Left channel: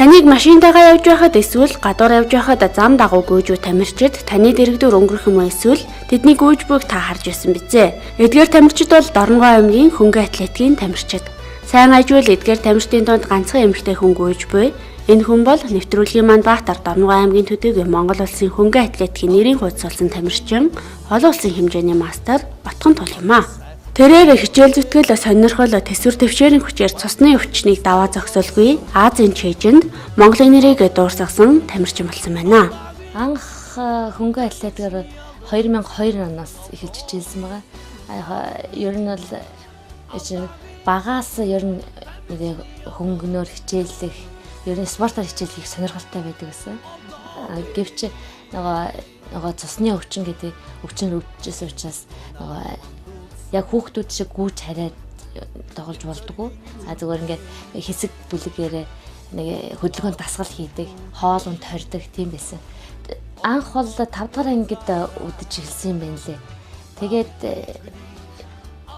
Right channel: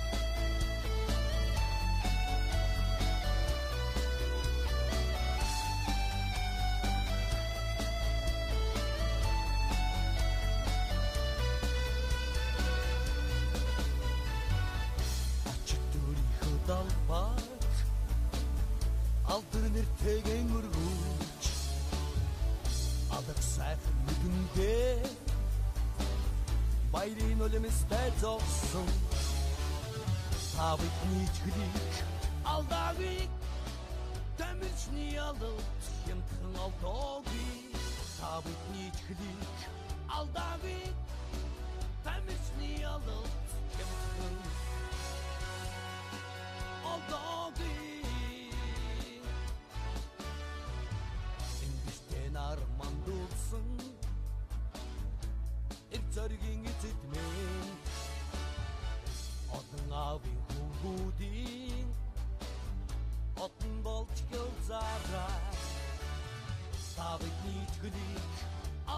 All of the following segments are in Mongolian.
Таныг машинтайгаа явж байхад эсвэл гадуур явж байхад зам дагуу гүйж тамирчид таны дэрэгдүүр өнгөрөх юм эсвэл тэдний гүйж буйг та харж байсан бизээ. Эдгээр тамирчид бол Дорногой аймгийн хөнгөн атлетикийн тамирчид. Сайн ажил эдгээр тамирчдын донд ганцхан эмэгтэй хүн гүйж буй. Энэ хүн бол нэвтрүүлгийн манд Баатар Дорногой аймгийн төдийгүй Монгол улсын хөнгөн атлетикийн нэрийн хуудас болсон тамирчин, олон улсын хэмжээний мастер Батхан Тул юм а. Тэрээр хичээл зүтгэл сонирхол төсвөр төвшээрийн хүчээр цусны өвчнийг даваа зогсоолгүй Азийн чэйжинд Монголын нэрийг дуурсгасан тамирчин болсон байна. Анх хөнгөн атлетикээр 2002 оноос эхэлж хичээлсэн байгаа. Ер нь бол багаас ер нь хөнгөнөөр хичээллэх, ер нь спортоор хичээллэх сонирхолтой байдаг гэсэн. Гэвч нөгөө цусны өвчин гэдэг өвчин өвчжсэн учраас яг хүүхдүүд шиг гүйж хараад тоглож болдгоо. Зүгээр ингээд хэсэг бүлэгээр нэг хөдөлгөөнд дасгал хийдэг, хоол унд хордог тийм байсан. Анх бол 5 дахь ангид үдэж эхэлсэн юм байна лээ. Тэгээд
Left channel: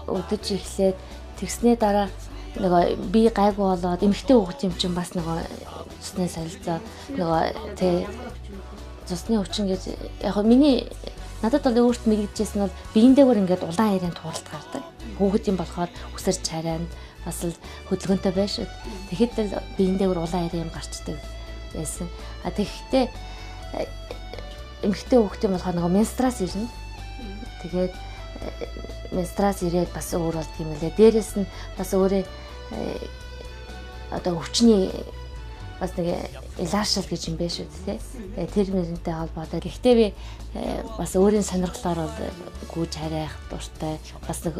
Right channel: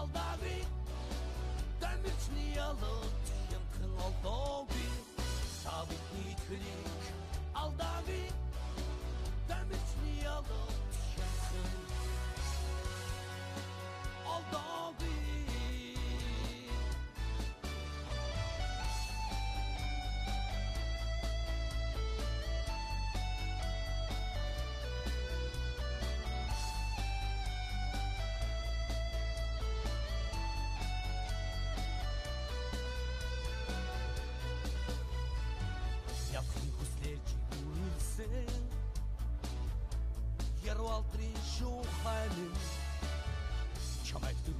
үдэж эхлээд тэгснээ дараа нөгөө би гайгүй болоод эмэгтэй хүүхд юм чинь бас нөгөө цусны солилцоо нөгөө тэ цусны өвчин гэж яг миний надад бол өөрт нэгдэжсэн бол биендээгээр ингээд улаан аярын тугалт гардаг. Хүүхэд юм болохоор үсэр чарайнд бас л хөдөлгөөнтэй байш. Тэгэхэд л биендээгээр улаан аярын юм гарчдаг байсан. Тэгэхдээ эмэгтэй хүүхэд юм болохоор нөгөө менструац ирнэ. Тэгээд менструац ирээд бас өөр болт юм лээ. Дээрээс нь бас өөрөө одоо өвчний бас нэг илаашл гэж юм биш үү те. Тэр нэрнтэй холбоотой. Гэхдээ би бас өөрийн сонирхлоор гүйж харайх дуртай. Бас нэг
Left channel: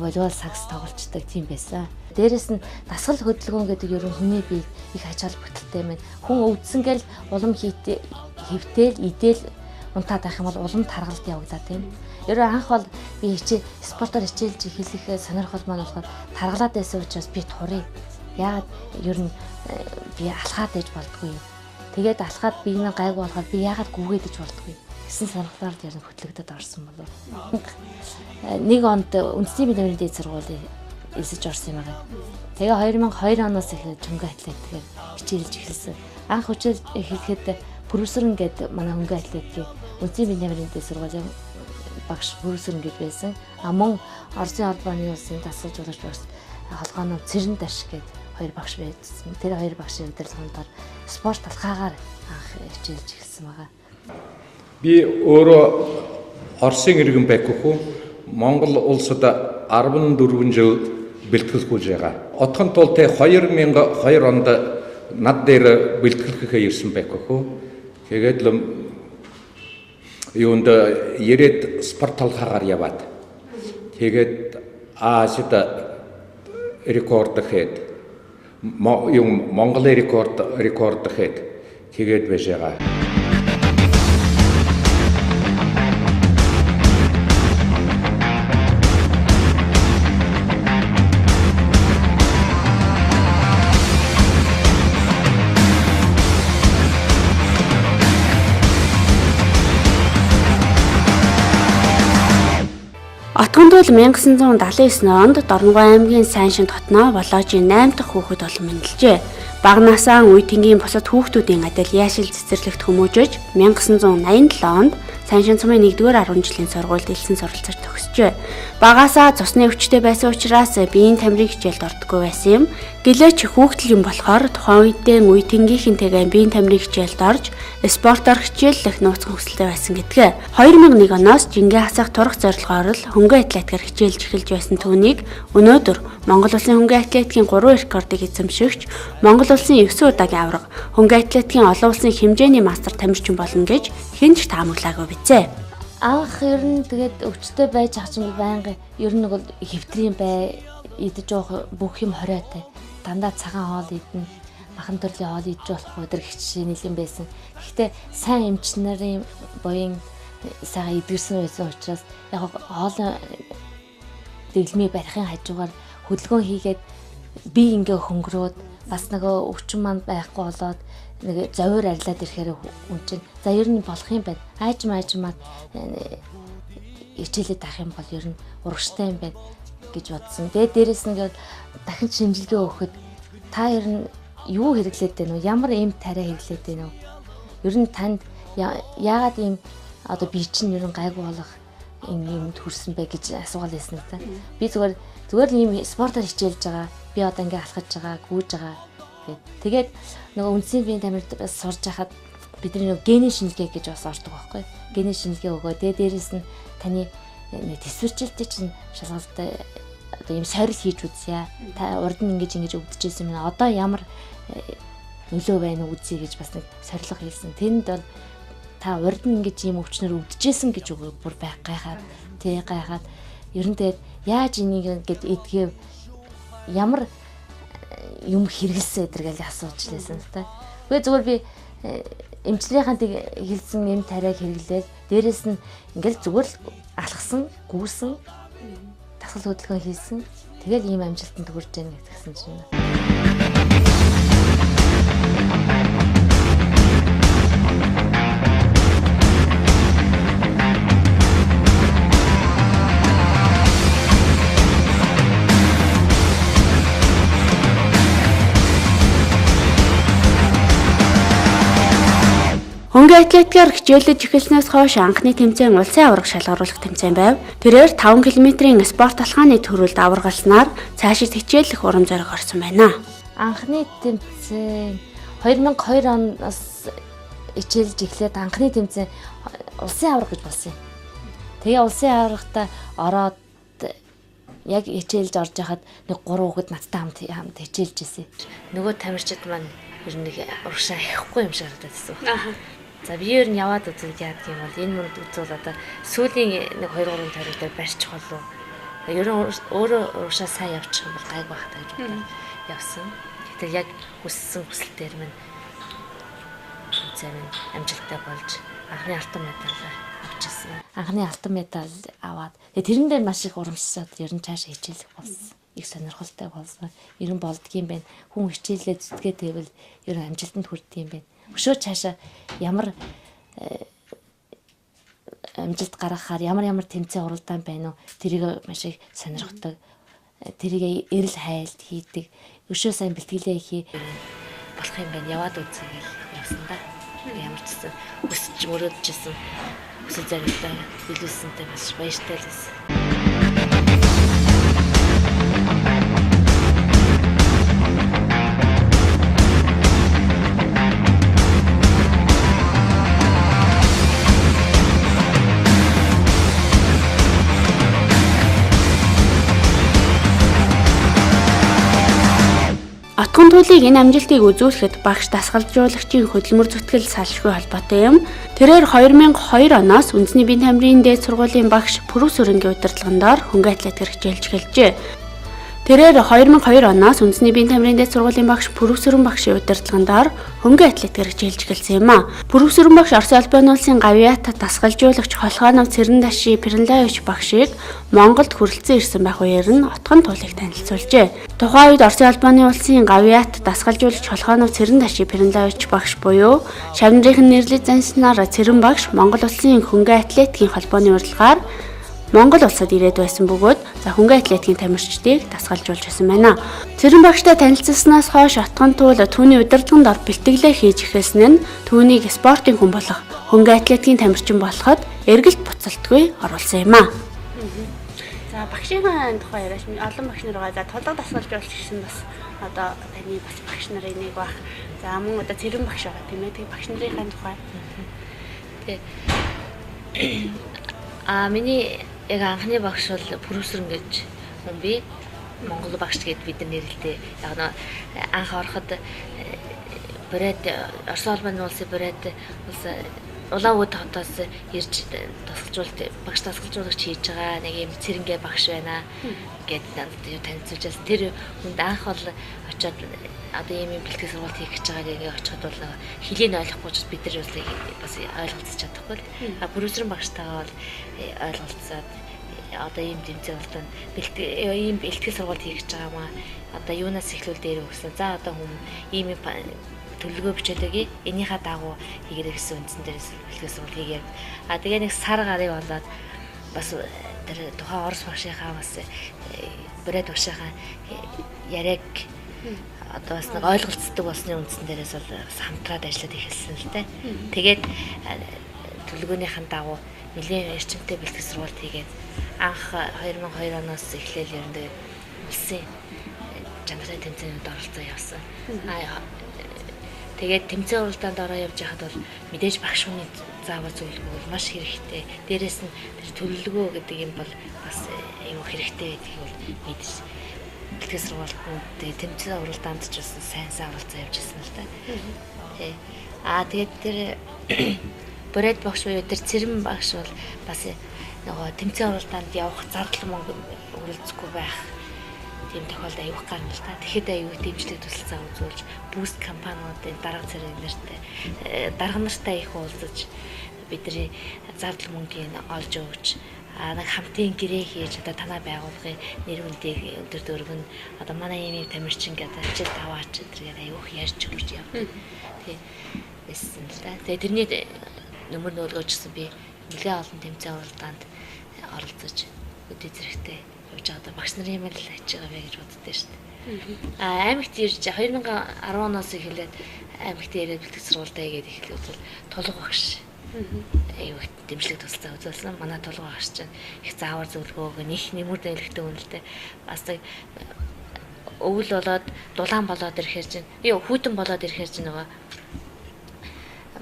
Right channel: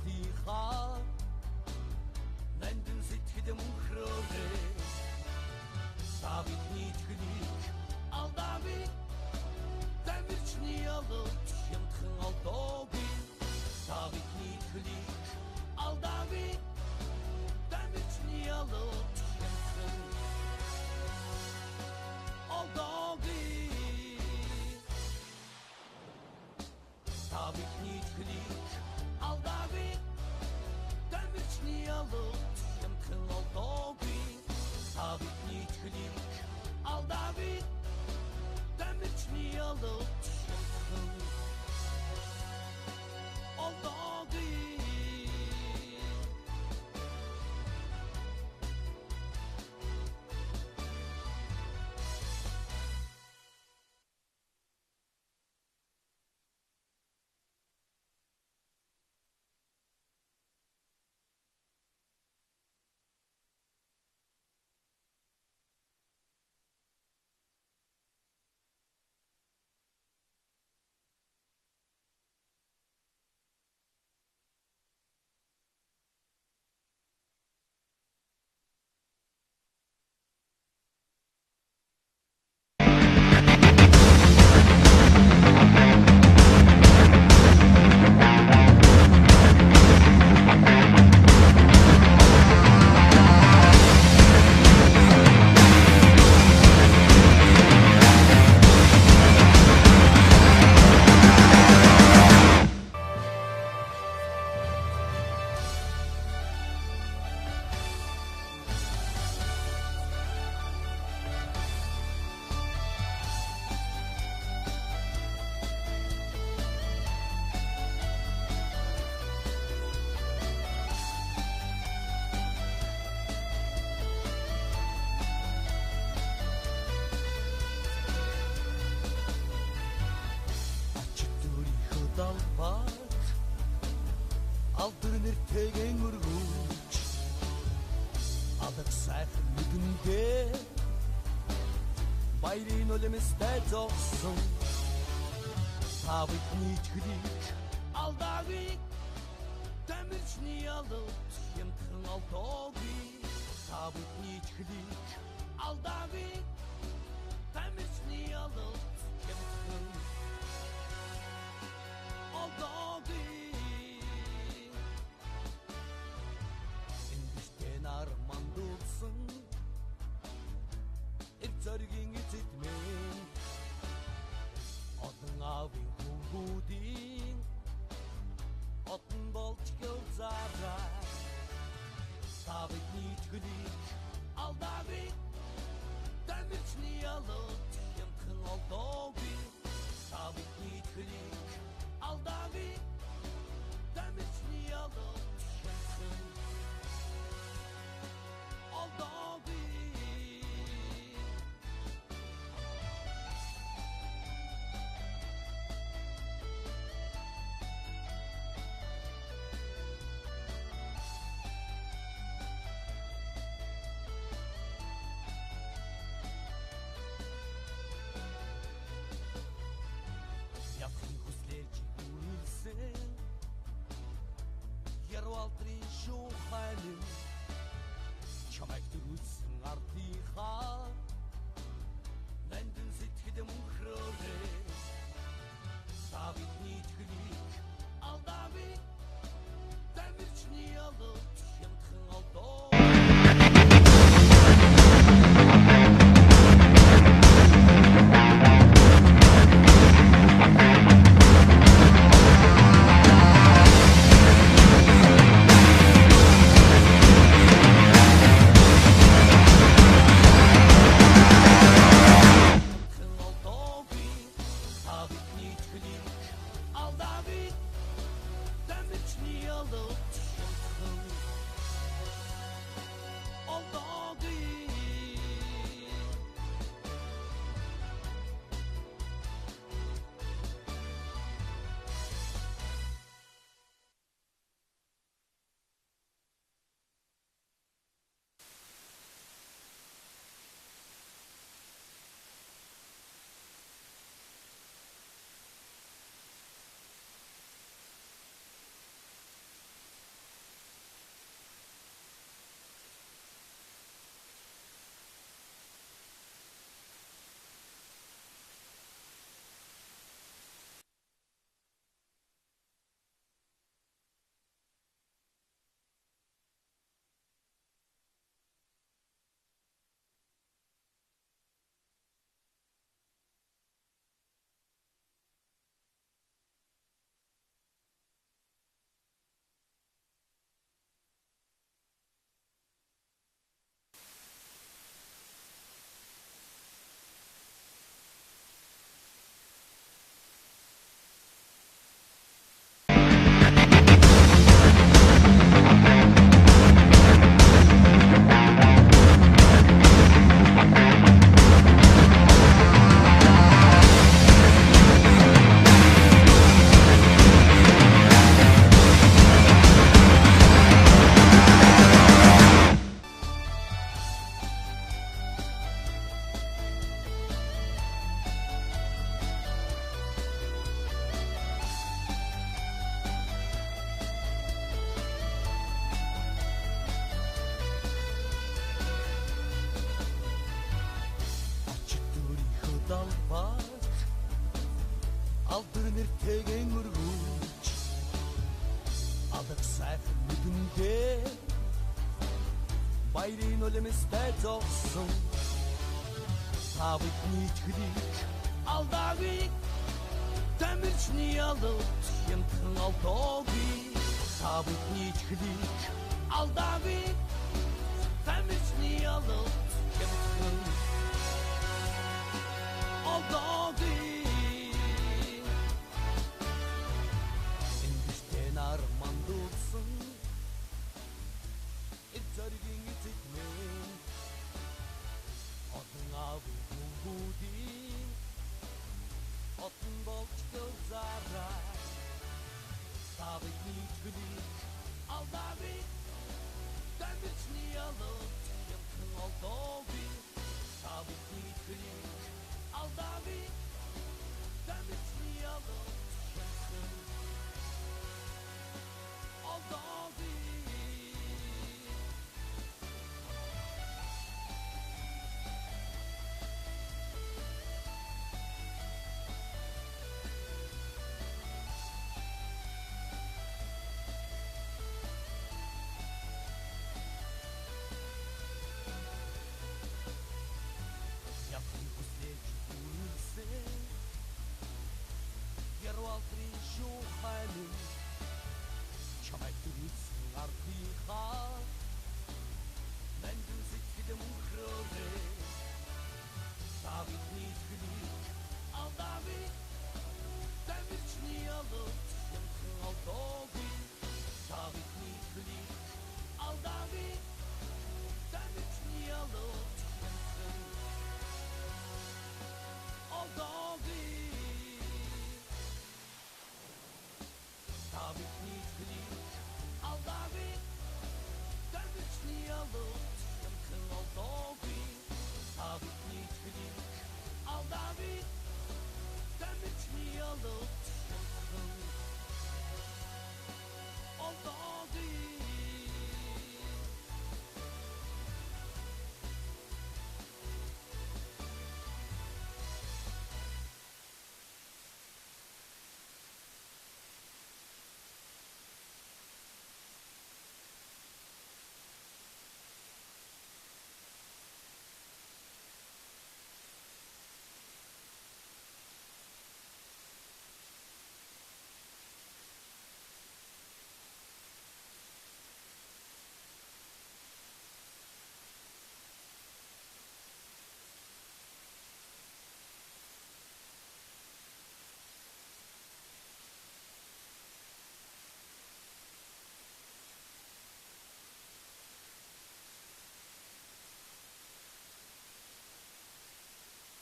волейбол сакс тоглолцдог тийм байсан. Дээрээс нь дасгал хөдөлгөөн гэдэг ер нь хүний бие их ач холбогдолтой юм. Хүн өвдсөнгээл улам хөвтөөл, идэл унтаад байх юм бол улам таргалт явуулаад тийм. Ерөө анх бол би спортоор хичээлж эхлэхээ сонирхол маань болохоор таргалаад байсан учраас би турыг. Яагаад ер нь би алхаад ээж болдгүй. Тэгээд алхаад биенээ гайгүй болохоор би яагаад гүгээд ээж болдгүй гэсэн сонирхлоор яг хөтлөгдөд орсон болов. Нэг онд үндэсний биеийн дээд сургуулийн эсэж орсон юм аа. Тэгээ 2002 оноос эхлээд хөнгөн атлетикээр хичээлж эхэлсэн. Анх хичээл хийхэд Бүрүсрэн гэдэг манай хөнгөн атлетикийн үндэсний биеийн дээд сургуулийн багш Бүрүсрэн гэдэг байсан. Мөн Оросын албаны улсын дасгал жуулч багш холгооны Цэрэн Даш гэдэг хоёр багш байсан. Тэр хоёр багшийн удирдлагаар спорт талхаагаар анх хичээлж эхэлсэн байгаа. Би өөрөө Оросын иргэн байхгүй. Монгол улсад 14 жил бэлтгэлгүүлж байгаа. Отхон тул тэ 2002 онд над дээр бэлтгэлэхээ ирсэн байхгүй. Тэгээд л юунд ирээд спорт талхаагаар яваад. Тэгээд Азид рекорд хэд yung Mongolia record хэд тэгээд байж байгаа. Отгонд бол 1979 онд Дорногой аймгийн Сайншин дотноо Воложийн 8 дахь хүүхэд болон мэндэлжээ. Бага насаа үе тэнгийн бусад хүүхдүүдийн адил яашил цэцэрлэгт хүмүүжиж 1987 онд Сайншин цумын 1-р 10 жилийн сургуульд элсэн суралцаж төгсжээ. Багаасаа цусны өвчтэй байсан учраас биеийн тамирын хичээлд ордоггүй байсан юм. Гэлээч хүүхдэл юм болохоор тухайн үедээ үе тэнгийнхэнтэйгээ биеийн тамирын хичээлд орж спортоор хичээллэх нууцхан хүсэлтэй байсан гэдгээ. 2001 оноос жингээ хасах турах зорилгоор л хөнгөн атлетикээр хичээлж эхэлж байсан түүнийг өнөөдөр Монгол улсын хөнгөн атлетикийн 3 рекордыг эзэмшигч Монгол улсын 9 удаагийн аварга хөнгөн атлетикийн олон улсын хэмжээний мастер тамирчин болно гэж хинч таамаглаагүй бизээ. Анх ер нь тэгээд өвчтөй байж ах чинь байнга ер нь бол хэвтрийн бай идэж явах бүх юм хориотой. Дандаа цагаан хоол идэнэ. Махан төрлийн хоол идэж болох өдөр хичээл нэлен байсан. Гэхдээ сайн эмч нарын буян сайхан идэрсэн байсан учраас яг хоолын дэглэмийг барихын хажуугаар хөдөлгөөн хийгээд би ингээ хөнгөрөөд бас нөгөө өвчин маань байхгүй болоод нэг зовир арилаад ирэхээр үнчин. За ер нь болох юм байна. Аажмаа хичээлээд авах юм бол ер нь урагштай юм байна гэж бодсон. Тэгээд дээрэс нь дахин шинжилгээ өгөхөд та ер нь юу хэрэглээд байна уу? Ямар эм тариа хэрэглээд байна уу? Ер нь танд яагаад ийм одоо би чинь ер нь гайгүй болох юмд хүрсэн бэ гэж асуугаал байсан та. Би зүгээр ийм спортоор хичээлж байгаа. Би одоо ингээ алхаж байгаа, гүйж байгаа. Тэгээд нөгөө үндсийн биеийн тамирт бас сурж хахад бидний нөгөө генийн шинжилгээ гэж бас ордог байхгүй. Генийн шинжилгээ өгөө. Тэгээд дээрэс нь таны төсвөрчлөлтөд чинь шалгалтай одоо ийм сорил хийж үзье. Та урд нь ингэж өвдөжсэн юм. Одоо ямар нөлөө байна уу үзье гэж бас нэг сорилго хийсэн. Тэнд бол та урд нь ингэж ийм өвчнөр өвдөжсэн гэж бүр байх гайхаад гайхаад ер нь тэгээд яаж энийг ингэж эдгэв ямар юм хэрэгэлсэн эдэргээл асууж лээсэн та. Үгүй зүгээр би эмчнэрийнхаа тийг хэлсэн эм тариаг хэрэглээд дээрэс нь ингээл зүгээр л алхсан, гүйсэн, дасгал хөдөлгөөн хийсэн. Тэгэл ийм амжилтанд хүрч яана гэсэн чинь. Хөнгөн атлетикаар хичээлж эхэлснээс хойш анхны тэмцээн улсын аварга шалгаруулах тэмцээн байв. Тэрээр 5 км-ийн спорт алхааны төрөлд аваргалснаар цаашид хичээлэх урам зориг орсон байна. Анхны тэмцээн 2002 оноос хичээлж эхлээд анхны тэмцээн улсын аварга гэж болсон юм. Тэгээ улсын аваргата ороод яг хичээлж орж яхад нэг 3 хүүхэд надтай хамт хичээлж ирсэн. Нөгөө тамирчид маань ер нь нэг урагшаа хихгүй юм шиг харагдаад байсан. За би ер нь яваад үзээд яадаг юм бол энэ мөрөд үзвэл одоо сүүлийн нэг 2-3 тариг дээр барьчих болов. Ер нь өөрөө урагшаа сайн явчих юм бол гайг байх таа гэж бодоод явсан. Гэтэл яг хүссэн хүсэлтээр минь зөв амжилттай болж анхны алтан медаль авчихсан. Анхны алтан медаль аваад тэрэн дээр маш их урамшсаад ер нь цаашаа хичээлэх болсон. Их сонирхолтой болсон. Ер нь болдгийм байх. Хүн хичээлээ зүтгээ тэвэл ер нь амжилтанд хүрдэг юм байна. Өшөө цаашаа ямар амжилт гаргахаар ямар тэмцээн уралдаан байна уу? Тэрийг маш их сонирхдаг. Тэрийг эрэл хайлт хийдэг. Өшөө сайн бэлтгэлээ хий болох юм байна. Яваад үзье гэж явсан да. Ямар ч гэсэн өсч мөрөдчихсэн. Өсөж заримтай билүүлсэнтэй бас баяртай л байсан. Отгон туулийг энэ амжилтыг үзүүлэхэд багш дасгалжуулагчийн хөдөлмөр зүтгэл салшгүй холбоотой юм. Тэрээр 2002 оноос үндэсний биеийн тамирын дээд сургуулийн багш Пүрүс Өрөнгийн удирдлагандаар хөнгөн атлетикээр хичээлж эхэлжээ. Тэрээр 2002 оноос үндэсний биеийн тамирын дээд сургуулийн багш Пүрүс Өрөн багшийн удирдлагандаар хөнгөн атлетикээр хичээлж эхэлсэн юм а. Пүрүс Өрөн багш Оросын албаны улсын гавьяата дасгалжуулагч Холхоонов Цэрэндааши Пернлаевич багшийг Монголд хүрэлцэн ирсэн байх үеэр нь отгон туулийг танилцуулжээ. Тухайн үед Оросын албаны улсын гавьяат дасгалжуулагч Холхоонов Цэрэндааши Пернлаевич багш буюу Шавнырийнхэн нэрлэж занснаар Цэрэн багш Монгол улсын хөнгөн атлетикийн холбооны урилгаар Монгол улсад ирээд байсан бөгөөд хөнгөн атлетикийн тамирчдыг дасгалжуулж байсан байна. Цэрэн багштай танилцсанаас хойш отгон туул түүний удирдлаганд ор бэлтгэлээ хийж эхэлсэн нь түүнийг спортын хүн болох хөнгөн атлетикийн тамирчин болоход эргэлт буцалтгүй оруулсан юм а. За багшийн тухай яриаш олон багш нар байгаа. За тулга дасгалжуулж гисэн бас одоо таны бас багш нарын нэг баг. За мөн одоо цэрэн багш байгаа тийм ээ. Тэгээ багш нарын тухай. Миний яг анхны багш бол Пүрүс Өрөн гэж хүн би. Монгол багш гэдээ бид нэрлэлтэй. Яг нь анх ороход Бред Оросын албаны улсын Бред Улаанбaatar хотоос ирж багш дасгалжуулагч хийж байгаа нэг юм цэрэнгээ багш байна гэдээ танилцуулж тэр хүнд анх бол очиод одоо ийм бэлтгэл сургалт хийх гэж байгааг ингээ очиход бол хэлийг ойлгохгүй ч бид нар бас ойлгоцож чадахгүй л. Пүрүс Өрөн багштайгаа бол ойлголцоод одоо ийм тэмцээн болтон ийм бэлтгэл сургалт хийх гэж байгаа маа. Одоо юунаас эхлүүл дээр өгсөн. За одоо хүн ийм төлөвлөгөө бичээлээгээ энийхээ дагуу хийгэрэй гэсэн үндсэн дээрээс бэлтгэл сургалт хийгээд. Тэгээ нэг сар гарыг болоод бас тэр тухайн Орос багшийнхаа бас Бред багшийнхаа яриаг одоо бас нэг ойлголцдог болсны үндсэн дээрээс бол хамтраад ажиллаад эхэлсэн л дээ. Тэгээд төлөвлөгөөнийхэн дагуу нэлийн эрчимтэй бэлтгэл сургалт хийгээд анх 2002 оноос эхлээл ер нь улсын чанарын тэмцээнд оролцоо явсан. Тэгээд тэмцээн уралдаанд ороо явж байхад бол мэдээж багш хүний заавар зөвлөгөө маш хэрэгтэй. Дээрээс нь төлөвлөгөө гэдэг юм бол бас аюу хэрэгтэй гэдгийг бол мэдээж бэлтгэл сургалтанд тэмцээн уралдаанд ч бас сайн оролцоо явж ирсэн л да. Тэгээд тэр Боред багш буюу тэр цэрэн багш бол бас нөгөө тэмцээн уралдаанд явах зардал мөнгө үргэлжлэхгүй байх тийм тохиолдол аюух гарна л та. Тэгэхэд аюу дэмжлэг тусалцаа үзүүлж буст компаниудын дарга цэрэг нартай дарга нартай их уулзаж бидний зардал мөнгөийг олж өгч нэг хамтын гэрээ хийж одоо танай байгууллагын нэр хүндийг өдөр дөрвөн одоо манай ийм тамирчин гэдэг ажил аваач гэдгээр аюух ярьж өгч явдаг. Тэгээ байсан л та. Тэгээ тэрний нөмөр нөлгөөжсэн би нэлээд олон тэмцээн уралдаанд оролцож өдөө зэрэгтэй явж байгаа багш нарын юм л хийж байгаа вэ гэж боддоо шүү дээ. Аймагт ирж 2010 оноос эхлээд аймагт ирээд бэлтгэл сургалтаа хийгээд эхлэв бол толгой багш аюу дэмжлэг тусалцаа үзүүлсэн. Манай толгой багш чинь их заавар зөвлөгөөг нэг нэмэр нөлөөтэй үнэлтэй бас өвөл болоод дулаан болоод ирэхээр чинь хүйтэн болоод ирэхээр чинь нөгөө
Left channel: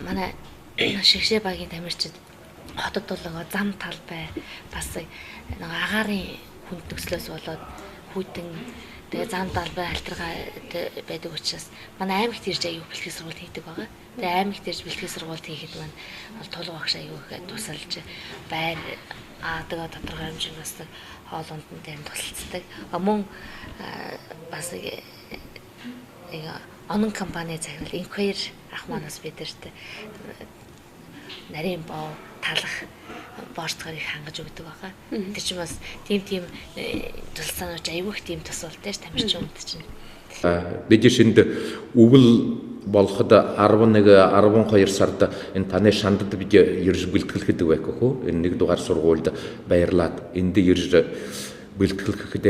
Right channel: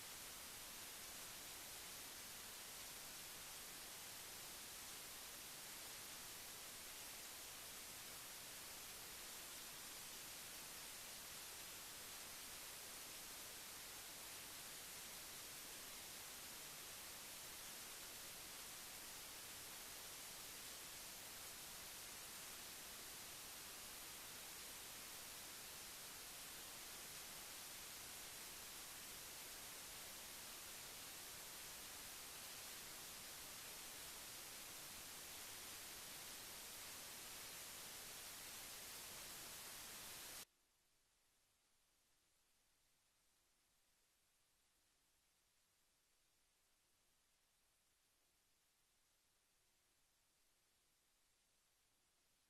манай шигшээ багийн тамирчид хотод дулгаа зам талбай бас нэг агаарын хүнд төслөөс болоод хүйтэн тэгээ зам талбай альтргаа байдаг учраас манай аймагт ирж аюу бэлтгэл сургалт хийдэг байгаа. Тэгээ аймагт ирж бэлтгэл сургалт хийхэд маань толгой багш аюу их тусалж байр тэгээ тодорхой хэмжээний бас хоолунд нь дээр тусалцдаг. Мөн бас онон компани захирал инквайр ах манаас бидэрт нарийн боо талах борцгоор их хангаж өгдөг байгаа. Тэр чинь бас тийм тусалцаанууч аюух тийм тусалтай ш тамирчин үнд чинь. Бид шинд өвөл болоход 11 12 сард энэ таны шандад бид ерж бэлтгэлэхэд байх хөө. Энэ нэг дугаар сургуульд баярлаад энд ирж бэлтгэлэхэд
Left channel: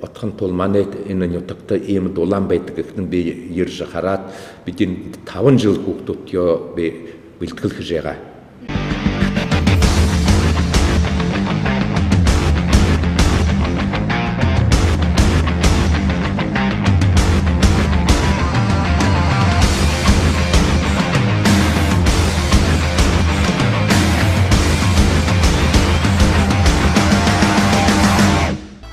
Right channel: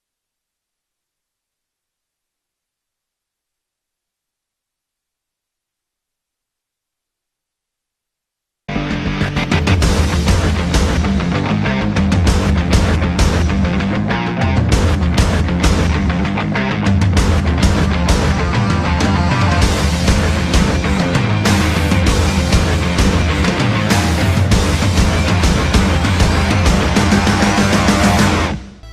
отхон тул манай энэ нутагт ийм дулаан байдаг гэхэд би ирж хараад бидний 5 жил хүүхдүүд би бэлтгэлэх жагаа.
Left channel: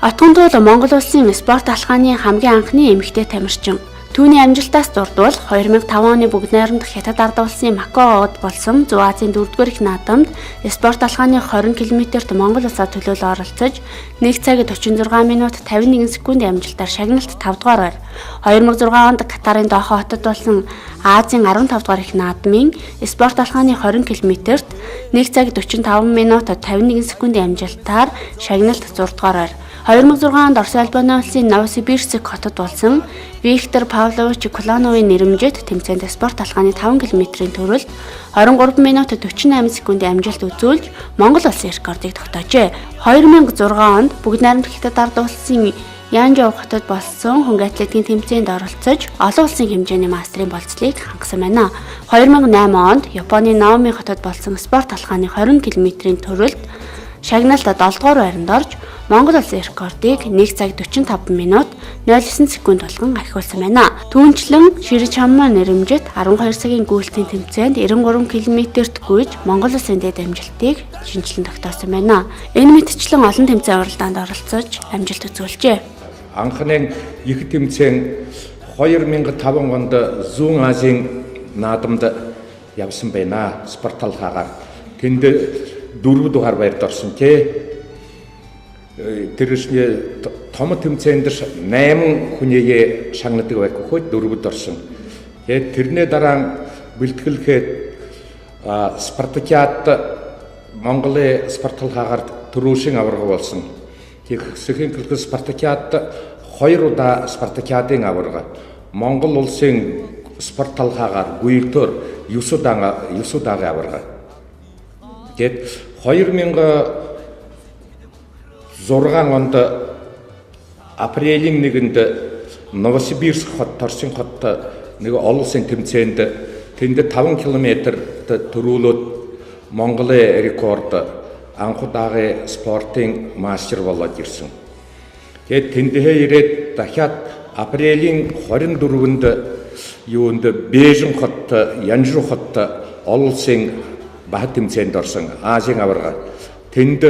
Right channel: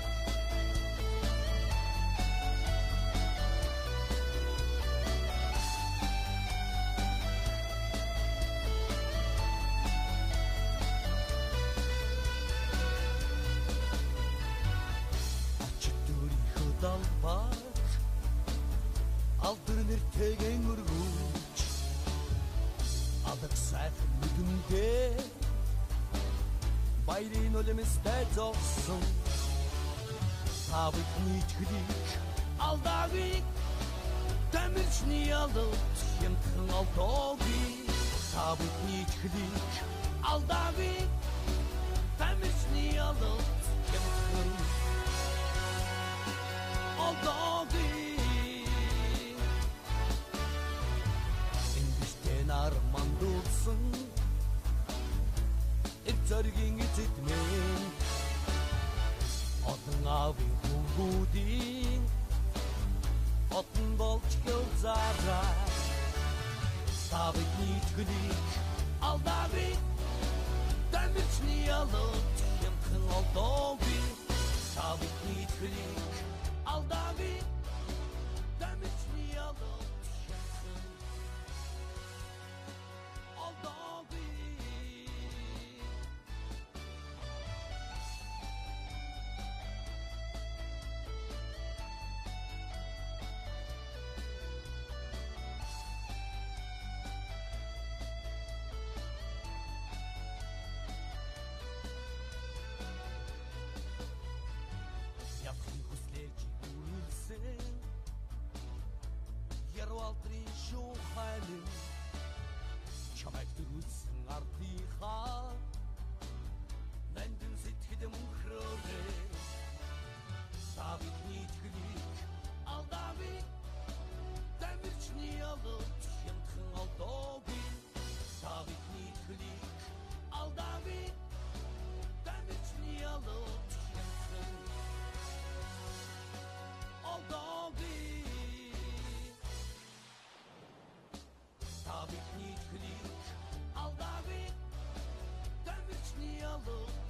Отгондуул Монгол улсын спорт алхааны хамгийн анхны эмэгтэй тамирчин. Түүний амжилтаас дурдвал 2005 оны бүгд найрамдах Хятад ард улсын Макаод болсон Зүүн Азийн 4-р их наадамд спорт алхааны 20 км-т Монгол улсаа төлөөлөн оролцож 1 цаг 46 минут 51 секундын амжилтаар шагналт 5 дугаар байр. 2006 онд Катарын Дохо хотод болсон Азийн 15 дугаар их наадмын спорт алхааны 20 км-т 1 цаг 45 минут 51 секундын амжилтаар шагналт 6 дугаар байр. 2006 онд Орос Албаны улсын Новосибирск хотод болсон Виктор Павлович Кулановын нэрэмжит тэмцээнд спорт алхааны 5 км-ийн төрөлд 23 минут 48 секундын амжилт үзүүлж Монгол улсын рекордыг тогтоожээ. 2006 онд бүгд найрамдах Хятад ард улсын Янжоу хотод болсон хөнгө атлетикийн тэмцээнд оролцож олон улсын хэмжээний мастерын болцлыг хангасан байна. 2008 онд Японы Наоми хотод болсон спорт алхааны 20 км-ийн төрөлд шагналт 7 дугаар байранд орж Монгол улсын рекордыг 1 цаг 45 минут 09 секунд болгон ахиулсан байна. Түүнчлэн Ширэ чаммаа нэрэмжит 12 цагийн гүйлтийн тэмцээнд 93 км-т гүйж Монгол улсын дэд амжилтыг шинжилэн тогтоосон байна. Энэ мэтчлэн олон тэмцээн уралдаанд оролцож амжилт үзүүлжээ. Анхны их тэмцээн 2005 онд Зүүн Азийн наадамд явсан байна. Спорт алхаагаар тэнд 4 дугаар байрд орсон тий. Тэр том тэмцээнд 8 хүнийгээ шагнадаг байх хөөд 4-д орсон. Тэгээд тэрний дараа бэлтгэлэхэд Спартакиад Монголын спорт алхаагаар төрөөшин аварга болсон. Тэгэхсэхийн төлөв Спартакиад 2 удаа Спартакиадын аварга. Монгол улсын спорт алхаагаар гуйлтөр 9 удаагийн аварга. Тэгээд 2006 онд апрелийн 1-нд Новосибирск хот, Торсын хот нэг олон улсын тэмцээнд тэнд 5 км төрүүлээд Монголын рекорд анх удаага спортын мастер болоод ирсэн. Тэгээд тэндээ ирээд дахиад апрелийн 24-нд юунд Бээжин хот, Янжу хот олон улсын бага тэмцээнд орсон Азийн аварга. Тэнд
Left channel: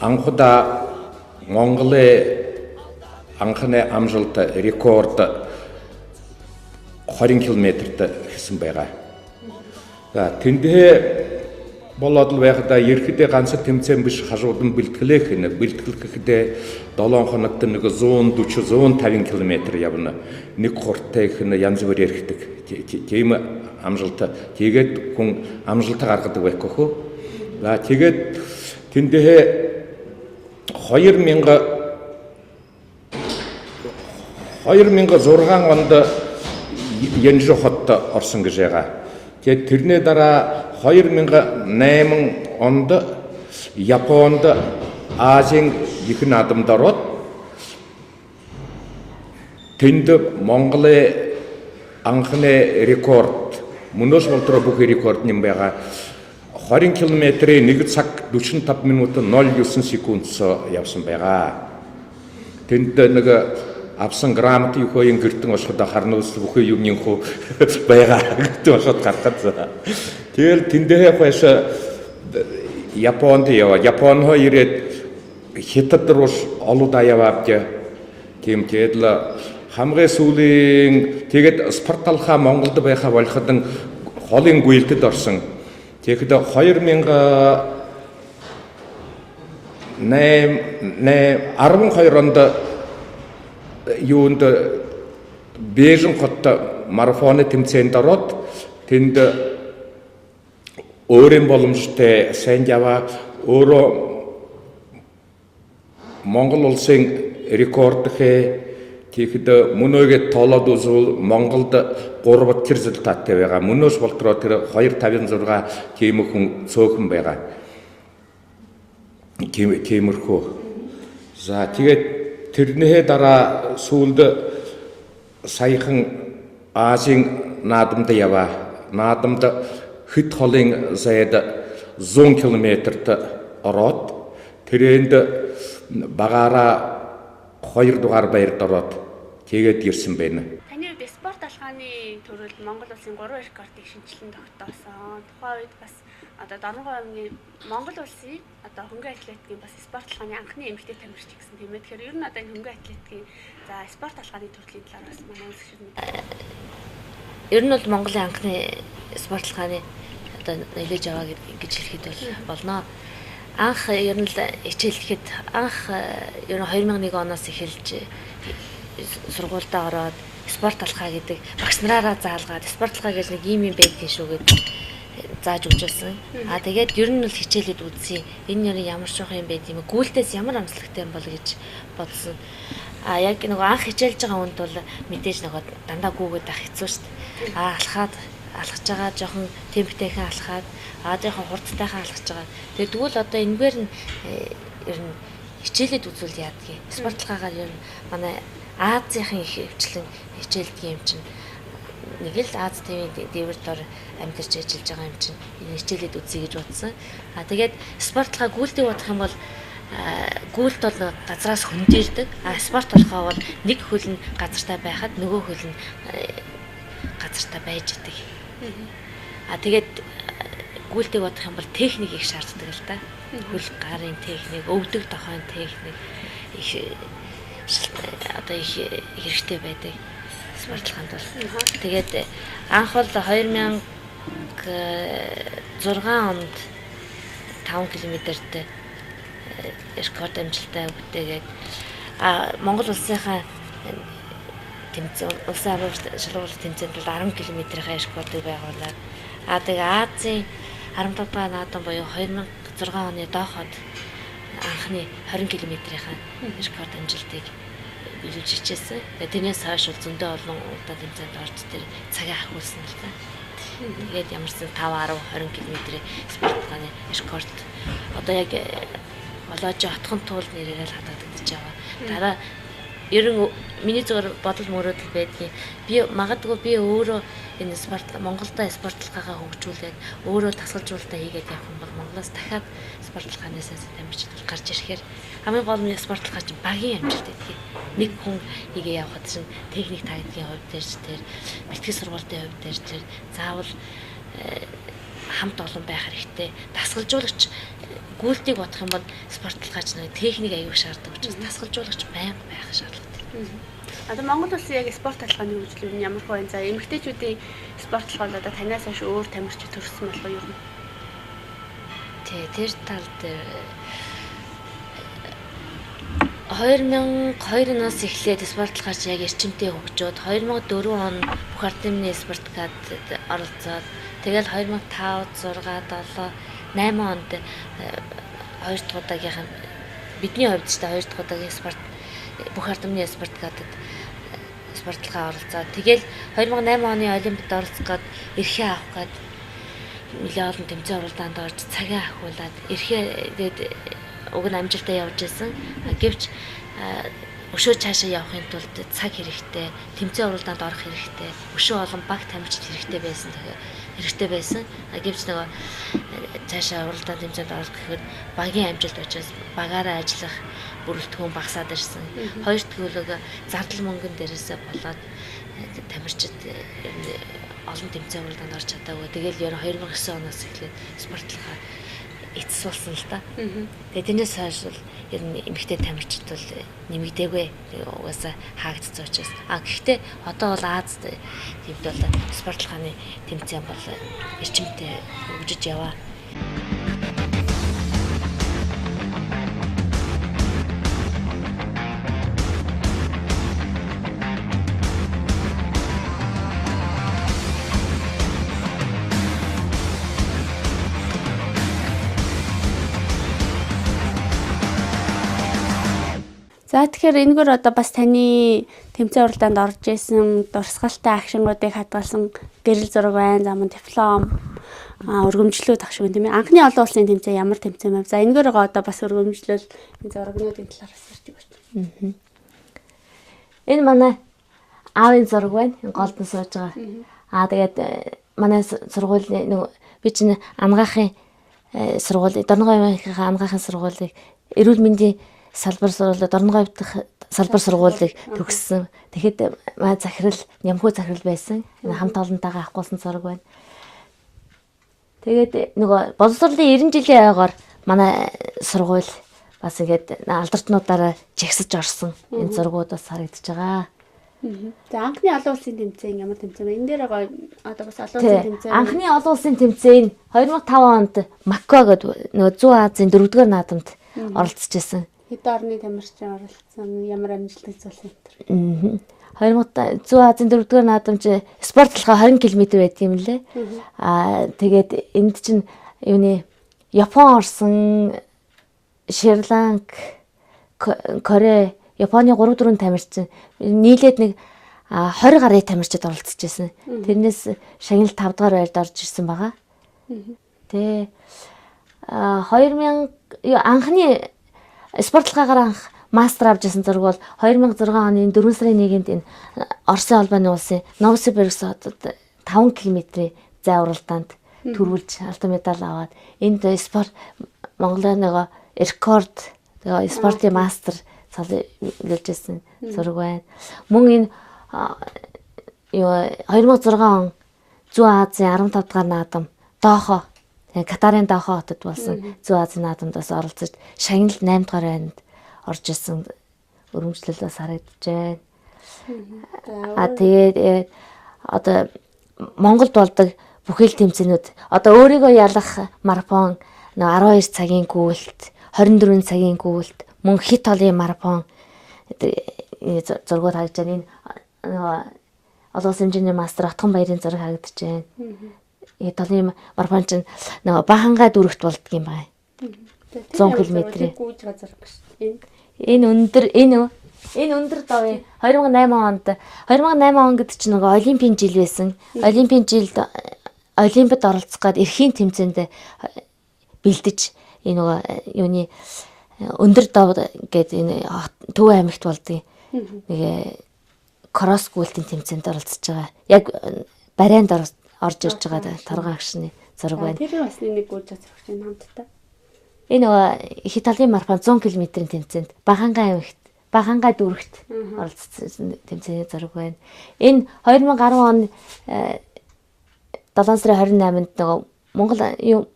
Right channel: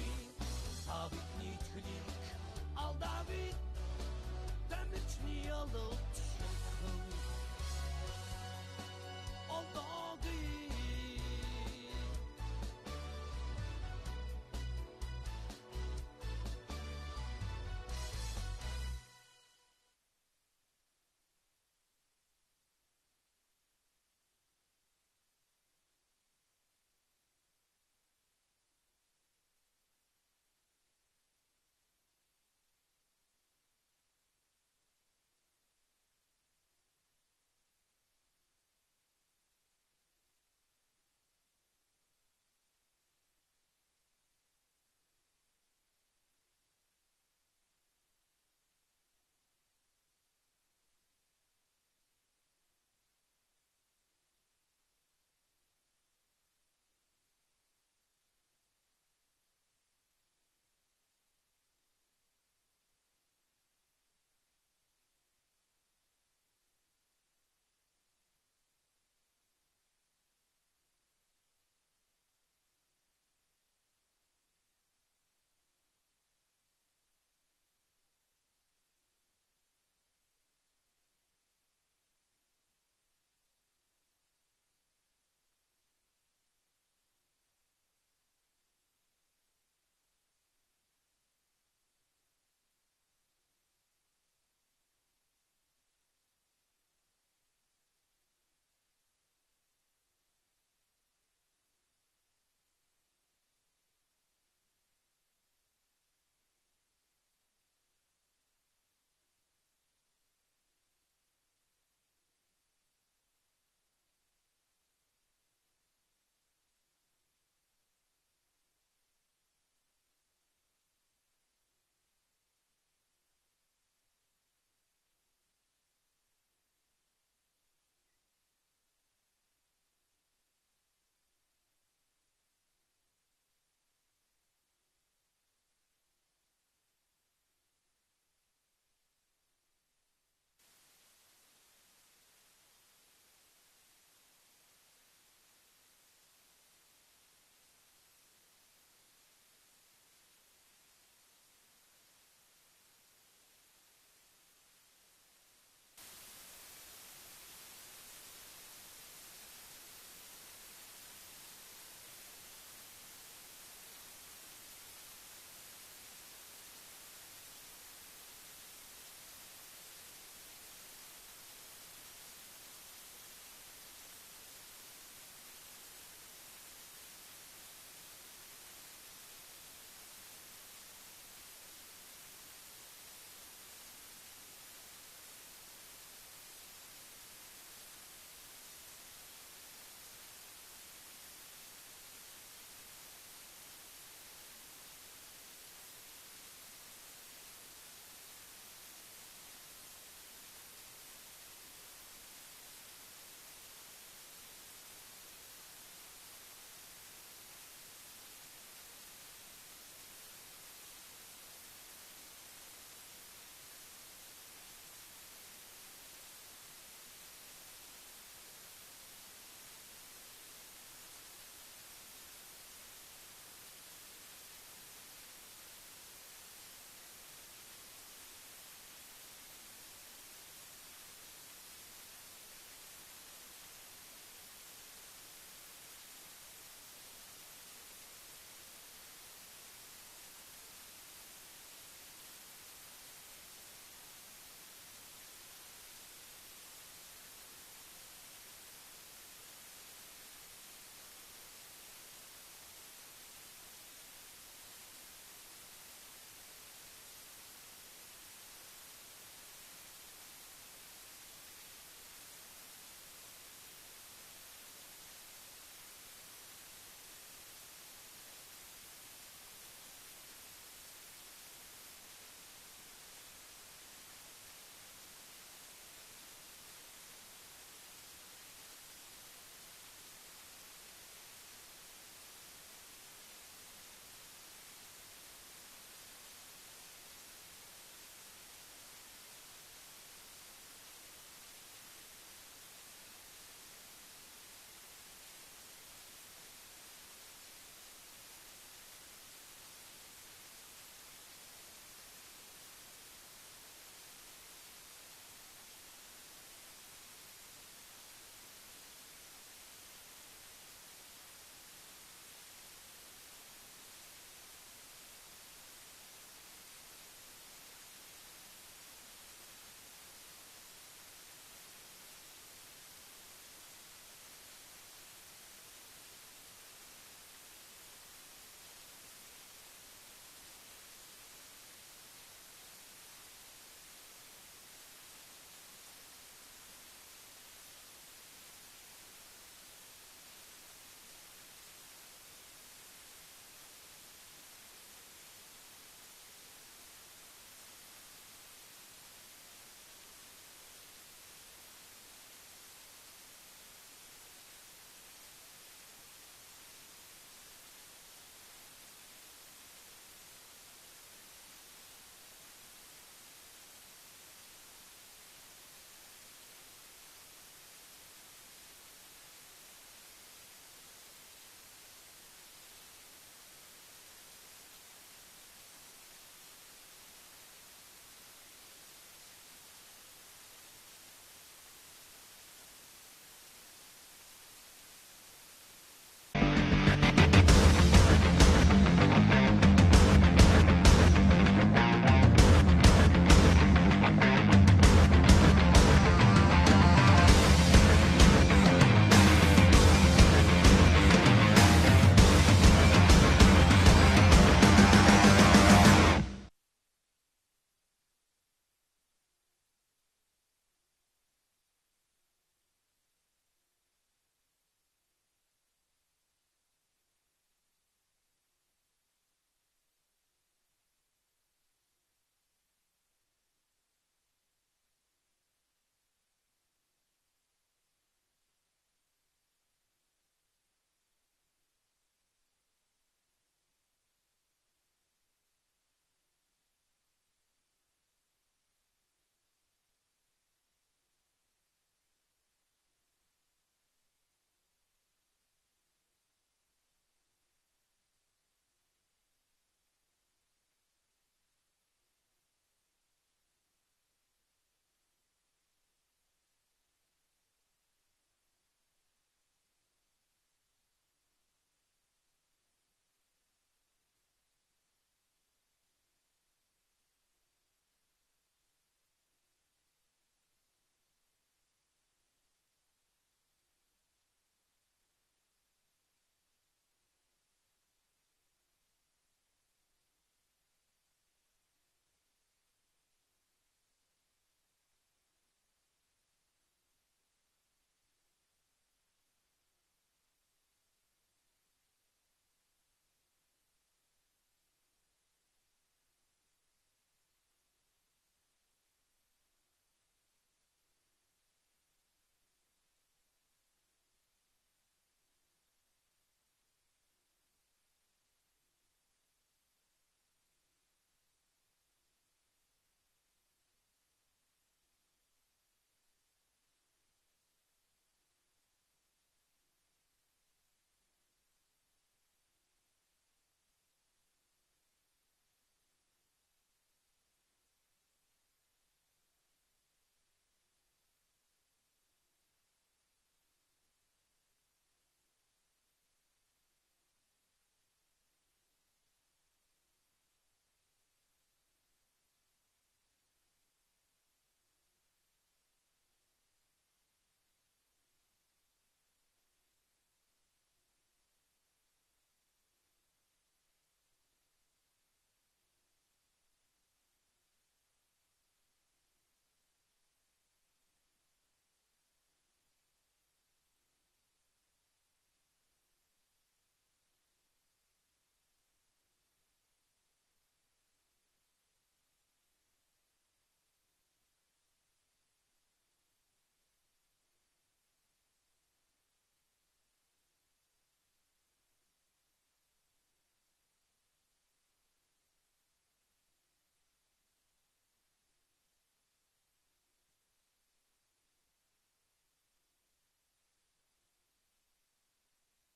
анх удаа Монголын анхны амжилт рекорд 20 км-т хийсэн байгаа. За тэндээ болоод л байхдаа ерхэдээ ганц тэмцээн биш хажуудан бэлтгэлэх гэхдээ 7 хоногт нэг 140-150 км явна. Нэг хурдтай их янз бүр яригдаг. Тийм амжилт. Тэгээд хүн амжилт гаргадаг байхгүй хөө. За тэгээд тэндээ 2006 онд Янжу хот орсон гэж байгаа. Тэгээд тэрний дараа 2008 онд Японд Азийн их наадамд ороод тэнд Монголын анхны рекорд мөнөөс болдроо бүх рекорд нэм байгаа. 20 км-ийн 1 цаг 45 минут 09 секундс явсан байгаа. Тэнд нэг авсан грамт юу хөөе гэртэн очиход харнуус бүхий юмний хөө байгаа гэдэг бошод гаргад. Тэгэл тэндээ хойш Японд яваа. Япон хоо ирээд хятад руу олууд яваад тийм тэгэл хамгийн сүүлийн тэгээд спорталхаа Монголд байхаа болоход холын гүйлтэд орсон. Тэгэхэд 12 онд юунд Бээжин хот марафоны тэмцээнд ороод тэнд өөрийн боломжтой сайн яваа өөрөө Монгол улсын рекорд тэгэхэд мөнөөгээ тоолоод үзвэл Монголд 3 результаттай байгаа. Мөнөөс болдроо тэр 256 тийм хүн цөөхөн байгаа. Тиймэрхүү. За тэгээд тэрнээ дараа сүүлд саяхан Азийн наадамд яваа. Наадамд хэд холын зайд 100 км-т ороод тэрэнд багаараа 2 дугаар баярд ороод тэгээд ирсэн байна. Таны хувьд спорт алхааны төрөлд Монгол улсын 3 рекордыг шинжилэн тогтоосон. Тухайн үед бас одоо Дорногов аймгийн Монгол улсын одоо хөнгөн атлетикийн бас спорт алхааны анхны эмэгтэй тамирч гэсэн тийм ээ. Тэгэхээр ер нь одоо энэ хөнгөн атлетикийн за спорт алхааны төрлийн талаар бас манай үзэгчид мэдээ. Ер нь бол Монголын анхны спорт алхааны одоо нэлээж аваа гэж хэлэхэд болно. Анх ер нь хичээлэхэд анх ер нь 2001 оноос эхэлж сургуультай ороод спорт алхаа гэдэг багш нараараа заалгаад спорт алхаа гэж нэг юм байдгийн шүү гэдэг зааж өгчүүлсэн. Тэгээд ер нь бол хичээлээд үзье. Энэ нь ямар шоох юм байд юм. Гүйлтээс ямар амжилттай юм бол гэж бодсон. Яг нэг анх хичээлж байгаа хүнд бол мэдээж нэг дандаа гүгээд ах хэцүү шүү дээ. Алхаж байгаа жоохон темптэйхэн алхаад жоохон хурдтайхан алхаж байгаа. Тэгээд тэгвэл одоо энэгээр нь ер нь хичээлээд үзүүл яадгийг. Спорт алхаагаар ер нь манай Азийн их хвчлэн хичээлдэг юм чинь нэг л Аз ТV дээвэр дор амьдарч ажиллаж байгаа юм чинь энэ хичээлээд үзье гэж бодсон. Тэгээд спорт алхаа гүйлтийг бодох юм бол гүйлт бол газраас хөндөрдөг. Спорт алхаа бол нэг хөл нь газартай байхад нөгөө хөл нь газартай байж идэг. Тэгээд гүйлтийг бодох юм бол техник их шаарддаг л да. Хөл гарын техник, өвдөг дохойн техник их одоо их хэрэгтэй байдаг. Спорт алхаанд бол. Тэгээд анх бол 2006 онд 5 км-т рекорд амжилттай өгдөөгээд Монгол улсынхаа тэмцээн улсын шалгуулт тэмцээнд бол 10 км-ийн рекордыг байгуулад тэгээд Азийн 15 дугаар наадам буюу 2006 оны дооход анхны 20 км-ийн рекорд амжилтыг биелүүлж хичээсэн. Тэрнээс хойш зөндөө олон удаа тэмцээнд орж тэр цагаа ахиулсан л та. Тэгээд ямарсан 5-10-20 км-ийн спорт алхааны рекорд одоо яг болоож отхон туул нэрээр л хадгалагдаж байгаа. Дараа ер нь миний зөвөр бодол мөрөөдөл байдгийг би магадгүй би өөрөө энэ спорт Монголда спортлогоо хөгжүүлээд өөрөө тасгалжуулалтаа хийгээд явах юм бол Монголоос дахиад спортлогоос тамирчид гарч ирэхээр хамгийн гол нь спортлогоо чинь багийн амжилт гэдэг. Нэг хүн хийгээ явахад чинь техник тактикийн хувьд дээр тэр бэлтгэл сургалтын хувьд дээр тэр заавал хамт олон байх хэрэгтэй. Тасгалжуулагч гүйлтийг бодох юм бол спортлогооч нэг техник аягүй шаарддаг учраас тасгалжуулагч байнга байх шаардлагатай. Одоо Монгол улсын яг спорт талхааны хөгжлүүд нь ямар хөө за эмэгтэйчүүдийн спортлогоо одоо танаас хойш өөр тамирчид төрсөн болов юу юм? Тэр тал дээр 2002 оноос эхлээд спортлогооч яг эрчимтэй хөгжөөд 2004 он бүх ардын спорткад оролцоод тэгэл 2005, 6, 7, 8 онд хоёр дахь удаагийнх нь бидний хувьд ч хоёр дахь удаагийн спорт бүх ардын спорткадад спортлогоо оролцоод тэгэл 2008 оны олимпиад оролцох гээд эрхээ авах гээд нэлээд олон тэмцээн уралдаанд орж цагаа ахиулаад эрхээ уг нь амжилтаа явж байсан. Гэвч өшөө цаашаа явахын тулд цаг хэрэгтэй, тэмцээн уралдаанд орох хэрэгтэй, өшөө олон баг тамирчид хэрэгтэй байсан. Гэвч нөгөө цаашаа уралдаанд тэмцээнд орох гэхэд багийн амжилт учраас багаараа ажиллах бүрэлдэхүүн багасаад ирсэн. Хоёр дахь зардал мөнгөн дээрээсээ болоод тамирчид олон тэмцээн уралдаанд орж чадаагүй. Тэгэл ер нь 2009 оноос эхлээд спортлогоо эцэс болсон л да. Тэгээд тэрнээс хойш ер нь эмэгтэй тамирчид бол нэмэгдээгүй. Угаасаа хаагдсан учраас. Гэхдээ одоо бол Азад төвд бол спортлогооны тэмцээн бол эрчимтэй хөгжиж яваа. За тэгэхээр энэгээр одоо бас таны тэмцээн уралдаанд орж исэн дурсгалтай агшингуудыг хадгалсан гэрэл зураг байна. За мөн диплом, өргөмжлүүд ах шиг юм тийм ээ. Анхны олон улсын тэмцээн ямар тэмцээн байв? За энэгээр одоо бас өргөмжлөл энэ зурагнуудын талаар бас ярьж өгөөч. Энэ манай аавын зураг байна. Голдон сууж байгаа. Тэгээд манай сургуулийн нөгөө би чинь амгаахын сургууль, Дорноговийн амгаахын сургуулийг эрүүл мэндийн салбар сургуулиуд Дорноговь дахь салбар сургуулийг төгссөн. Тэгэхэд маа захирал, нямхуу захирал байсан. Энэ хамт олонтойгоо авахгүйсэн зураг байна. Тэгээд нөгөө боловсролын 90 жилийн ойгоор манай сургууль бас ингээд алдартнуудаараа жигсэж орсон энэ зургууд бас харагдаж байгаа. За анхны олон улсын тэмцээн ямар тэмцээн вэ? Энэ дээр одоо бас олон улсын тэмцээн. Анхны олон улсын тэмцээн 2005 онд Макко гэдэг нөгөө Зүүн Азийн 4-р наадамд оролцож байсан. Хэд орны тамирчин оролцсон, ямар амжилт үзүүлсэн энэ. 2000 Зүүн Азийн 4-р наадамч спортлогоо 20 км байдаг юм лээ. Тэгээд энд чинь юуны Япон орсон, Шри-Ланк, Корея, Японы 3-4 тамирчин нийлээд нэг 20 гаруй тамирчид оролцож байсан. Тэрнээс шагнал 5 дугаар байрд орж ирсэн байгаа. Тэ 2000 анхны спортлогоор анх мастер авч ирсэн зураг бол 2006 оны 4 сарын 1-нд энэ Оросын албаны улсын Новосибирск хотод 5 км-ийн зай уралдаанд төрүүлж алтан медаль аваад энд спорт Монголын нэг рекорд тэгээ спортын мастер цалжсэн зураг байна. Мөн энэ 2006 он Зүүн Азийн 15 дахь наадам Дохо Катарын Дохо хотод болсон Зүүн Азийн наадамд бас оролцож шагнал 8 дахь байранд орж ирсэн өргөмжлөл бас харагдаж байна. Тэгээд одоо Монголд болдог бүхэл тэмцээнүүд одоо өөрийгөө ялах марафон 12 цагийн гүйлт, 24 цагийн гүйлт, мөн хит толын марафон зургууд харагдаж байна. Энэ олон улсын хэмжээний мастер Отгон баярын зураг харагдаж байна. Хит толын марафон чинь бахангаа дүрэгт болдго юм байна. 100 км-ийн. Энэ өндөр давын 2008 он гэдэг чинь нөгөө олимпийн жил байсан. Олимпийн жилд олимпиад оролцох гээд эрхийн тэмцээнд бэлдэж энэ нөгөө юуны өндөр дав гэдэг энэ Төв аймагт болдгийг нэг кросс гүйлтийн тэмцээнд оролцож байгаа. Яг барайнд орж ирж байгаа торгон агшны зураг байна. Тэр бас нэг гүйж зурагч юм хамтдаа. Энэ нөгөө их Италийн марафон 100 км-ийн тэмцээнд Бахангай дүүрэгт оролцсон тэмцээний зураг байна. Энэ 2010 он 7 сарын 28-нд нөгөө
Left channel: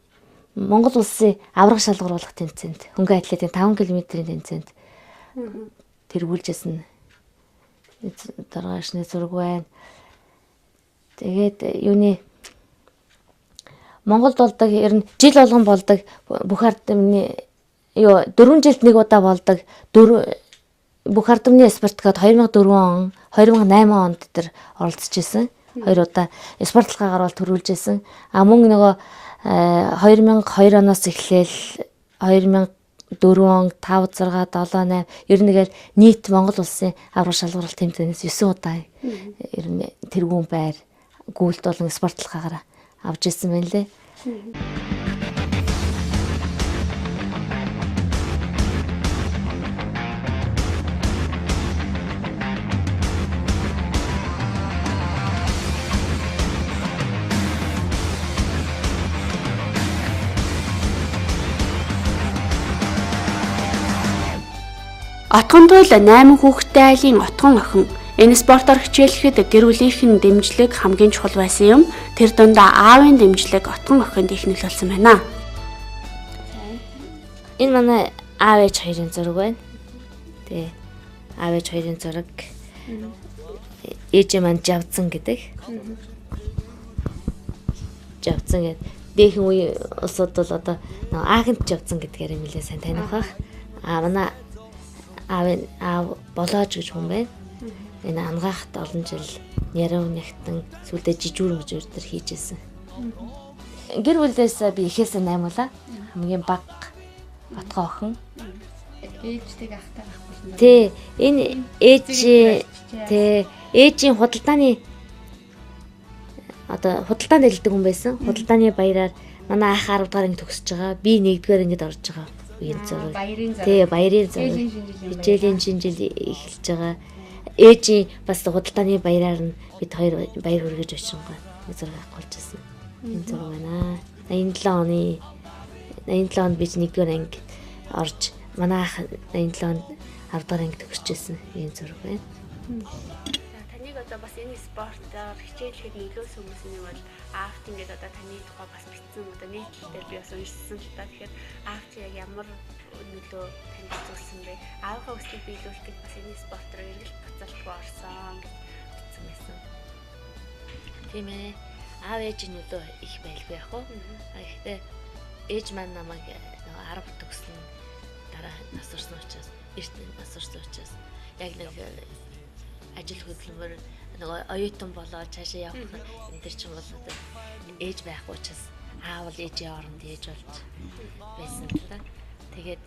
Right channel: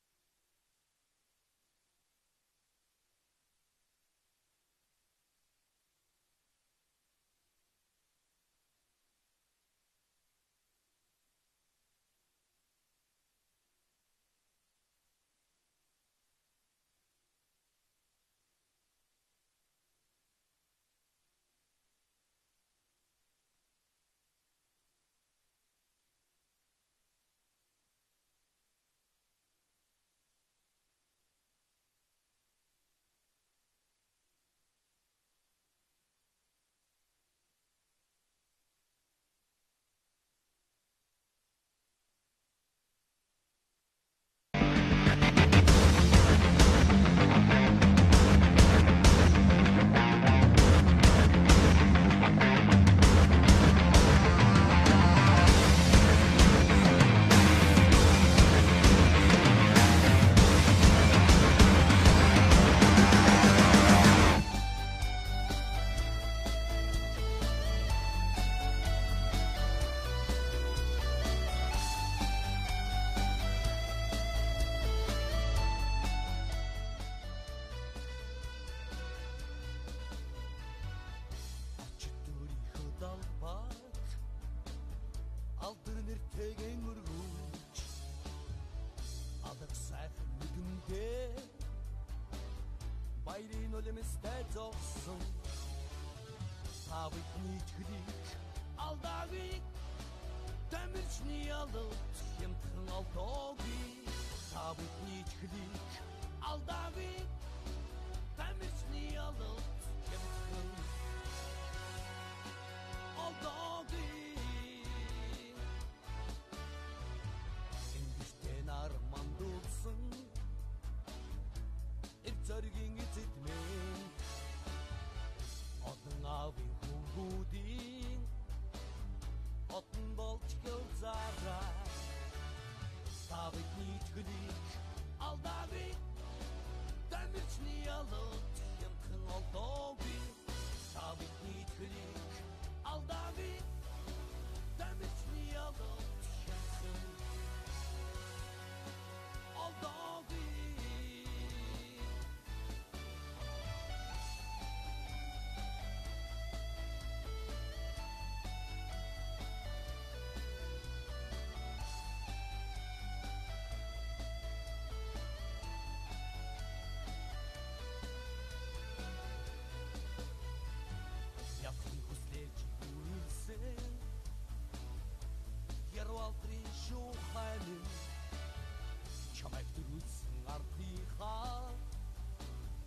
Монгол улсын аврах шалгаруулах тэмцээнд хөнгөн атлетийн 5 км-ийн тэмцээнд тэргүүлжсэн дараашны зураг байна. Тэгээд юуны Монголд болдог ер нь жил болгон болдог бүх ардмны 4 жилд нэг удаа болдог бүх ардмны спорткод 2004 он 2008 онд тэр оролцож исэн. 2 удаа спортлогоогоор бол төрүүлж исэн. А мөн нөгөө 2002 оноос эхлээл 2004 он 5 6 7 8 ер нь нэгэл нийт Монгол улсын аврах шалгаруулалт тэмцээнээс 9 удаа ер нь тэргүүн байр гүйлт болон спортлогоогоор авч ирсэн байна лээ. Отгон туйл 8 хүүхэдтэй айлын отгон охин. Энэ спортоор хичээлэхэд гэр бүлийнхэн дэмжлэг хамгийн чухал байсан юм. Тэр дундаа аавын дэмжлэг отгон охинд их нөлөөлсөн байна. Энэ манай аав ээж хоёрын зураг байна. Тэгээ аав ээж хоёрын зураг. Ээж маань Жавцан гэдэг. Жавцан гэдэг. Дээхэн үе улсууд бол одоо Аахынд Жавцан гэдгээр юм лээ сайн таних бах. Манай аав болоож гэж хүн байна. Энэ ангаахт олон жил яруу нэгтэн сүлдээ жижүүр мөжөр төр хийжсэн. Гэр бүлээс би ихээсээ 8 улаа. Хамгийн баг отгоо охин. Ээжтэй ахтаа. Тэ энэ ээжийн худалдааны одоо худалдаанд дэлдэг хүн байсан. Худалдааны баяраар манай ах 10 дугаар анги төгсөж байгаа. Би 1-р ангид орж байгаа. Үеийн зураг. Тэ баярын зураг. Хичээлийн шинжил эхэлж байгаа. Ээжийн бас худалдааны баяраар нь бид хоёр баяр хүргэж очсон зураг авчихсан. Энэ зураг байна. 87 онд би 1-р анги орж манай ах 87 онд 10 дугаар анги төгсөжсэн энэ зураг байна. Таныг одоо бас энэ спортоор хичээлэхэд нөлөөсөн юм бол аавт ингээд одоо таны тухай бас бичсэн одоо нийтлэлээр би бас уншсан та тэгэхээр аавт яг ямар нөлөө танд үзүүлсэн бэ? Аавынхаа өсөлтийг биелүүлэхэд энэ спортоор ингээд буцалтгүй орсон гэсэн байсан. Тийм ээ. Аав ээжийн нөлөө их байлгүй яг хөө. Гэхдээ ээж маань намайг 10 төгсөн дараа нас орсон учраас эрт нас орсон учраас яг нэг ажил хөдөлмөр нөгөө оюутан болоод цаашаа явах энэ ч юм бол ээж байхгүй учраас аав ээжийн оронд ээж болж байсан та. Тэгээд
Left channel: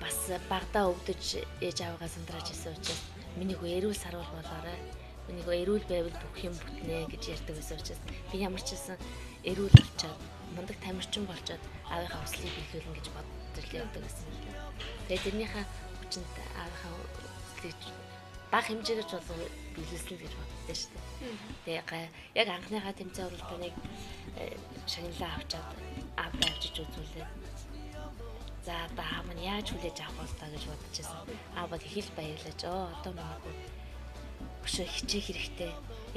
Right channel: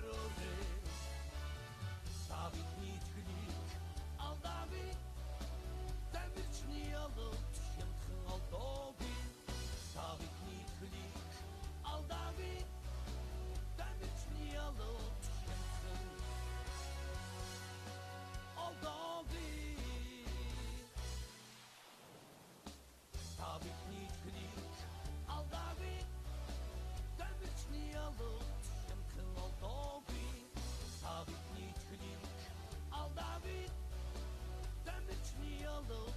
бас багтаа өвдөж ээж аваагаа сандраач ирсэн учраас миний хөө эрүүл сарвал болоорой. Миний хөө эрүүл байвал бүх юм бүтнэ гэж ярьдаг байсан учраас би ямар ч хэлсэн эрүүл болчоод мундаг тамирчин болчоод аавынхаа хүслийг биелүүлнэ гэж бодож явдаг байсан. Тэгээд тэрнийхээ хүчинд аавынхаа баг хэмжээгээр ч болов биелүүлсэн гэж боддоо шүү дээ. Тэгээ яг анхныхаа тэмцээн уралдааныг шагналаа авчаад аавд авчиж үзүүлээ. За одоо аав нь яаж хүлээж авах бол та гэж бодож байсан. Аавд хэл баярлаж одоо магадгүй өшөө хичээх хэрэгтэй.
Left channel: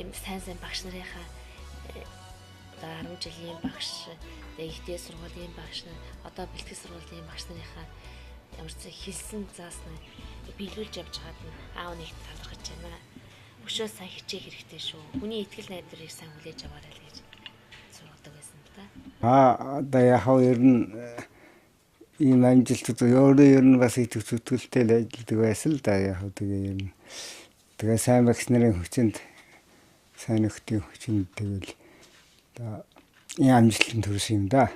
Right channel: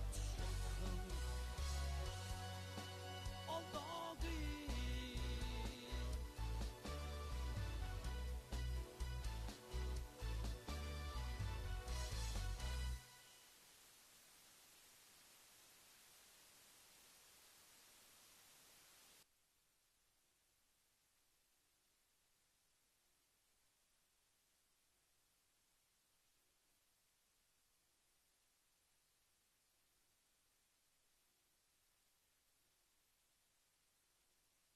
Юм сайн багш нарынхаа 10 жилийн багш, ихтэй сургуулийн багш нар, одоо бэлтгэл сургуулийн багш нарынхаа ямар ч хэлсэн заасна биелүүлж явж байгаад аав нэг талархаж байна. Өшөө сайн хичээх хэрэгтэй шүү. Хүний итгэл найдварыг сайн хүлээж аваарай л гэж сургадаг байсан та. Одоо яг ер нь ийм амжилт өөрөө ер нь бас их зүтгэлтэй л ажилладаг байсан л да. Яг тэгээ ер нь тэгээ сайн багш нарын хүчинд сайн нөхдийн хүчинд тэгэл одоо ийм амжилтанд хүрсэн юм да.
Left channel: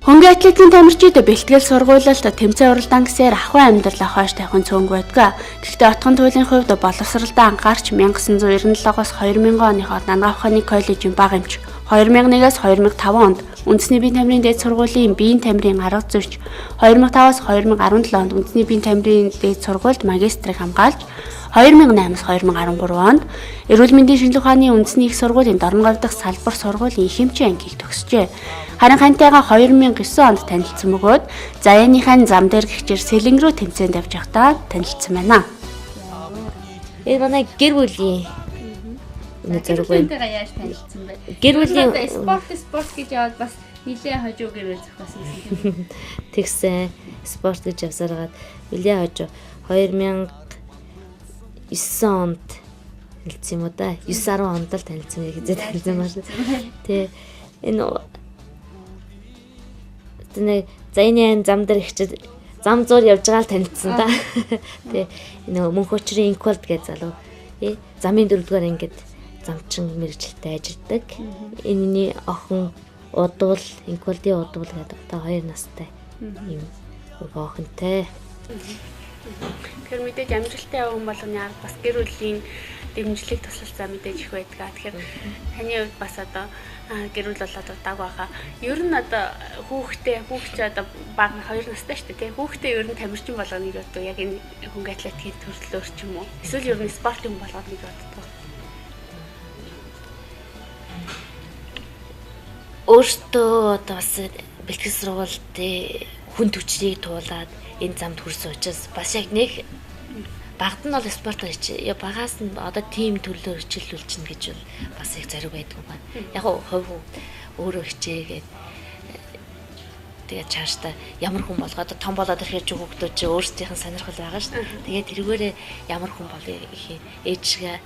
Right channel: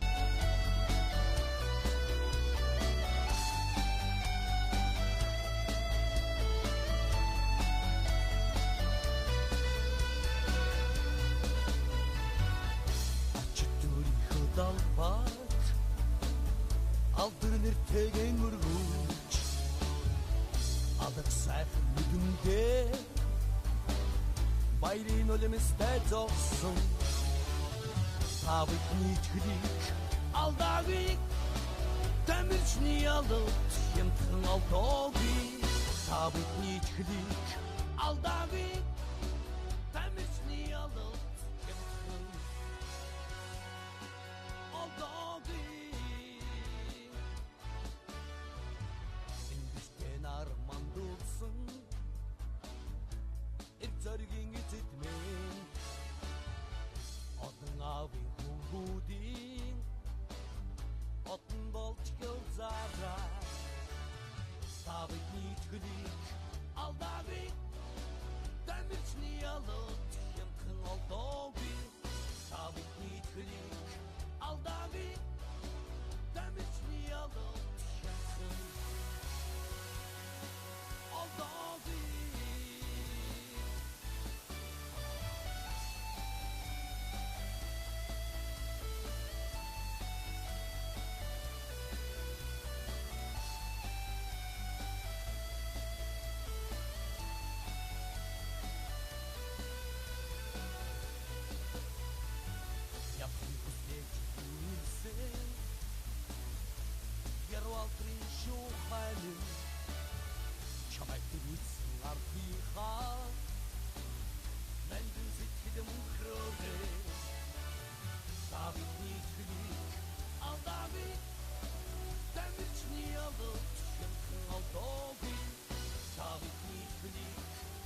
Хөнгөн атлетикийн тамирчид бэлтгэл сургуулилт тэмцээн уралдаан гэсээр ахуйн амьдрал хойш тавихын цөөнг байдаг. Гэхдээ отгон туйлын хувьд боловсролдоо анхаарч 1997-оос 2000 оны хооронд Нангаахны коллежийн бага эмч 2001-ээс 2005 онд үндэсний биеийн тамирын дээд сургуулийн биеийн тамирын арга зүйч 2005-аас 2017 онд үндэсний биеийн тамирын дээд сургуульд магистрийг хамгаалж 2008-аас 2013 онд эрүүл мэндийн шинжилгээ ухааны үндэсний их сургуулийн Дорногов дахь салбар сургуулийн их эмчийн ангийг төгсжээ. Харин хантайгаа 2009 онд танилцсан бөгөөд Заяаныхаа зам дээр гихчээр Сэлэн рүү тэмцээнд явж байхдаа танилцсан байна. Энэ манай гэр бүлийн зөв байна. Яаж танилцсан бэ? Гэр бүлийн спорт гэж яваад бас нилээ хожуу гэрээ зохиосон. тэгсэн спорт гэж явсараад нилээ хожуу 2009 онд танилцсан юм уу да? 9-10 онд л танилцсан гэж танилцсан байна шүү. Тэгээ энэ Заяаны зам дээр ихчил зам зуур явж байгаа л танилцсан да. Тэгээ энэ мөнх өчрийн инквалд гэж залуу. Замын 4-р ангид замчин мэрэгчлэлтэй ажилладаг. Энэний охин удвал инквалдын удвал гэдэг та 2 настай. Ийм охинтой. Тэгэхээр мэдээж амжилттай явсан болгоны арга бас гэр бүлийн дэмжлэг тусалцаа мэдээж их байдаг. Тэгэхээр таны хувьд бас одоо гэр бүл болоод удааг байгаа. Ер нь одоо хүүхч одоо бага 2 настай шүү дээ. Хүүхдээ ер нь тамирчин болгоныг одоо яг энэ хөнгө атлетикийн төрлөөр ч юм уу. Эсвэл ер нь спортын болгоод нэг боддог. Өөртөө одоо бас бэлтгэл сургуульд хүн төвчнийг туулаад энэ замд хүрсэн учраас бас яг нэг багт нь бол спорт хийж багаас нь одоо тим төрлөөр хичээлүүлж чинь гэж бас их зориг байдаг байна. Яг хувь өөрөө хичээгээд тэгээд цаашдаа ямар хүн болгоод том болоод ирэхэд хүүхдүүд чи өөрсдийнх нь сонирхол байгаа шүү дээ. Тэгээд тэрүүгээрээ ямар хүн болъё гэх ээжгээ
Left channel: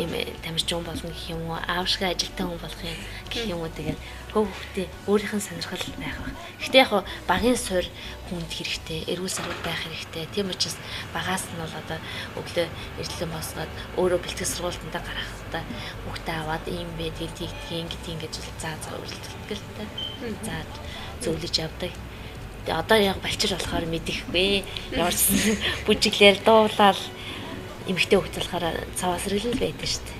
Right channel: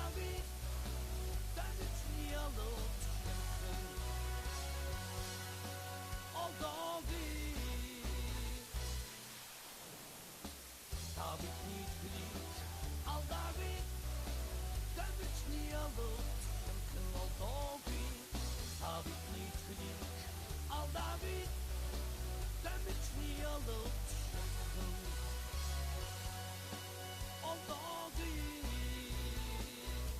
ийм тамирчин болно гэх юм уу, аавшгаа ажилтан хүн болох юм гэх юм уу. Тэгээд хүүхдээ өөрийнх нь сонирхол байх ба. Гэхдээ яг багийн суурь хүнд хэрэгтэй, эрүүл сарвал байх хэрэгтэй. Тийм учраас багаас нь бол одоо өглөө эрдэлэн босгоод өөрөө бэлтгэл сургуультанд гарахтаа хүүхдээ аваад ийм бэ тэгтийн гэж заа үйлдэлдэг л та. За зөвлөж явдаг. Одоо яг балчир болохоор мэдэхгүй. Ямар ч бүжиглэр дуулаад эмэгтэй хүүхд болохоор цаваас рэл байдаг шүү дээ.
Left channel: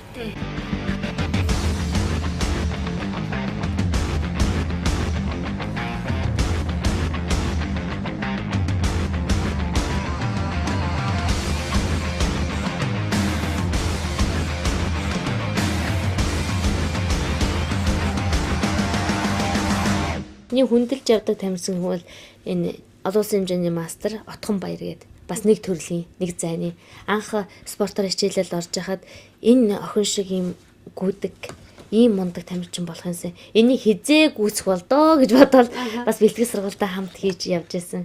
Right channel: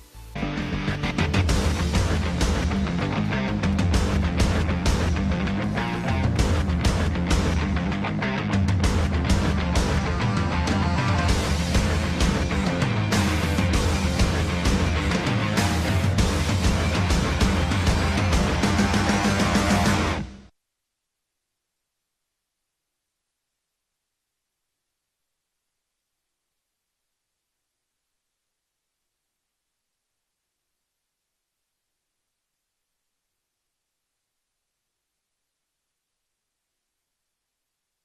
Хүндэлж явдаг тамирчин хүн бол энэ олон улсын хэмжээний мастер Отхон Баяр гээд бас нэг төрлийн нэг зайны анх спортоор хичээлэл орж яхад энэ охин шиг юм гүдэг ийм мундаг тамирчин болохынсан энийг хизээ гүйцэх болдоо гэж бодоод бас бэлтгэл сургуультай хамт хийж явж байсан.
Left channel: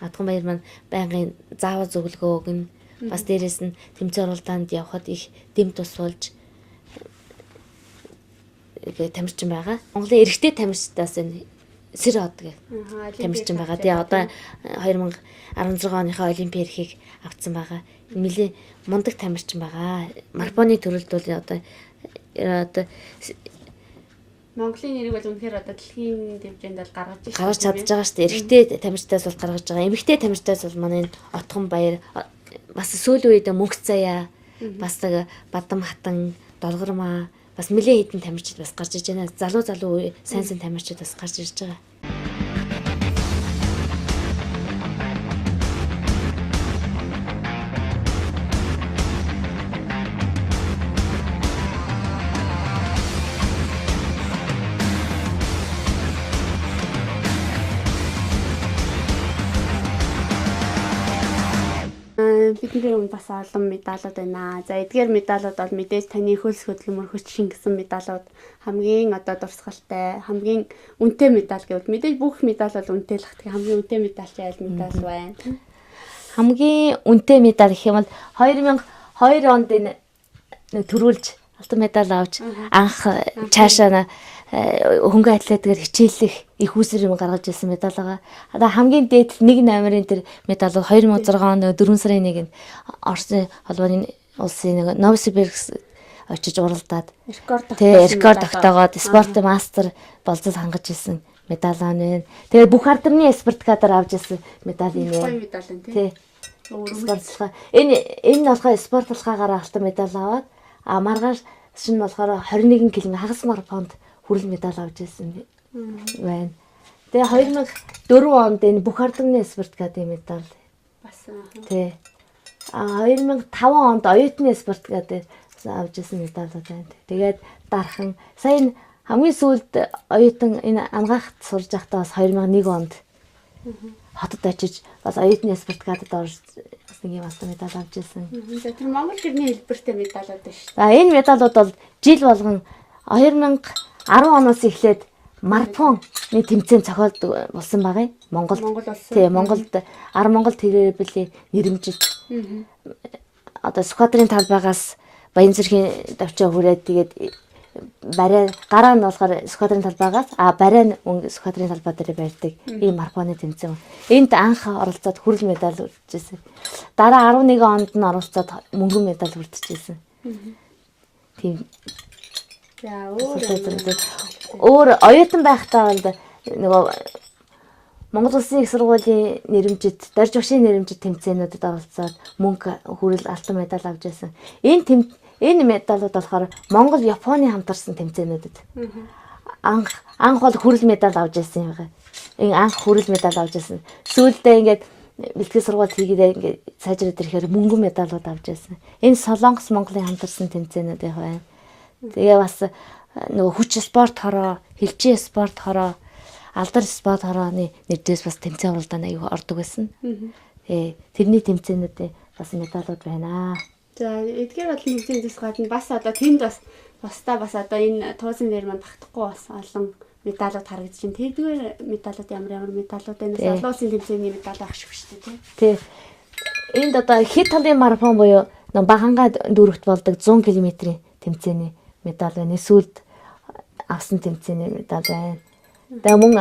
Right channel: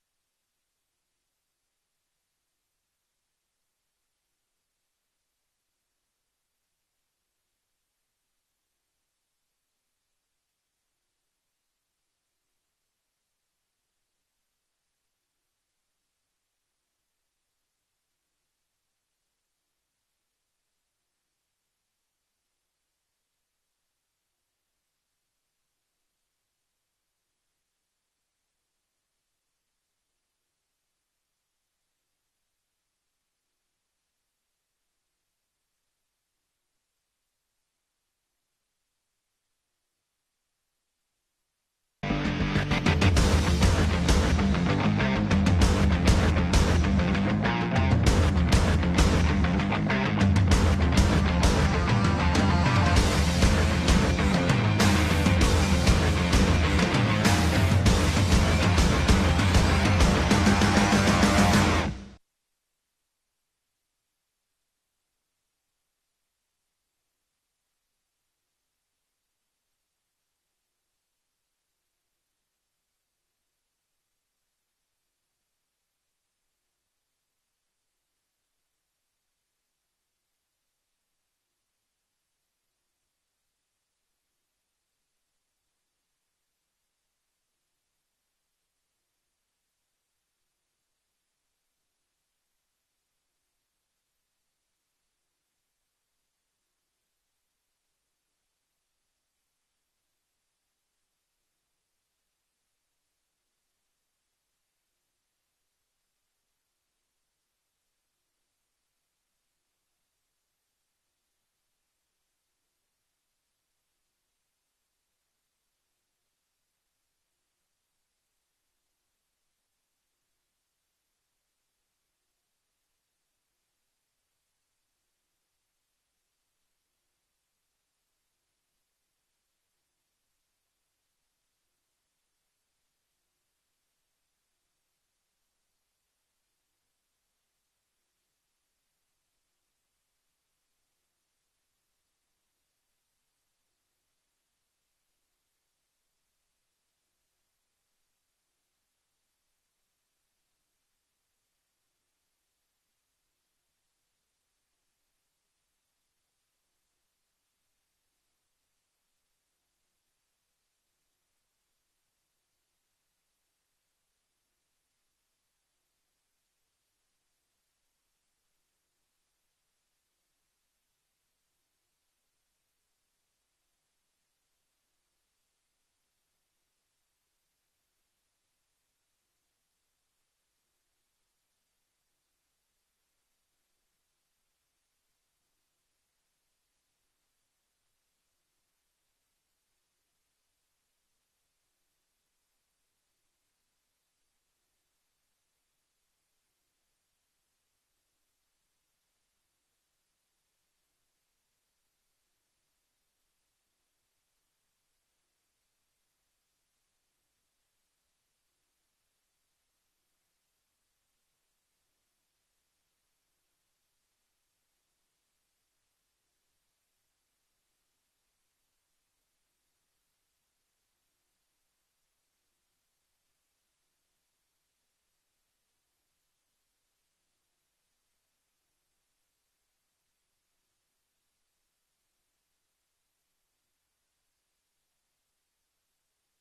Отхон Баяр маань байнгын заавал зөвлөгөө өгнө. Бас дээрэс нь тэмцээн уралдаанд явхад их дэм тус болж тамирчин байгаа. Монголын эрэгтэй тамирчдаас энэ Сэр од гэх тамирчин байгаа. Тэгээ одоо 2016 оныхоо олимпийн эрхийг авцсан байгаа. Нэлээ мундаг тамирчин байгаа. Марафоны төрөлд бол одоо Монголын нэрийг бол үнэхээр одоо дэлхийн хэмжээнд бол гаргаж чадж байгаа шүү дээ. Эрэгтэй тамирчдаас бол гаргаж байгаа. Эмэгтэй тамирчдаас бол манай Отхон Баяр бас сүүлийн үед Мөнх Заяа бас Бадам Хатан Долгормаа бас нэлээд хэдэн тамирчид бас гарч иж байна. Залуу сайн тамирчид бас гарч ирж байгаа. Бидний өмнө бас олон медалууд байна. За эдгээр медалууд бол мэдээж таны хөлс хөдөлмөр хүч шингэсэн медалууд хамгийн одоо дурсгалтай, хамгийн үнэтэй медаль гэвэл мэдээж бүх медаль бол үнэтэй л хат. Хамгийн үнэтэй медаль чи аль медаль байна? Хамгийн үнэтэй медаль гэх юм бол 2002 онд энэ төрүүлж алтан медаль авч анх цаашаа хөнгөн атлетикээр хичээлэх их усэр юм гаргаж ирсэн медаль байгаа. Одоо хамгийн дээд 1 номерын тэр медаль бол 2006 оны 4 сарын 1-нд Оросын холбооны улсын Новосибирск очиж уралдаад рекорд тогтоогоод спорт мастер болцол хангаж ирсэн медаль байна. Тэгээд бүх алдарны спартакиадаар авч ирсэн медаль юм. Гоё медаль энэ тий. Спортлохоо. Энэ болохоор спортлохоогоор алтан медаль аваад маргааш шин болохоор 21 км хагас марафонд хүрэл медаль авч ирсэн байна. Тэгээ 2004 онд энэ бүх алдарны спартакиадын медаль бас тий. 2005 онд оюутны спартакиадаар авч ирсэн медалууд байна. Тэгээд дархан сая хамгийн сүүлд оюутан энэ амгаахт сурж байхдаа бас 2001 онд хотод очиж бас оюутны спартакиадад орж бас нэг юм алтан медаль авч ирсэн. За тэр Монгол гэрний хэлбэртэй медалууд байна шүү. За энэ медалууд бол жил болгон 2010 оноос эхлээд марафоны тэмцээн зохиолдог болсон байгаа юм. Монголд. Тий, Монголд Монгол тэрбэлийн нэрэмжид одоо сквадрын талбайгаас Баянзүрхийн давчаа хүрээд тэгээд гараа нь болохоор сквадрын талбайгаас барай нь сквадрын талбай дээр барьдаг ийм марафоны тэмцээн. Энд анх оролцоод хүрэл медаль үржижсэн. Дараа 11 онд нь оролцоод мөнгөн медаль үржижсэн. Тийм. За өөр оюутан байхдаа бол нөгөө Монгол Улсын их сургуулийн нэрэмжид, дорж багшийн нэрэмжид тэмцээнүүдэд оролцоод мөнгө хүрэл алтан медаль авч ирсэн. Энэ медалууд болохоор Монгол Японы хамтарсан тэмцээнүүдэд. Анх бол хүрэл медаль авч ирсэн юм байна. Энэ анх хүрэл медаль авч ирсэн. Сүүлдээ ингээд бэлтгэл сургалт хийгээд ингээд сайжраад ирэхээр мөнгөн медалууд авч ирсэн. Энэ Солонгос Монголын хамтарсан тэмцээнүүд байна. Тэгээ бас нөгөө хүч спорт хороо, хилчээ спорт хороо, алдар спорт хорооны нэрдээс бас тэмцээн уралдаанд аягүй ордог байсан. Тэрний тэмцээнүүдээ бас медалууд байна. За эдгээр бол тэмцээнээс гадна бас одоо тэнд бас бас одоо энэ туузын дээр манд тагтахгүй бас олон медалууд харагдаж байна. Тэрдгээр медалууд ямар медалууд байна? Олон улсын тэмцээний медаль авах шиг шүү дээ тий. Энд одоо хэд талын марафон буюу багангаа дүүрэгт болдог 100 км-ийн тэмцээний медаль байна. Сүүлд авсан тэмцээний медаль байна. Тэгээ мөн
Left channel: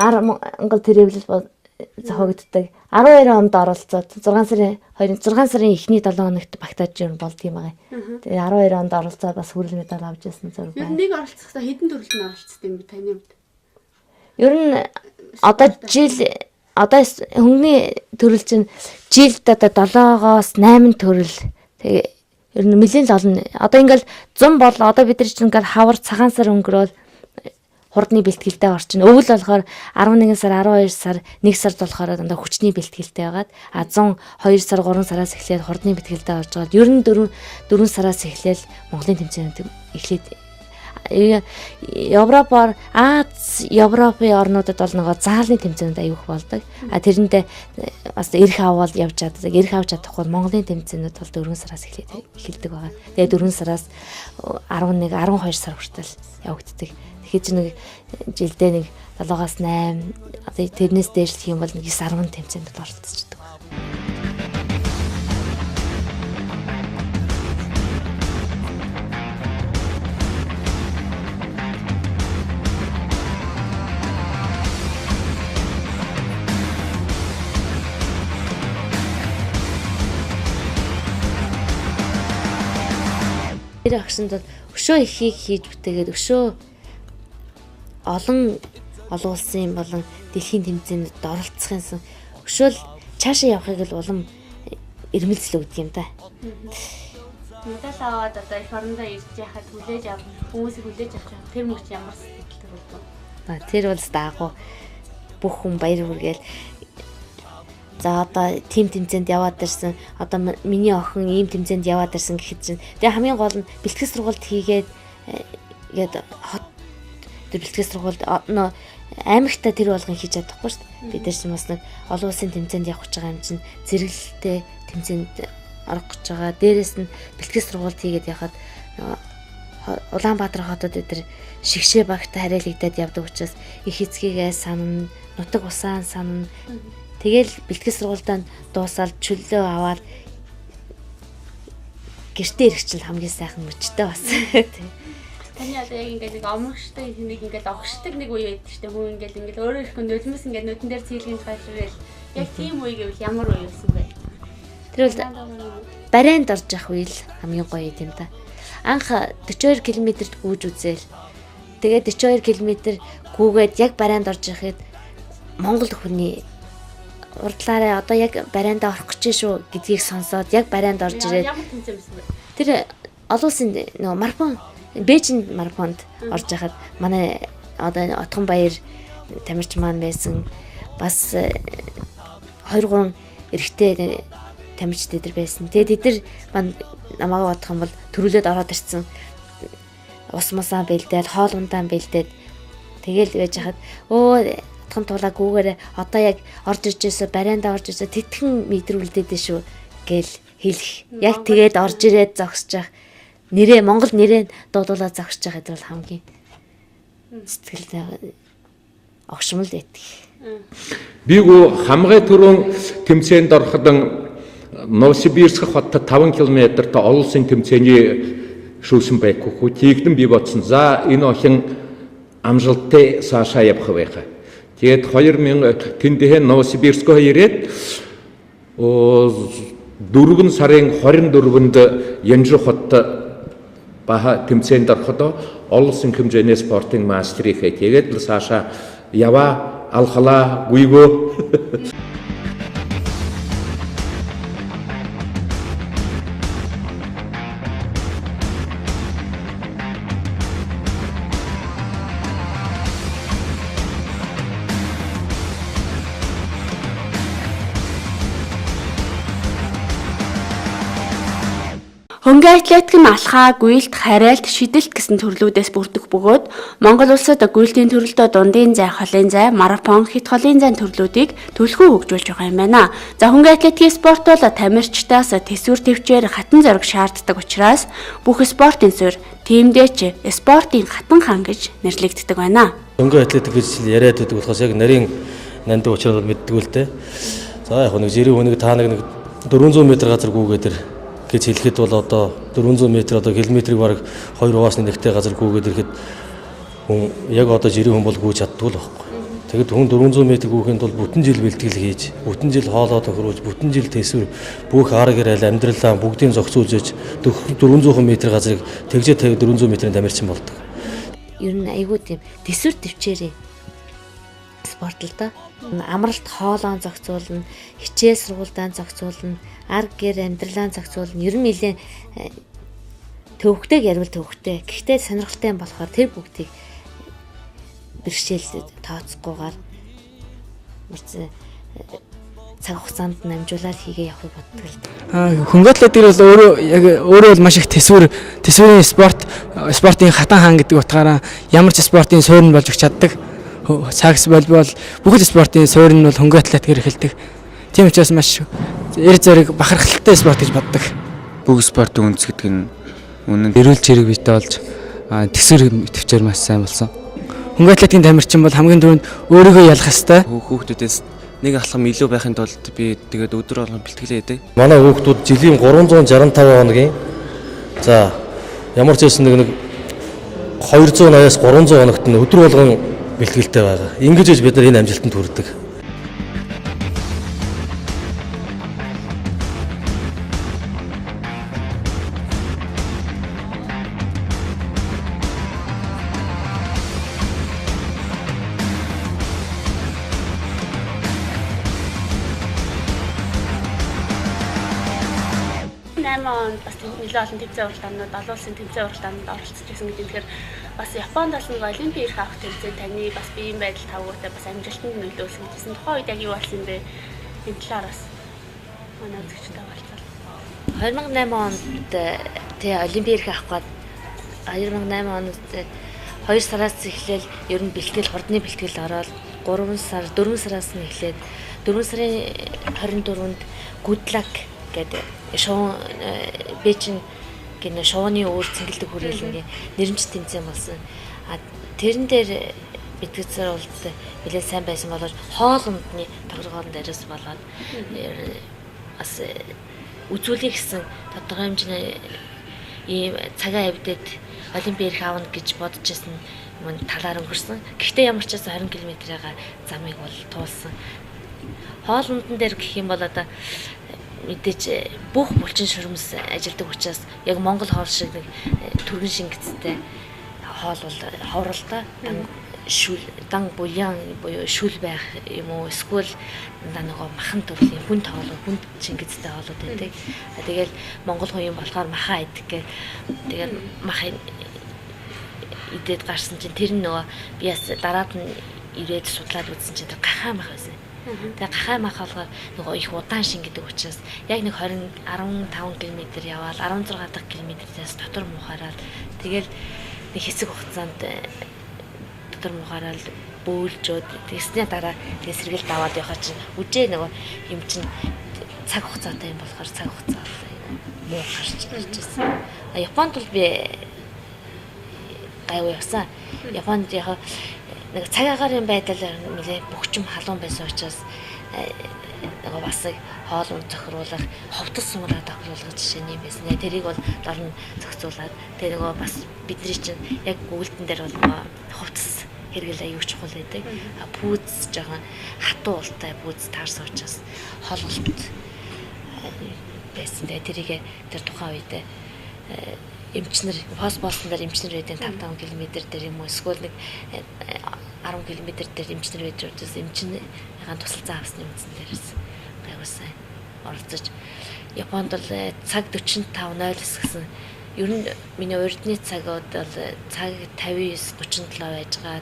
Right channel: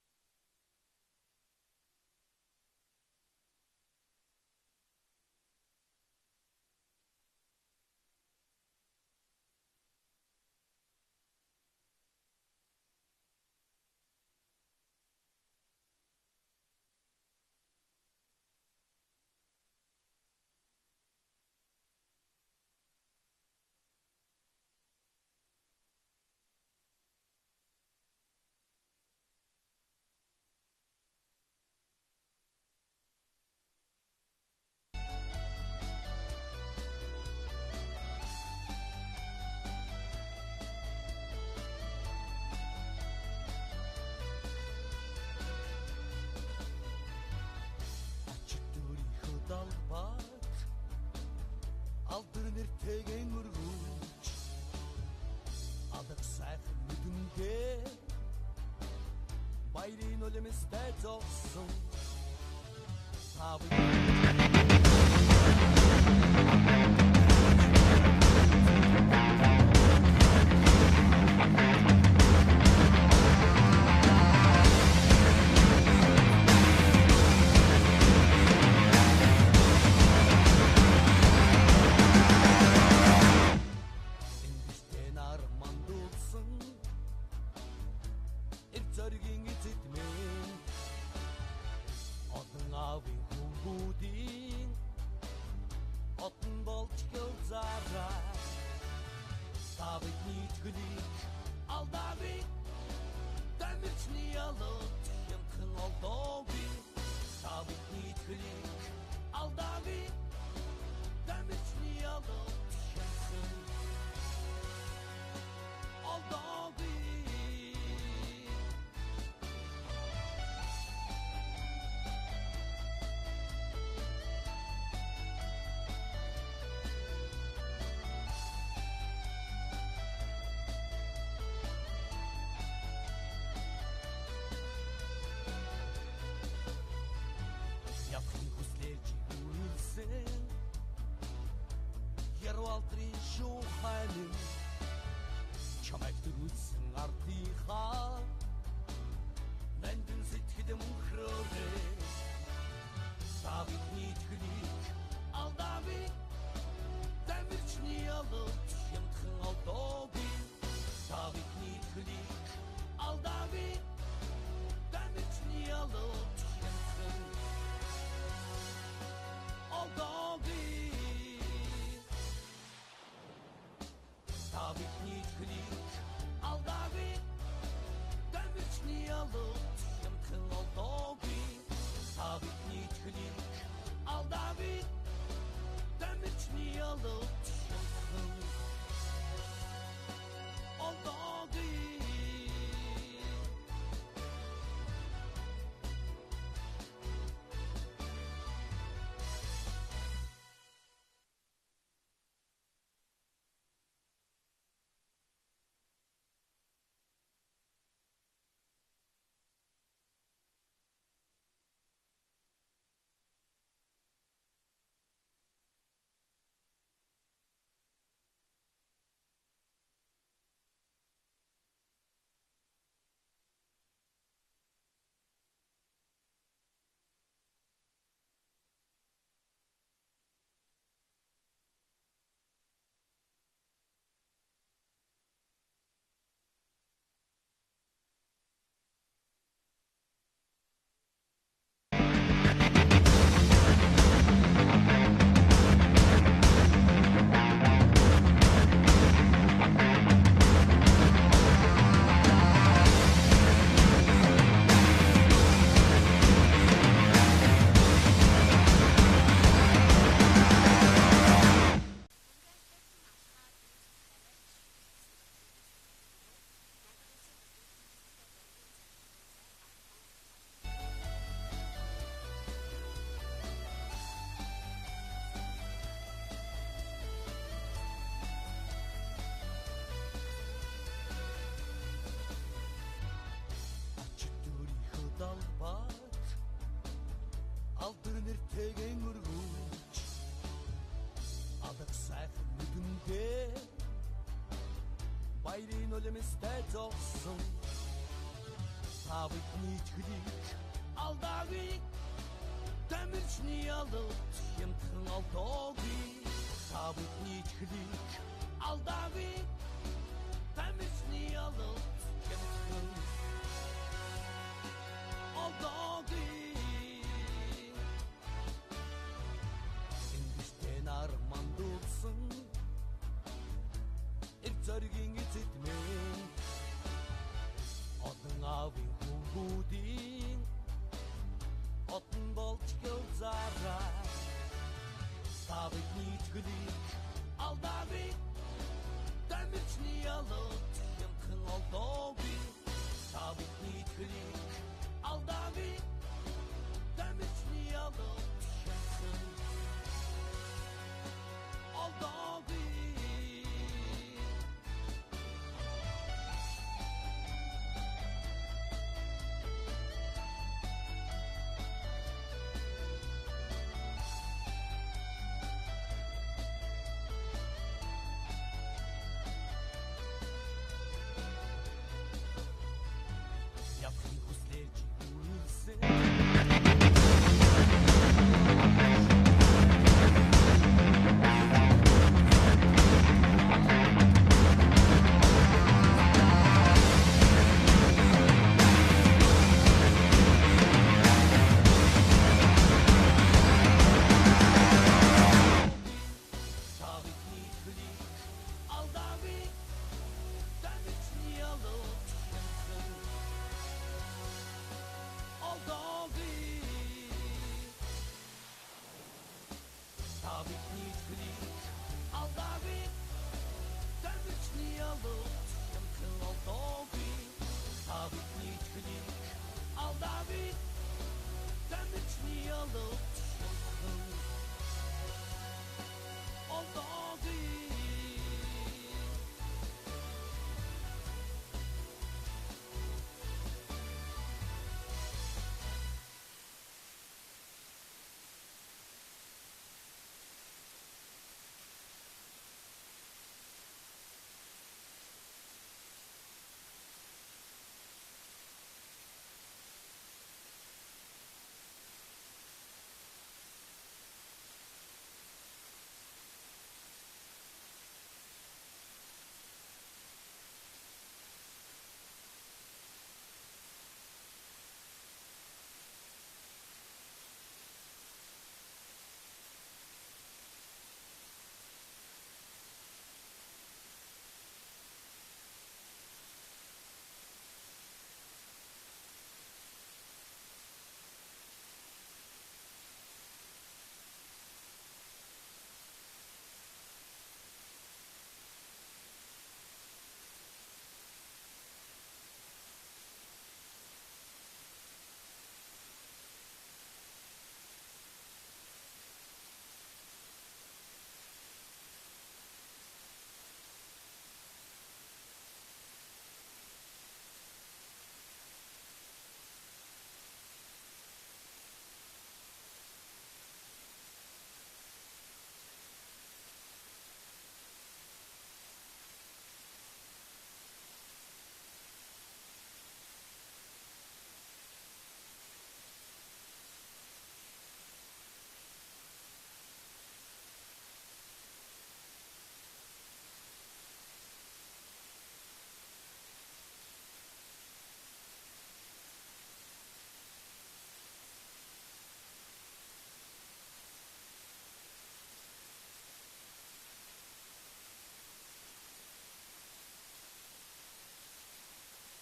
Монгол тэрвэрлэл зохиогддог 12 онд оролцоод 6 сарын эхний 7 хоногт багтааж юм болд юм байгаа. Тэгээ 12 онд оролцоод бас хүрэл медаль авч ирсэн зураг байна. Ер нь нэг оролцохдоо хэдэн төрөлд нь оролцсон юм бэ таны хувьд? Ер нь одоо хөнгөний төрөл чинь жилд одоо 7-оос 8 төрөл. Тэгээ ер нь нэлээд олон. Одоо ингээл 100 бол одоо бид нар чинь ингээл хавар цагаан сар өнгөрөөл хурдны бэлтгэлтэй орчин. Өвөл болохоор 11 сар, 12 сар, 1 сард болохоор дандаа хүчний бэлтгэлтэй байгаад 100 2 сар, 3 сараас эхлээд хурдны бэлтгэлтэй орж байгаа. Ер нь 4 сараас эхлээл Монголын тэмцээнүүд эхлээд Европоор Европын орнуудад бол нөгөө заалны тэмцээнүүд аюух болдог. Тэрэндээ бас эрх аваад явж чаддаг. Эрх авч чадахгүй Монголын тэмцээнүүд бол 4 сараас эхэлдэг байгаа. Тэгээ 4 сараас 11, 12 сар хүртэл явагддаг. Тэгэхээр чи нэг жилдээ нэг 7-аас 8 одоо тэрнээс дээшлэх юм бол нэг 9-10 тэмцээнд оролцдог. Тэр агшинд өшөө ихийг хийж бүтээгээд өшөө олон улсын болон дэлхийн тэмцээнд оролцох юмсан өшөөл цаашаа явахыг л улам эрмэлзэл өгдөг юм да. Мэдээлэл аваад одоо их орондоо ирж яхад хүлээж авах хүмүүсийг хүлээж авах тэр мөч ямар сэтгэл. Тэр бол даагуу бүх хүн баяр хүргээл за одоо тим тэмцээнд яваад ирсэн одоо миний охин ийм тэмцээнд яваад ирсэн гэхэд чинь тэгээ хамгийн гол нь бэлтгэл сургалт хийгээд ингээд хот бэлтгэл сургалт аймагтаа тэр болгон хийж чадахгүй шүү дээ. Бид нар чинь бас нэг олон улсын тэмцээнд явах гэж байгаа юм чинь зэрэглэлтэй тэмцээнд орох гэж байгаа. Дээрээс нь бэлтгэл сургалт хийгээд яхад Улаанбаатар хотод эдгээр шигшээ багтаа хариалагдаад явдаг учраас их эцгийгээ санана, нутаг усаан санана. Тэгэл бэлтгэл сургуультаа дуусаад чөлөө аваад гэртээ ирэх чинь хамгийн сайхан мөчтэй бас. Таны одоо яг ингээд нэг омгштай нэг ингээд огшдаг нэг үе байдаг шүү дээ. Хүн ингээд өөрөө их нулимс ингээд нүдэн дээр цэглэн тайлбарал яг тийм үе гэвэл ямар үе гэсэн бэ? Тэр бол барайнд орж явах үе л хамгийн гоё юм да. Анх 42 км-т гүйж үзээл. Тэгээд 42 км гүйгээд яг барайнд орж яхад Монгол хүний урдлаараа одоо яг барайнд орох гэж шүү гэдгийг сонсоод яг барайнд орж ирээд тэр олон улсын нөгөө марафон Бээжинд марафонд орж байхад манай одоо Отгон Баяр тамирч маань байсан бас 2-3 эрэгтэй тамирчид эдэр байсан. Тэгээд эдэр намайг бодох юм бол төрүүлээд ороод ирсэн. Ус мусаа бэлдээд, хоол ундаан бэлдээд тэгэл байж хахад Отгон тулаа гүүгээрээ одоо яг орж ирж байсаа барайндаа орж ирсаа тэтгэн мэдрүүлдээд шүү гэл хэлэх. Яг тэгээд орж ирээд зогсож явах. Нэрээ Монгол нэрээ дуудуулаад зогсож байгаа гэдэг бол хамгийн сэтгэл огшмол байдаг. Би гоо хамгай түрүүн тэмцээнд ороход Новосибирск хотод 5 км-т олон улсын тэмцээний шүүсэн байхгүй. Тийгдэн би бодсон. За энэ охин амжилттай цаашаа явах байх. Тэгээд 2000 тэндээ Новосибирскөө ирээд 4 сарын 24-нд Янжу хот баха тэмцээнд ороход олон улсын хэмжээний спортын мастерийг тэгээд л цаашаа яваа алхалаа гүйгөө. Хөнгөн атлетик нь алхаа, гүйлт, хариалт, шидэлт гэсэн төрлүүдээс бүрдэх бөгөөд Монгол улсад гүйлтийн төрөлдөө дундын зай, холын зай, марафон, хит холын зай төрлүүдийг төлхөө хөгжүүлж байгаа юм байна. За хөнгөн атлетикийн спорт бол тамирчдаас тэсвэр төвчээр хатан зориг шаарддаг учраас бүх спортын суурь тиймдээч спортын хатан хаан гэж нэрлэгддэг байна. Хөнгөн атлетик гэж яриад байдаг болохоос яг нарийн нандин учраас мэддэг л дээ. За яг нэг жирийн хүнийг та нэг 400 м газар гүүгээд гэж хэлэхэд бол одоо 400 м одоо километрийг бараг 2-аас 1-тэй газар гүүгээд ирэхэд хүн яг одоо жирийн хүн бол гүйж чаддгүй л байхгүй. Тэгэд хүн 400 м гүүхэнд бол бүтэн жил бэлтгэл хийж, бүтэн жил хоолоо тохируулж, бүтэн жил тэсвэр бүх арга гэрэл амьдралаа бүгдийг зохицуулж 400 м газрыг тэгжээ 400 м-ийн тамирчин болдог. Ер нь айгүй тийм тэсвэр төвчээрээ спорт л да. Амралт хоолоо зохицуулна, хичээл сургуультай зохицуулна, арга гэр амьдралаа зохицуулна. Ер нь нэлээд төвхтэй ярил төвхтэй. Гэхдээ сонирхолтой болохоор тэр бүгдийг бэрхшээл тооцохгүйгээр цаг хугацаанд намжуулаад хийгээ явахыг боддог л. Хөнгөн атлетик бол өөрөө бол маш их тэсвэрийн спортын хатан хаан гэдэг утгаараа ямар ч спортын суурь нь болж өгч чаддаг. Сакс волейбол бүх спортын суурь нь бол хөнгөн атлетикээр эхэлдэг. Тийм учраас маш эр зориг бахархалтай спорт гэж боддог. Бүх спортын үндэс гэдэг нь үнэн эрүүл чирэг биетэй болж тэсвэр төвчээр маш сайн болсон. Хөнгөн атлетикийн тамирчин бол хамгийн түрүүнд өөрийгөө ялах ёстой. Хүүхдүүдээс нэг алхам илүү байхын тулд би тэгээд өдөр болгон бэлтгэлээ хийдэг. Манай хүүхдүүд жилийн 365 хоногийн за ямар ч байсан нэг 280-аас 300 хоногт нь өдөр болгон бэлтгэлтэй байгаа. Ингэж бид нар энэ амжилтанд хүрдэг. Олон тэмцээн уралдаанууд, олон улсын тэмцээн уралдаанд оролцож байсан гэдэг. Тэгэхээр бас Японд бас нэг олимпийн ирэх авах тэмцээн таны бас биеийн байдал тавгуудаа бас амжилтанд нөлөөлсөн гэсэн. Тухайн үед яг юу болсон юм бэ? Энэ талаар бас манай үзэгчтэй болцоо. 2008 онд тэ олимпийн ирэх авах гээд 2008 онд 2 сараас эхлээл ер нь бэлтгэл хурдны бэлтгэл ороод 4 сараас нь эхлээд 4 сарын 24-нд Гудлак гэдэг шоу Бээжин гэнэ шоуны өөр цэнгэлдэг хүрээлэнгийн нэрмж тэмцээн болсон. Тэрэн дээр битгэцээр бол нэлээд сайн байсан болоод хоолндны тоглоом дээрээс болоод бас үзүүлэх гэсэн тодорхой хэмжээний ийм цагаан авдад олимпийн ирэх аавна гэж бодож байсан юм талаар өнгөрсөн. Гэхдээ ямар ч байсан 20 км-ийн замыг бол туулсан. Хоолндон дээр гэх юм бол одоо мэдээж бүх булчин шүрмэс ажилдаг учраас яг Монгол хоол шиг нэг түргэн шингэцтэй хоол бол ховролтой шүл дан буян буюу шүл байх юм уу эсвэл нөгөө махан төрлийн хүн тоглоо хүн Чингистэй хоолууд байдаг. Тэгэл Монгол хүн юм болохоор маха идэх гэ. Тэгэл маха идээд гарсан чинь тэр нөгөө би бас дараад нь ирээд судлаад үзсэн чинь тэр гахаа мах байсан. Тэгээ гахаа мах болохоор нөгөө их удаан шин гэдэг учраас яг нэг 15 км яваал 16 дахь км-ээс дотор мухаараад тэгэл нэг хэсэг хугацаанд дотор мухаараад бөөлжөөд тэгснээ дараа тэгээ сэргэл даваад явахаа чинь үжээ нөгөө юм чинь цаг хугацаатай юм болохоор цаг хугацаа муу гарч ирчихсэн. Японд бол би гайгүй явсан. Японд яг нэг цаг агаарын байдал нэлээ бөхчм халуун байсан учраас нөгөө бас хоол унд зохируулах, ховтос сумраа тохируулах жишээний юм байсан. Тэрийг бол дорн зохицуулаад тэгээ нөгөө бас бидний чинь яг гүйлтэн дээр бол нөгөө ховтос хэрэгэл аюул чухал байдаг. Пүүз жоохон хатуу ултай пүүз таарсан учраас холголт байсан. Тэгээ тэрийг тэр тухайн үед эмчнэр пост болсон дээр эмчнэр байдیں۔ 5 км дээр юм уу эсвэл нэг 10 км дээр эмчнэр байж учраас эмчнэрийн тусалцаа авсны үндсэн дээрээс гайвсан оролцож Японд бол цаг 45:09 гэсэн ер нь миний урдны цагууд бол цаг 59:37 байжгаад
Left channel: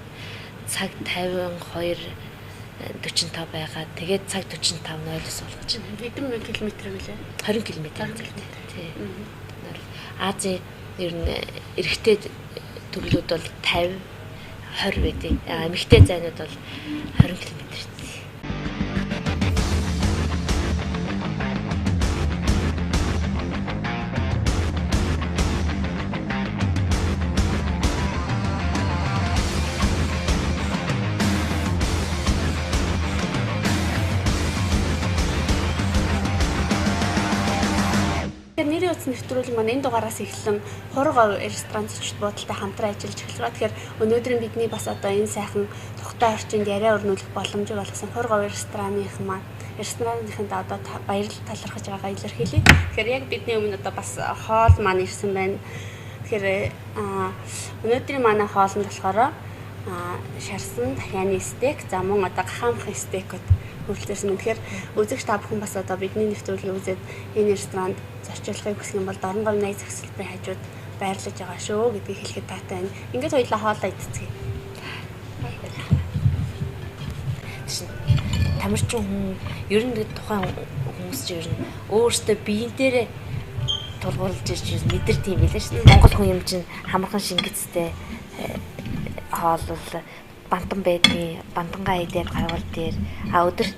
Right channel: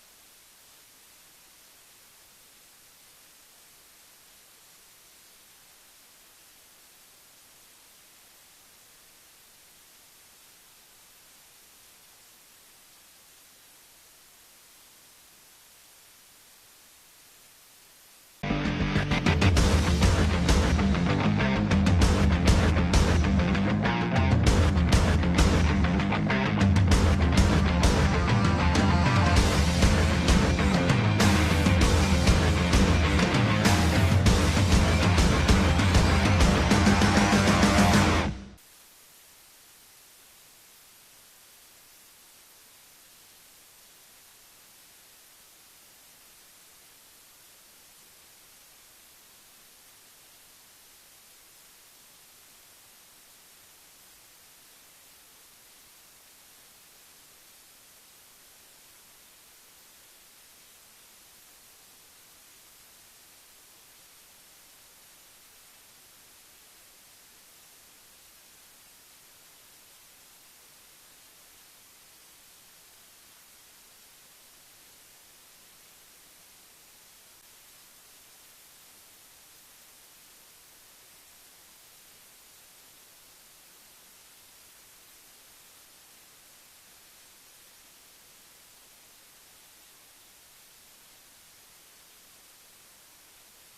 цаг 52:45 байгаад тэгээд цаг 45:09 болгож байна. Хэдэн километр вэ? 20 км. Тий. Азийн ер нь эрэгтэй төрлүүд бол 50 20 байдаг. Эмэгтэй зайнууд бол 20 км. Нэрийн утас нэвтрүүлэг маань энэ дугаараас эхлэн хурга ресторан зочид буудалтай хамтран ажиллаж эхэлж байгаа. Тэгэхээр өнөөдөр бидний бас одоо энэ сайхан тухтай орчинд яриа өрнүүлэх боломжийг олгосон хурга ресторанынхын одоо баярлал талархаж байгаагаа илэрхийлье. Тэгэхээр яг бидний өмнө одоо бас хоол маань ирсэн байна. Тэгэхээр өнөөдрийн манай хоол нь болохоор шарсан дахианы стейк, за мөн одоо гахаамхын стейкүүд хүрэлцсэн. Тэгэхээр үзэгч та бүхэн бас одоо бидний нэвтрүүлгийг үзээд энэ ресторанд зорчлохыг хүсэх юм бол Дорн говь найз захирлын хажууд байрлаж байгаа шүү гэдгийг хэлэхэд таатай байна. Ингээд хоёулаа хоолоо идцгээе. Тамирчин хүн ер нь тухайн хүмүүс чинь ер нь өөрсдөө биеийн дээрээ тулгуурлаж ирж мэдэрдэг юм билээ шүү дээ. Монгол хүн юм чинь хамархан шингэцтэй хоол бол бантан байдгийн бантангаа идээд гарвал дээр өдөр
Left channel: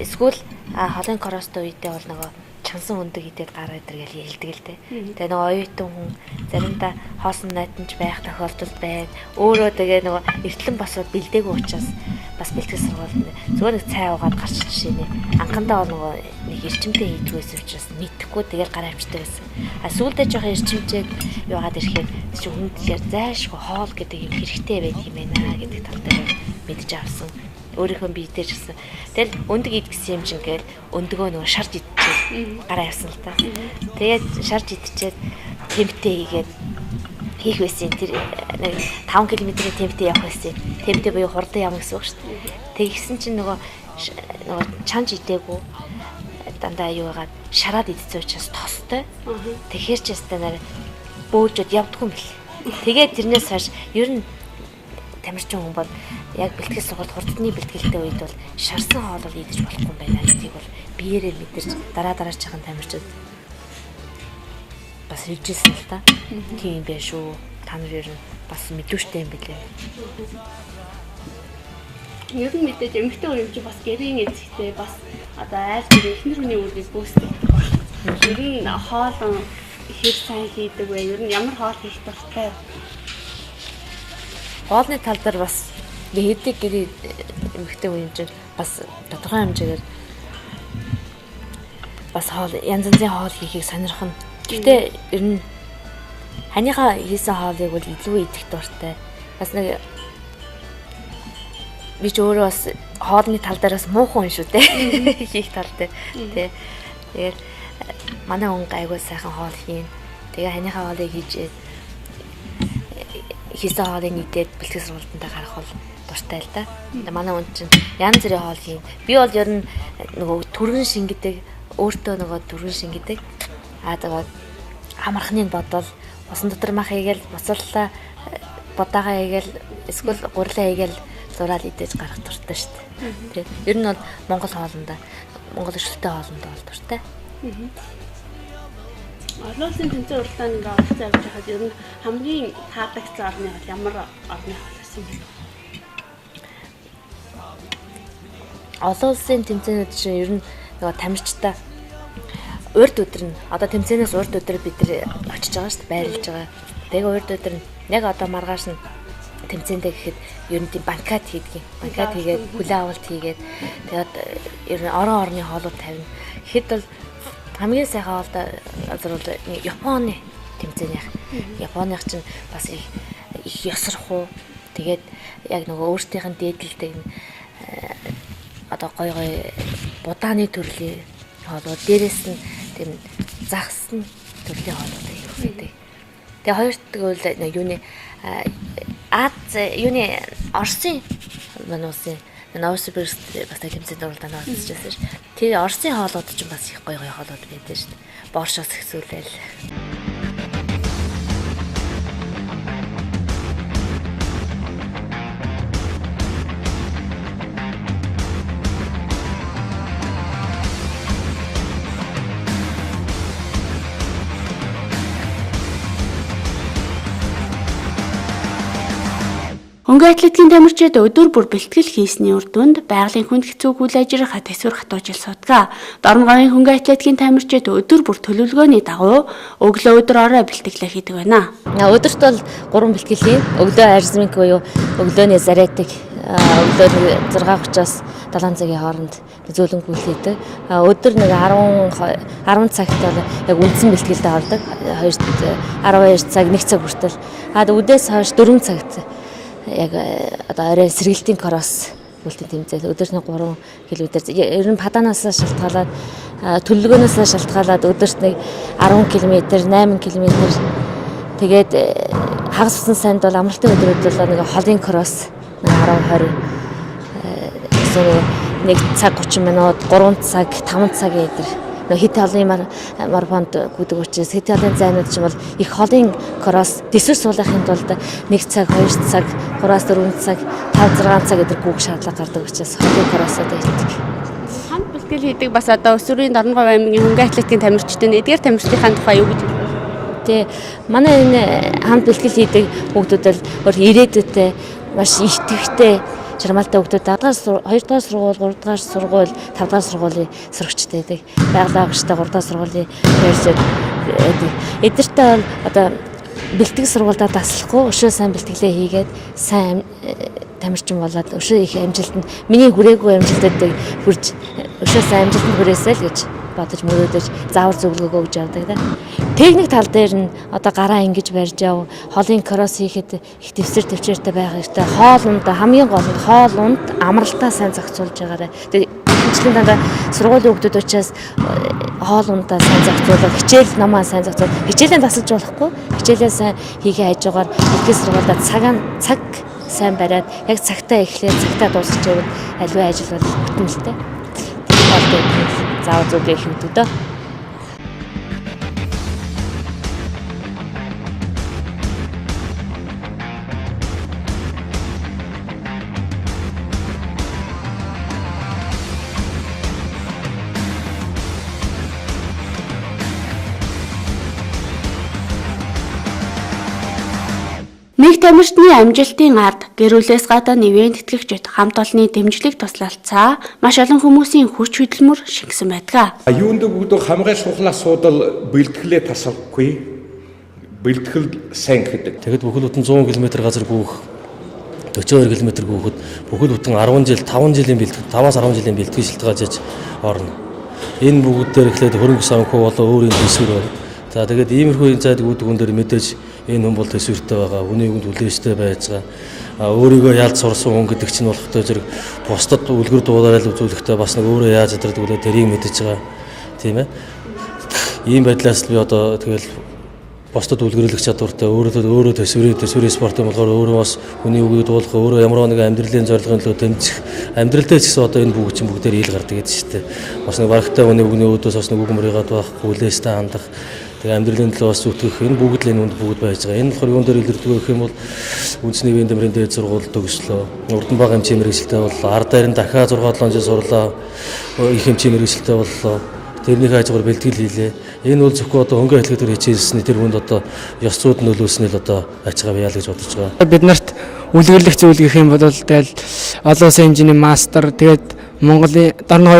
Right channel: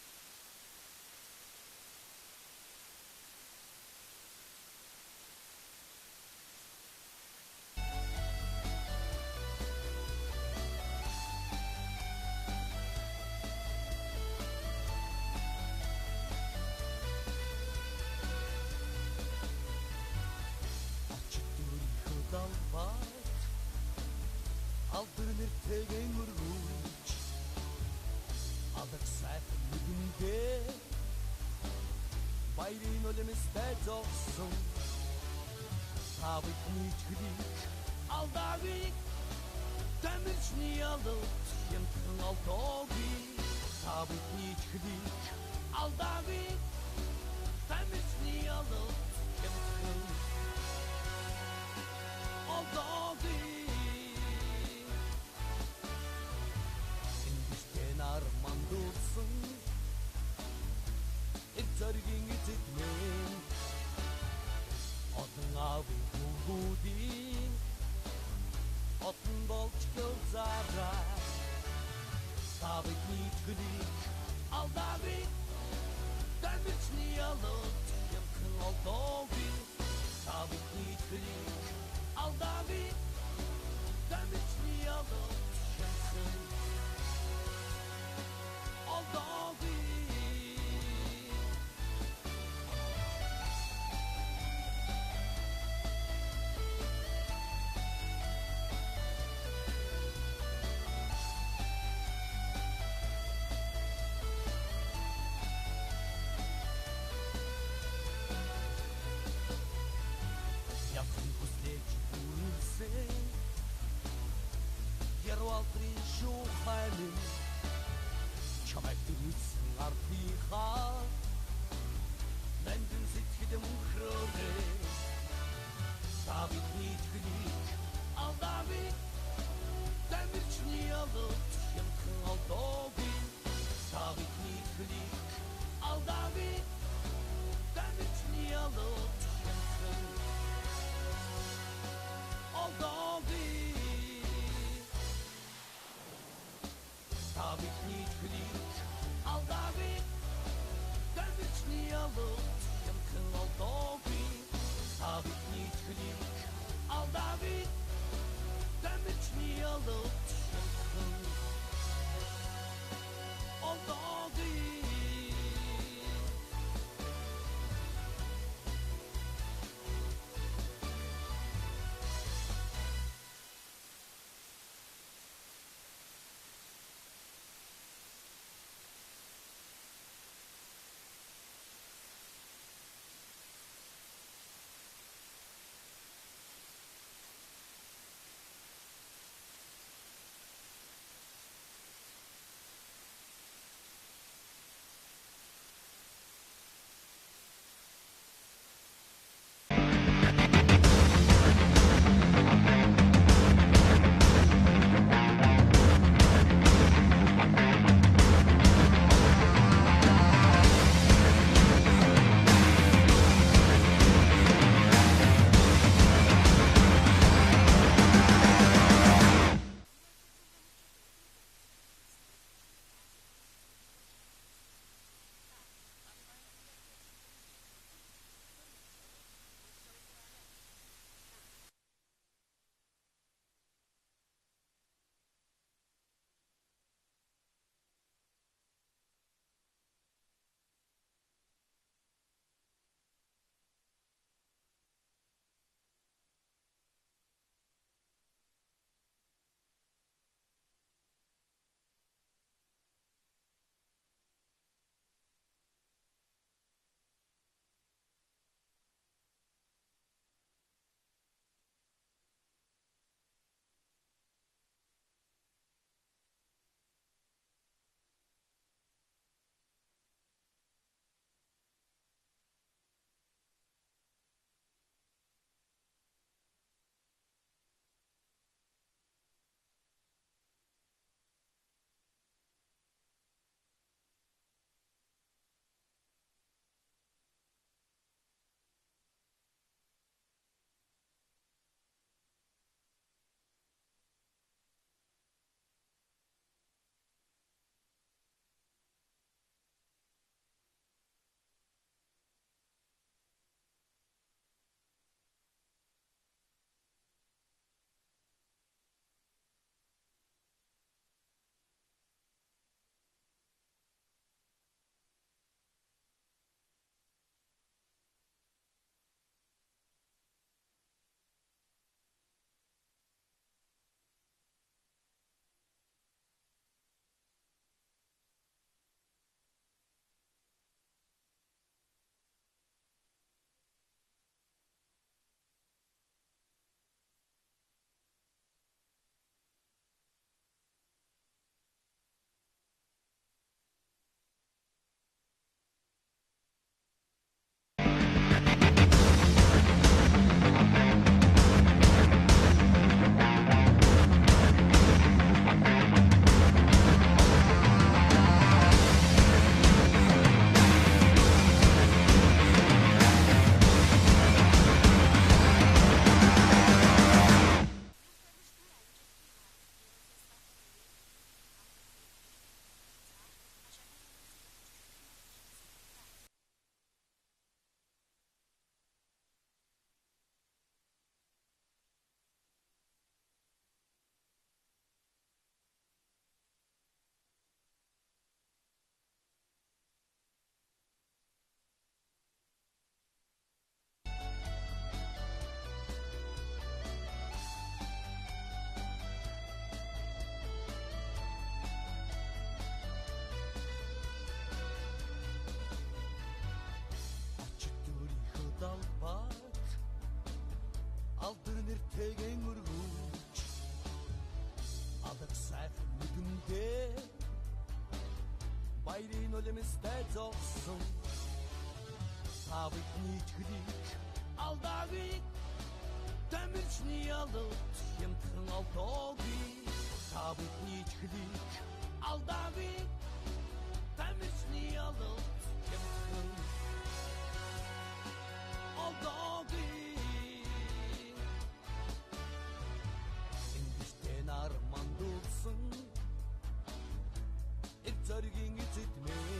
эсвэл холын коростой үедээ бол нөгөө чансан өндөг идээд гараад иргээл ялдаг л дээ. Тэгээ нөгөө оюутан хүн заримдаа хоосон найтанч байх тохиолдол байна. Өөрөө тэгээ нөгөө эртлэн босоод бэлдээгүй учраас бас бэлтгэл сургууль зүгээр нэг цай уугаад гарч жишээ нэ. Анхандаа нөгөө нэг эрчимтэй хийдгээс учраас мэдхгүй тэгээд гараа авчдаг гэсэн. Сүүлдээ жоохон эрчимтэй яваад ирэхэд чи хүн тэгэхээр зайшгүй хоол гэдэг юм хэрэгтэй байдаг юм байна гэдэг тал дээр мэдж авсан. Өөрийнхөө бие дээр гэсэн. Тэгэл өндөг идгэсэн юм шиг гээд өндөгөө нөгөө шарж идчихээ гараа явсан л та. Тэгээд шарж идчихээд темптэй хийгээд хийх байсан. Тэр нэг 5 км-ийн темптэй явах байсан. Темптэй буюу хурдан явна гэсэн үг шүү дээ. Тэгсэн чинь нөгөө чанж идээгүй дандаа юу яагаад шараад идсэн учраас тостой. Тэгэхээр ч ястай нараа бөөжөд явдггүй юм бэл. Тэгээд тэрнээс хойш ер нь тамирчин хүн бол яг бэлтгэл сургалт хурдны бэлтгэлтэй үед бол шарсан хоол бол идэж болохгүй юм байна гэдгийг бол биеэрээ мэдэрч дараа чахан тамирчид бас хэлжсэн л да. Тийм байх шүү. Та нар ер нь бас мэдвэштэй юм билээ. Ер нь мэдээж эмэгтэй хүн юм чи бас гэрийн эзэгтэй бас одоо айл гэр эхнэр хүний үрийг бөөсдөг. Ер нь хоол хэр сайн хийдэг вэ? Ер нь ямар хоол хийх дуртай вэ? Хоолны тал дээр бас би хэдэг гэрээ эмэгтэй хүн чинь бас тодорхой хэмжээгээр бас хоол янз янзын хоол хийхийг сонирхно. Гэхдээ ер нь ханыхаа хийсэн хоолыг бол илүү идэх дуртай. Бас нэг би ч өөрөө бас хоолны тал дээр бас муухан хүн шүү дээ. Хийх тал дээр. Тэгээд манай хүн айгүй сайхан хоол хийн. Тэгээ ханыхаа хоолыг хийж хийсэн хоолыг нийтээд бэлтгэл сургалтанд гарах бол дуртай л да. Манай хүн чинь янз бүрийн хоол хийн. Би бол ер нь нөгөө түргэн шингэдэг, өөртөө нөгөө түргэн шингэдэг. Тэгээд амархныг бодвол усан дотор мах хийгээл, буцаллаа бодаагаа хийгээл, эсвэл гурлаа хийгээл зураад идэж гарах дуртай шүү дээ. Тэгээд ер нь бол Монгол хоолндоо, Монгол өршөлтэй хоолндоо бол дуртай. Олон улсын тэмцээн уралдаанд ингээ оролцож явж байхад ер нь хамгийн таалагдсан орны хоол ямар орны хоол байсан бэ? Олон улсын тэмцээнүүд чинь ер нь нөгөө тамирчтай урд өдөр нь одоо тэмцээнээс урд өдөр бид нар очиж байгаа шүү дээ, байрлаж байгаа. Тэгээ урд өдөр нь яг одоо маргааш нь тэмцээндээ гэхэд ер нь тийм банкет хийдэг. Банкет хийгээд хүлээ авалт хийгээд тэгээд ер нь орон орны хоолууд тавина. Тэгэхэд бол хамгийн сайхан хоолтой газар бол Японы тэмцээнийх. Японых чинь бас их ёсрох уу. Тэгээд яг нөгөө өөртөөх нь дээдэлдэг одоо гой будааны төрлийн хоолууд, дээрээс нь тийм загсан төрлийн хоолууд хийдэг. Тэгээ хоёрт гэвэл юуны Оросын мануусын Новосибирск бас тэмцээнд оролдоод оролцчихсан ш. Тэр Оросын хоолууд ч бас их гоё хоолууд байдаг ш. Боршоос ихсүүлээл. Хөнгөн атлетикийн тамирчид өдөр бүр бэлтгэл хийсний үр дүнд байгалийн хүнд хэцүү үйл ажиллагаа төсвөр хатуужил судгаа. Дорногын хөнгөн атлетикийн тамирчид өдөр бүр төлөвлөгөөний дагуу өглөө өдөр орой бэлтгэлээ хийдэг байна. Өдөрт бол 3 бэлтгэл хийн. Өглөө арзминг буюу өглөөний зарядыг өглөө 6:30-аас 7 цагийн хооронд зөөлөнгүүл хийдэг. Өдөр нэг 10 цагт бол яг үндсэн бэлтгэлдээ ордог. 12 цаг 1 цаг хүртэл. Өдөөс хойш 4 цагт яг одоо орой сэргэлтийн кросс бүлтэн тэмцээл өдөрт 3 км. Ер нь паданаас шалтгаалаад төлөвлөгөөнөөс шалтгаалаад өдөрт нэг 10 км, 8 км. Тэгээд хагас усан санд бол амралтын өдрүүд бол нэг холын кросс 10 20 1 цаг 30 минут, 3 цаг, 5 цаг гэдэг. Хит холын марафонд гүдэг учраас хит холын зайнууд ч юм бол их холын кросс дэсвэр суулгахын тулд 1 цаг, 2 цаг, 3-4 цаг, 5-6 цаг гэдэг гүг шаардлага гардаг учраас холын кроссод байдаг. Хамт бэлтгэл хийдэг бас одоо Өсвөрийн Дорногов аймгийн хөнгөн атлетикийн тамирчдын эдгээр тамирчдын тухай юу гэж хэлэх вэ? Тэ манай энэ хамт бэлтгэл хийдэг хүүхдүүд бол ирээдүйтэй маш итгэвчтэй жармалтай хүүхдүүд 2 дугаар сургууль, 3 дугаар сургууль, 5 дугаар сургуулийн сурагчтай байдаг. Байгалаа агштай 3 дугаар сургуулийн ярьж байдаг. Эдгээртээ бол одоо бэлтгэл сургуульдаа таслахгүй өшөө сайн бэлтгэлээ хийгээд сайн тамирчин болоод өшөө их амжилтанд миний хүрээгүй амжилтуудыг хүрж өшөө сайн амжилтанд хүрээсэй л гэж бодож мөрөөдөж заавар зөвлөгөөгөө өгж явдаг да. Техник тал дээр нь одоо гараа ингэж барьж яв, холын кросс хийхэд их төвчээртэй байх хэрэгтэй. Хоолунд хамгийн гол нь хоолунд амралтаа сайн зохицуулж байгаарай. Тэгээд хичээлийн дандаа сургуулийн хүүхдүүд учраас хоолундаа сайн зохицуулах, хичээл намаа сайн зохицуулах, хичээлээ тасалж болохгүй. Хичээлээ сайн хийгээ хажуугаар ихтгэл сургуультай цаг сайн бариад яг цагтаа эхлээд цагтаа дуусгаж яваад аливаа ажил бол бүтэмжтэй. Заавал зөв гэх юм дөө. Нэг тамирчны амжилтын ард гэр бүлээс гадаа нэвэн тэтгэгчид хамт олонны дэмжлэг туслалцаа маш олон хүмүүсийн хүч хөдөлмөр шингэсэн байдаг. Юунд бүгд хамгай шухлаа суудал бэлтгэлээ тасалгүй. Бэлтгэл сайн гэдэг. Тэгэд бүхэл бүтэн 100 км газар гүйх 42 км гүйхэд бүхэл бүтэн 10 жил 5 жилийн бэлтгэл 5-аас 10 жилийн бэлтгэл шилтгаажж орно. Энэ бүгд дээр эхлээд хөрөнгө санхүү болоо өөрийн төсвөр байна. За тэгээд иймэрхүү зайд үүдгүүн дээр мэдээж энэ хүн бол төсвөртэй байгаа, үний үгэнд үлээжтэй байж байгаа. Өөрийгөө ялд сурсан хүн гэдэг чинь болохтой зэрэг бусдад үлгэр дуудараал үзүүлэхдээ бас нэг өөрөө яаж ядардаг үлээ тэрийг мэдэж байгаа. Тийм ээ. Ийм байдлаас би одоо тэгэл бусдад үлгэрлэх чадвартай өөрөө төсвөрийн спорт юм болохоор өөрөө бас хүний үгийг дуулах өөрөө ямар нэг амьдралын зорилгын төлөө тэмцэх амьдралдаа ч гэсэн одоо энэ бүгд чинь бүгдээр ил гардаг гэдэг шүү дээ. Бас нэг барагтай хүний үгний өөдөөс бас нэг үг мөрийгад байхгүй хүлээстэй хандах тэгээ амьдралын төлөө бас зүтгэх энэ бүгд л энэ үнд бүгд байж байгаа. Энэ болохоор юун дээр илэрдэг гэх юм бол үндэсний биеийн дамирын дээд сургууль төгслөө. Урдан баг хэмжээ мэргэжилтэй боллоо. Ар дээр нь дахиад 6-7 жил сурлаа. Их хэмжээ мэргэжилтэй боллоо. Тэрнийг хажуугаар бэлтгэл хийлээ. Энэ бол зөвхөн одоо хөнгө хэлхий төр хичээлсний тэр хүнд одоо ёс зүйд нөлөөснөө л одоо ачгаа бияа л гэж бодож байгаа. Бид нарт үлгэрлэх зүйл гэх юм бол тэгэл олон улсын хэмжээний мастер тэгээд Монголын Дарна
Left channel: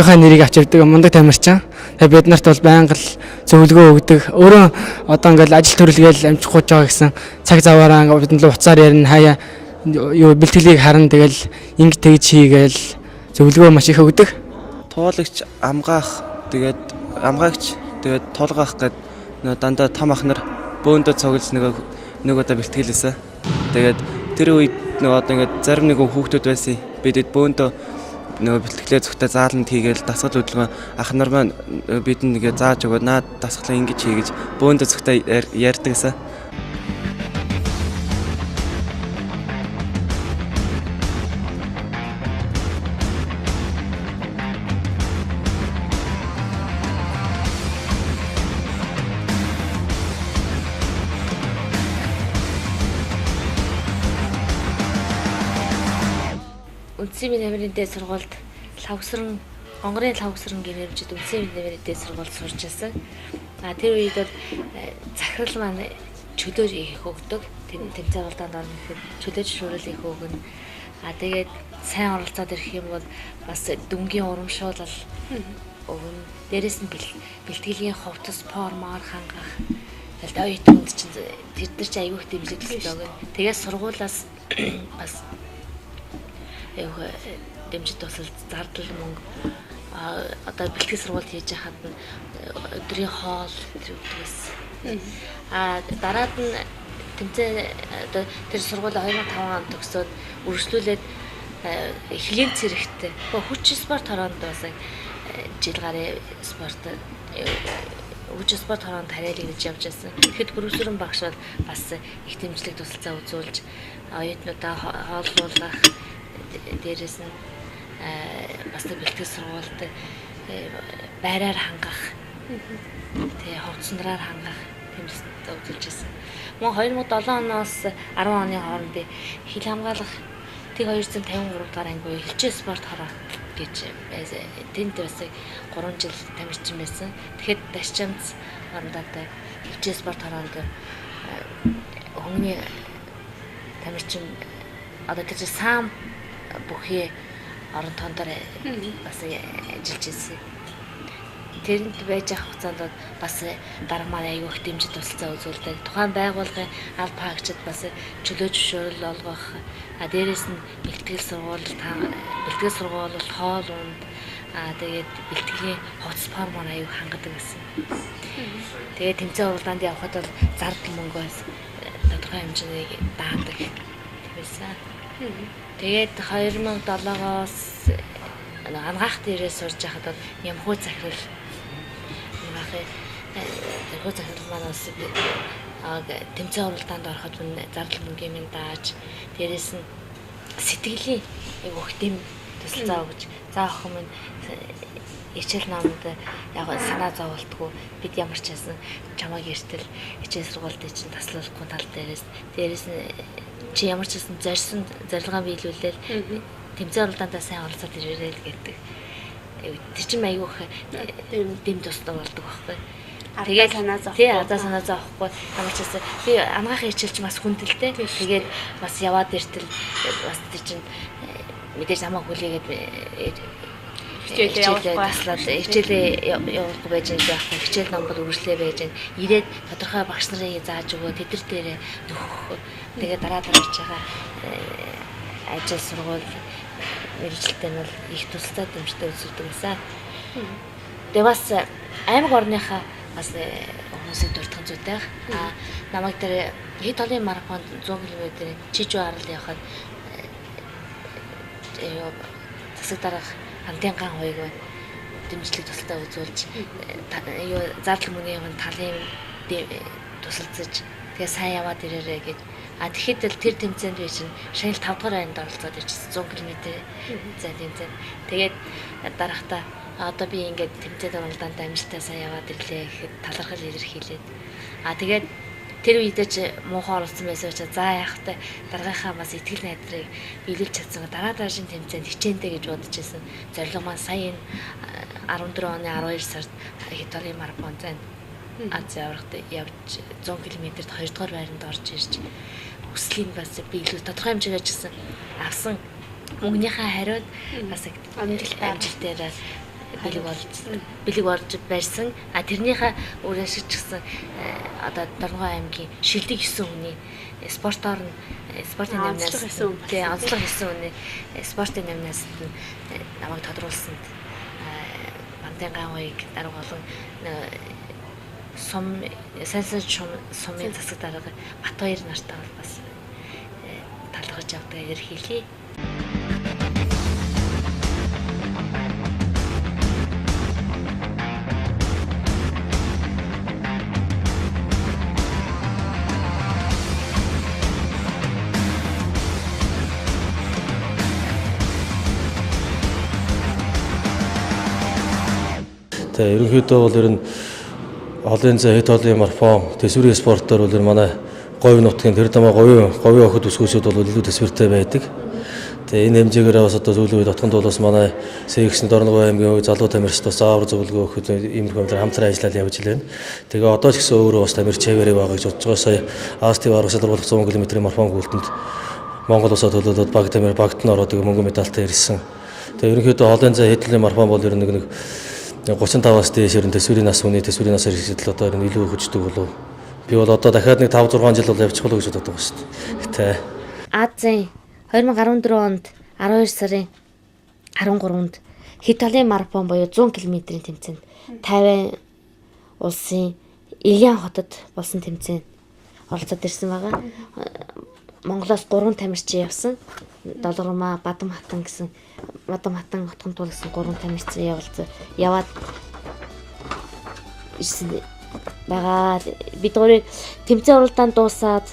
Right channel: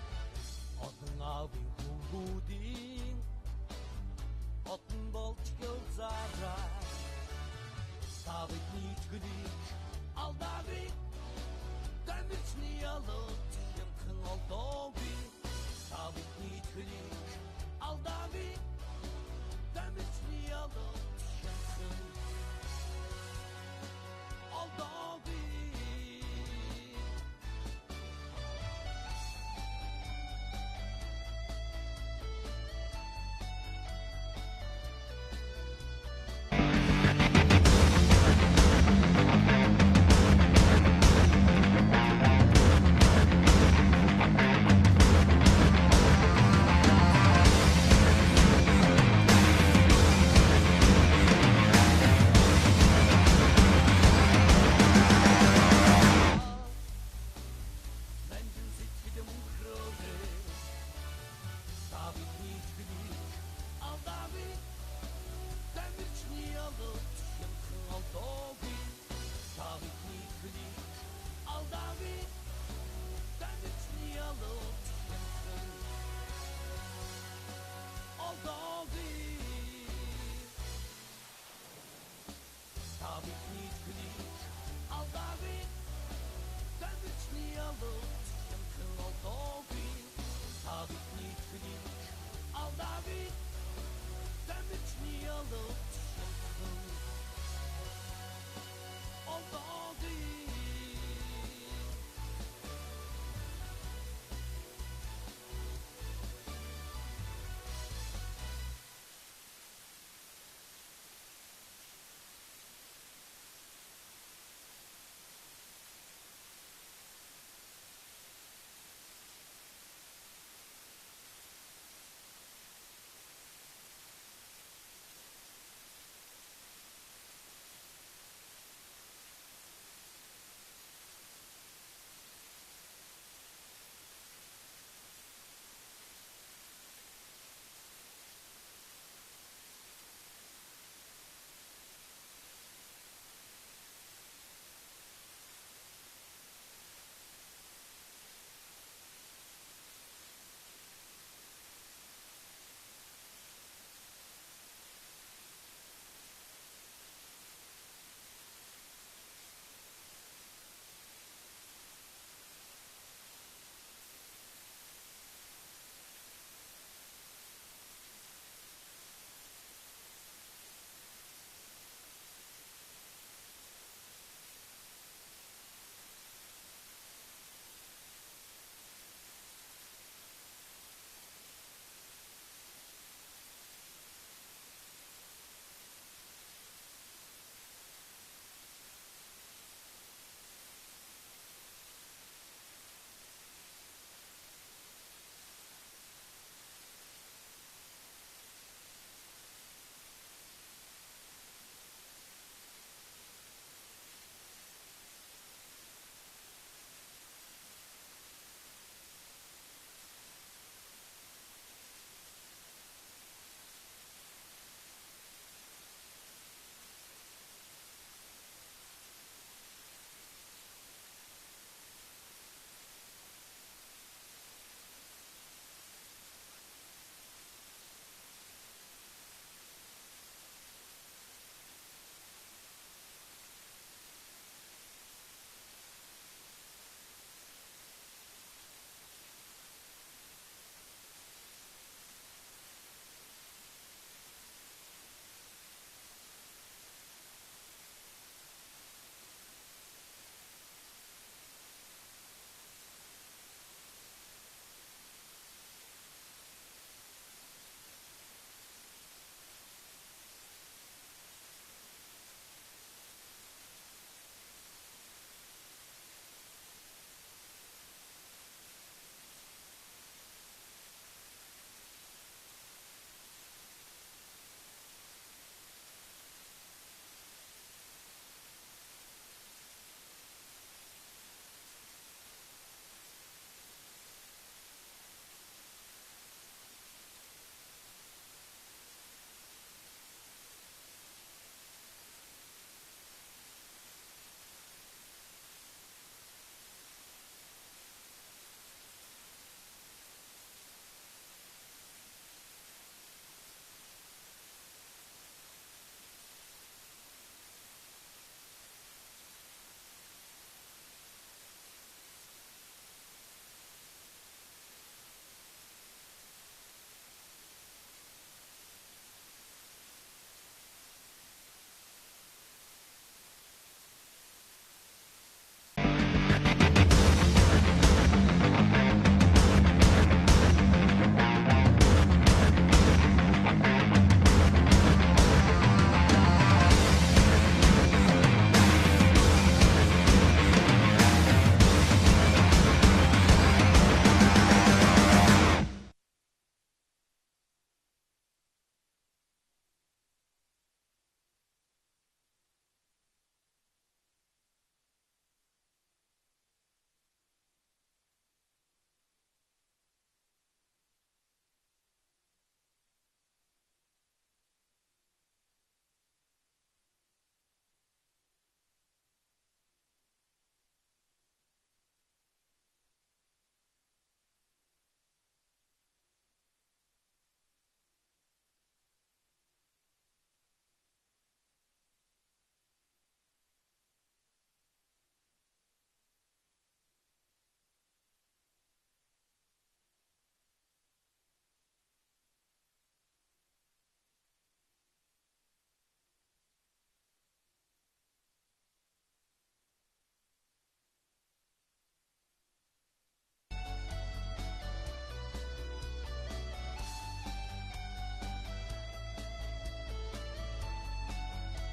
хоёрын нэрийг авч явдаг мундаг тамирчин. Тэгээд бид нарт бол байнга л зөвлөгөө өгдөг. Өөрөө одоо ингээл ажил төрөлгээл амжихгүй байгаа гэсэн цаг заваараа бидэнд л уцаар ярина хаяа юу бэлтгэлийг харна тэгэл ингэ тэгж хийгээл зөвлөгөө маш их өгдөг. Туулагч амгаагч тэгээд тулгаах гээд дандаа том ах нар бөөндөө цуглаж нэг удаа бэлтгэлээсэ. Тэгээд тэр үед одоо ингээд зарим нэг хүүхдүүд байсан. Бидэд бөөндөө бэлтгэлээ зөвхөн зааланд хийгээл дасгал хөдөлгөөн ах нар маань бидэнд нэгэ зааж өгөөд наад дасгалаа ингэж хий гэж бөөндөө зөвхөн ярьдаг гэсэн. Үндэсний биеийн дамирын дээд сургуульд Онгорын лавгсран гэмэрчд үндэсний биеийн дамирын дээд сургуульд сурч байсан. Тэр үед бол захирал маань чөлөөр их өгдөг. Тэмцээн уралдаанд орно гэхэд чөлөөж шуурал их өгнө. Тэгээд сайн оролцоод ирэх юм бол бас дүнгийн урамшуулал өгнө. Дээрээс нь бэлтгэлийн хувцас формоор хангах. Тэгээд оюутнууд чинь тэр дээр чи аягүй их дэмжлэг төлөв. Тэгээд сургуулаас бас дэмжид тусал зардал мөнгө одоо бэлтгэл сургалт хийж хахад өдрийн хоол өгдөгс. Дараад нь тэмцээн одоо тэр сургууль 2005 онд төгсөөд үргэлжлүүлээд эхлэлийн цэрэгтэй хүч спорт хороонд бас жил гарын спорт хүч спорт хороонд хариалыг гэж явж байсан. Тэгэхэд гөрөвсөрөн багш бас их дэмжлэг тусалцаа үзүүлж оюутнуудаа хооллуулах дээрээс нь бас бэлтгэл сургуульд байраар хангах тэгээ хувцсандраар хангах тэмцэлд үзүүлж байсан. Мөн 2007 оноос 10 оны хооронд би хил хамгаалах тэг 253 дугаар анги хилчээ спорт хороо гэж тэнд бас 3 жил тамирчин байсан. Тэгэхэд дашчамц орондоо хилчээ спорт хороонд хүмүүний тамирчин одоо гэж сам бүхий орон тондор бас ажиллаж ирсэн. Тэрэнд байж авах хугацаанд бас дарга маань аягүй их дэмжиж тусалцаа үзүүлдэг. Тухайн байгууллагын аль паагчид бас чөлөө зөвшөөрөл олгох. Дээрээс нь бэлтгэл сургууль хоол унд тэгээд бэлтгэлийн хувцас формоор аягүй хангадаг гэсэн. Тэгээд тэмцээн уралдаанд явхад бол зардал мөнгөөс тодорхой хэмжээний даадаг байсан. Тэгээд 2007-оос ангаах дээрээ сурж байхад бол Ямхуу захирал манаас тэмцээн уралдаанд ороход зардал мөнгөний минь дааж дээрээс нь сэтгэлийн өгөх дэм тусалцаа өгч заах юм хичээл намд яг санаа зовлтгүй бид ямар ч байсан чамайг эртэл хичээл сургуульд чинь таслуулахгүй тал дээрээс нь чи ямар ч гэсэн зорьсон зорилгоо биелүүлээл тэмцээн уралдаандаа сайн оролцоод ирээрэй л гэдэг. Тэр чинь аягүй дэм тусдаг болдог байхгүй. Тэгээд санаа зовхгүй ямар ч гэсэн би ангаахын хичээлч бас хүндэлтэй. Тэгээд бас яваад иртэл бас тэр чинь мэдээж замаа хүлээгээд хичээлээ явуулахгүй байж байгаа байхгүй. Хичээл ном бол үргэлжлээ байж байна. Ирээд тодорхой багш нарын зааж өгөө тэд нар дээрээ нөхөх. Тэгээд дараа дараач байгаа ажил сургууль мэргэжилтэй нь бол их тусалцаа дэмждэг үзүүлдэг гэсэн. Тэгээд бас аймаг орныхаа бас хүмүүсийн дурдхан зүйтэй. Намайг дээр хэд толын марафонд 100 км чижүү арал явахад засаг дараах хамтын ган хоёрыг дэмжлэг тусалцаа үзүүлж зардал мөнгөний талын тусалцаж тэгээ сайн яваад ирээрээ гэж. Тэгэхэд л тэр тэмцээнд би чинь шагнал 5 дугаар байранд оролцоод ирчихсэн 100 км зай тэмцээн. Тэгээд дараахта одоо би ингээд тэмцээнд оролдонд амжилттай сайн яваад ирлээ гэхэд талархал илэрхийлээд. Тэгээд тэр үедээ ч муухай оролцсон байсан учраас за яахтай дараагийнхаа бас итгэл найдрыг биелүүлж чадсан. Дараагийн тэмцээнд хичээнтэй гэж бодож байсан. Зорилго маань сая энэ 14 оны 12 сард Италийн марафон зайд Аз аврагт явж 100 км-т 2 дугаар байранд орж ирж хүслийн бас биелүү тодорхой хэмжээгээр ч гэсэн авсан мөнгөнийхөө хариуд бас амжилтаараа бэлэг болж барьсан. Тэрнийхээ өөрөөс ч гэсэн одоо Дорногой аймгийн шилдэг 9 хүний спортоор нь спортын намнаас онцлог 9 хүний спортын намнаас намайг тодруулсанд Бандын гаавыг дарга болон сайн сумын засаг дарга Батбаяр нартай бол бас талархаж явдаг илэрхийлье. Ерөнхийдөө бол ер нь олон зай хэд олон марафон төсвөрийн спортоор бол манай говь нутгийн тэр дамаа говийн охид өсгөөсөд бол илүү төсвөртэй байдаг. Тэгээ энэ хэмжээгээр бас одоо сүүлийн үед отгонд бол бас манай Сэгсэн Дорногой аймгийн залуу тамирчид бас заавар зөвлөгөө өгөхөд иймэрхүү юмдаар хамтран ажиллаад явж байна. Тэгээ одоо ч гэсэн өөрөө бас тамирч хэвээрээ байгаа гэж бодож байгаа. Сая Астив арга салбарлах 100 км-ийн марафон гүйлтэнд Монгол улсад төлөвлөд баг тамир багт нь ороод мөнгө медальтай ирсэн. Тэгээ ерөнхийдөө олон зай хэд олон марафон бол ер нь нэг 35-аас дээш ер нь төсвөрийн нас хүний төсвөрийн насаар ирсэдэл одоо ер нь илүү хөждөг болов. Би бол одоо дахиад нэг 5-6 жил бол явчих болов гэж боддог байна шүү дээ. Азийн 2014 онд 12 сарын 13-нд Италийн марафон буюу 100 км-ийн тэмцээнд Тайвань улсын Илиан хотод болсон тэмцээнд оролцоод ирсэн байгаа. Монголоос 3 тамирчин явсан. Долгормаа, Бадам хатан гэсэн Бадам хатан хотгон туулсан 3 тамирчин яваад ирсэн байгаа. Бид гурыг тэмцээн уралдаанд дуусаад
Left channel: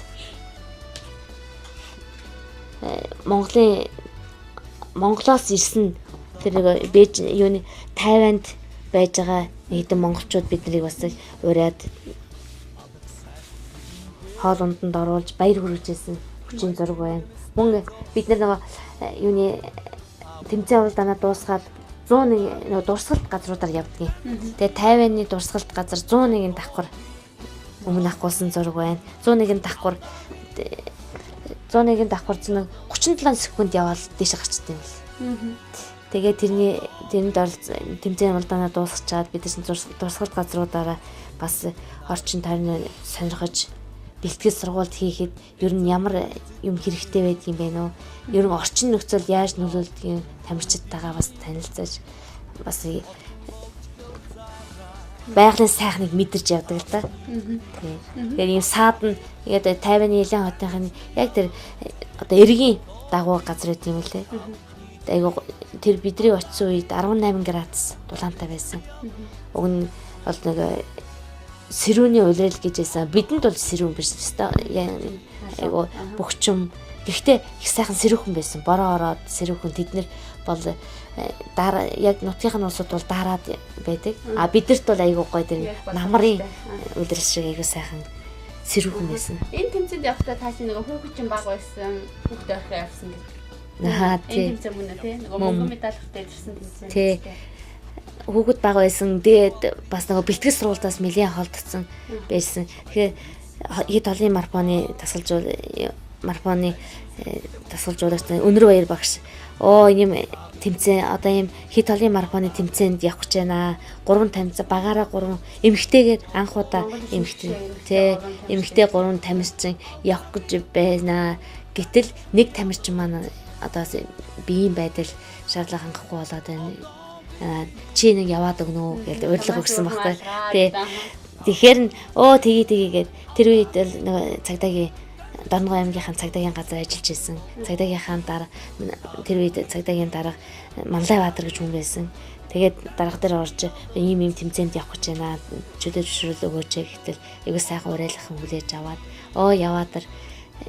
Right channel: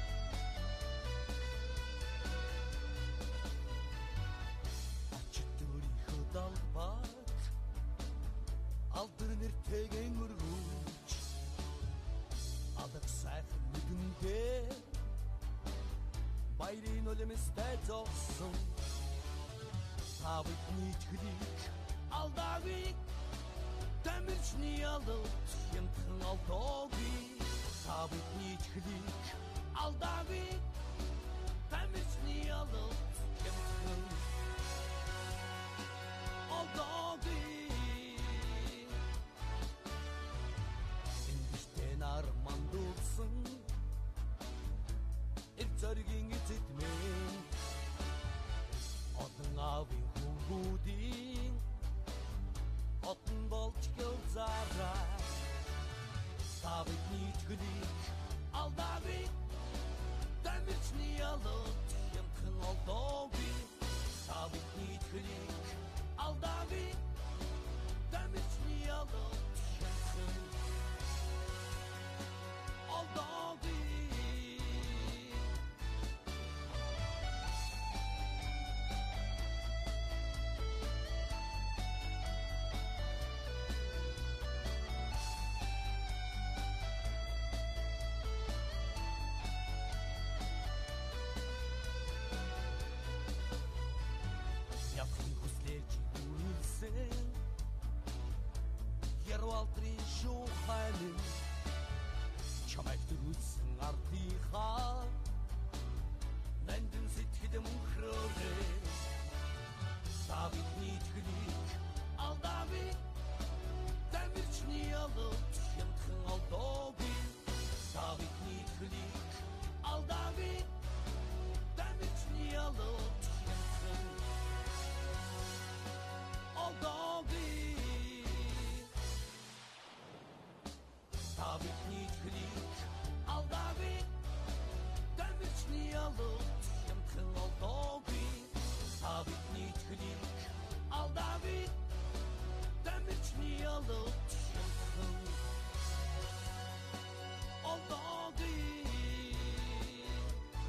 Монголоос ирсэн тэр юуны Тайванд байж байгаа нэгэн монголчууд биднийг бас ураад хоол унданд оруулж баяр хүргэжсэн хүчин зураг байна. Мөн бид нар юуны тэмцээн уралдаанаа дуусгаад 101 дурсгалт газруудаар явдгийг. Тэгээ Тайваны дурсгалт газар 101-ийн давхар өмнө ахгуулсан зураг байна. 101-ийн давхар 37 секунд яваад дээш гарчдаг юм. Тэгээ тэрний тэмцээн уралдаанаа дуусгачаад бид дурсгалт газруудаараа бас орчин тойрны сонирхож бэлтгэл сургалт хийхэд ер нь ямар юм хэрэгтэй байдаг юм бэ нөө? Ер нь орчин нөхцөл яаж нөлөөлдөг юм тамирчидтайгаа бас танилцаж бас байгалийн сайхныг мэдэрч явдаг л да. Тэгэхээр ийм саад нь яг Тайваны Илиан хотын яг тэр одоо эргийн дагуу газар гэдэг юм лээ. Айгу тэр бидний очисон үед 18 градус дулаантай байсан. Уг нь бол нэг сэрүүний улирал гэж байсан. Бидэнд бол сэрүүн биш өстой. Айгу бөхчм. Гэхдээ их сайхан сэрүүхэн байсан. Бороо ороод сэрүүхэн тэд нар бол дараа яг нутгийнхын улсууд бол дараад байдаг. Бидэрт бол айгу гоё тэр намрын улирал шиг айгу сайхан сэрүүхэн байсан. Энэ тэмцээнд явахдаа таасан нэг хүүхэд баг байсан. Хүүхдээ орох явсан гэж. Тийм. Тэмцээн мөн үү? Нэг мөнгө медальтай ирсэн гэсэн. Тий. Хүүхэд баг байсан. Тэгээд бас нэг бэлтгэл сургалтаас нэлээд холдсон байсан. Тэгэхээр хэд олон марафоны тасгалжуулагч Өнөр Баяр багш ийм тэмцээн одоо ийм хэд олон марафоны тэмцээнд явах гэж байна. 3 тамирчин багаараа 3 эмэгтэйгээр анх удаа эмэгтэй 3 тамирчин явах гэж байна. Гэтэл нэг тамирчин маань одоо биеийн байдал шаардлага хангахгүй болоод байна. Чи нэг яваад өгнө үү гэж урилга өгсөн багтаа. Тэгэхээр тгийгээд тэр үед нэг цагдаагийн Дорногой аймгийнхаа цагдаагийн газар ажиллаж байсан. Цагдаагийнхаа дараа тэр үед цагдаагийн дараа Манлай Баатар гэж хүн байсан. Тэгээд дарга дээр орж ийм тэмцээнд явах гэж байна. Чөлөө зөвшөөрөл өгөөч гэтэл айгуу сайхан уриалгахан хүлээж аваад яваад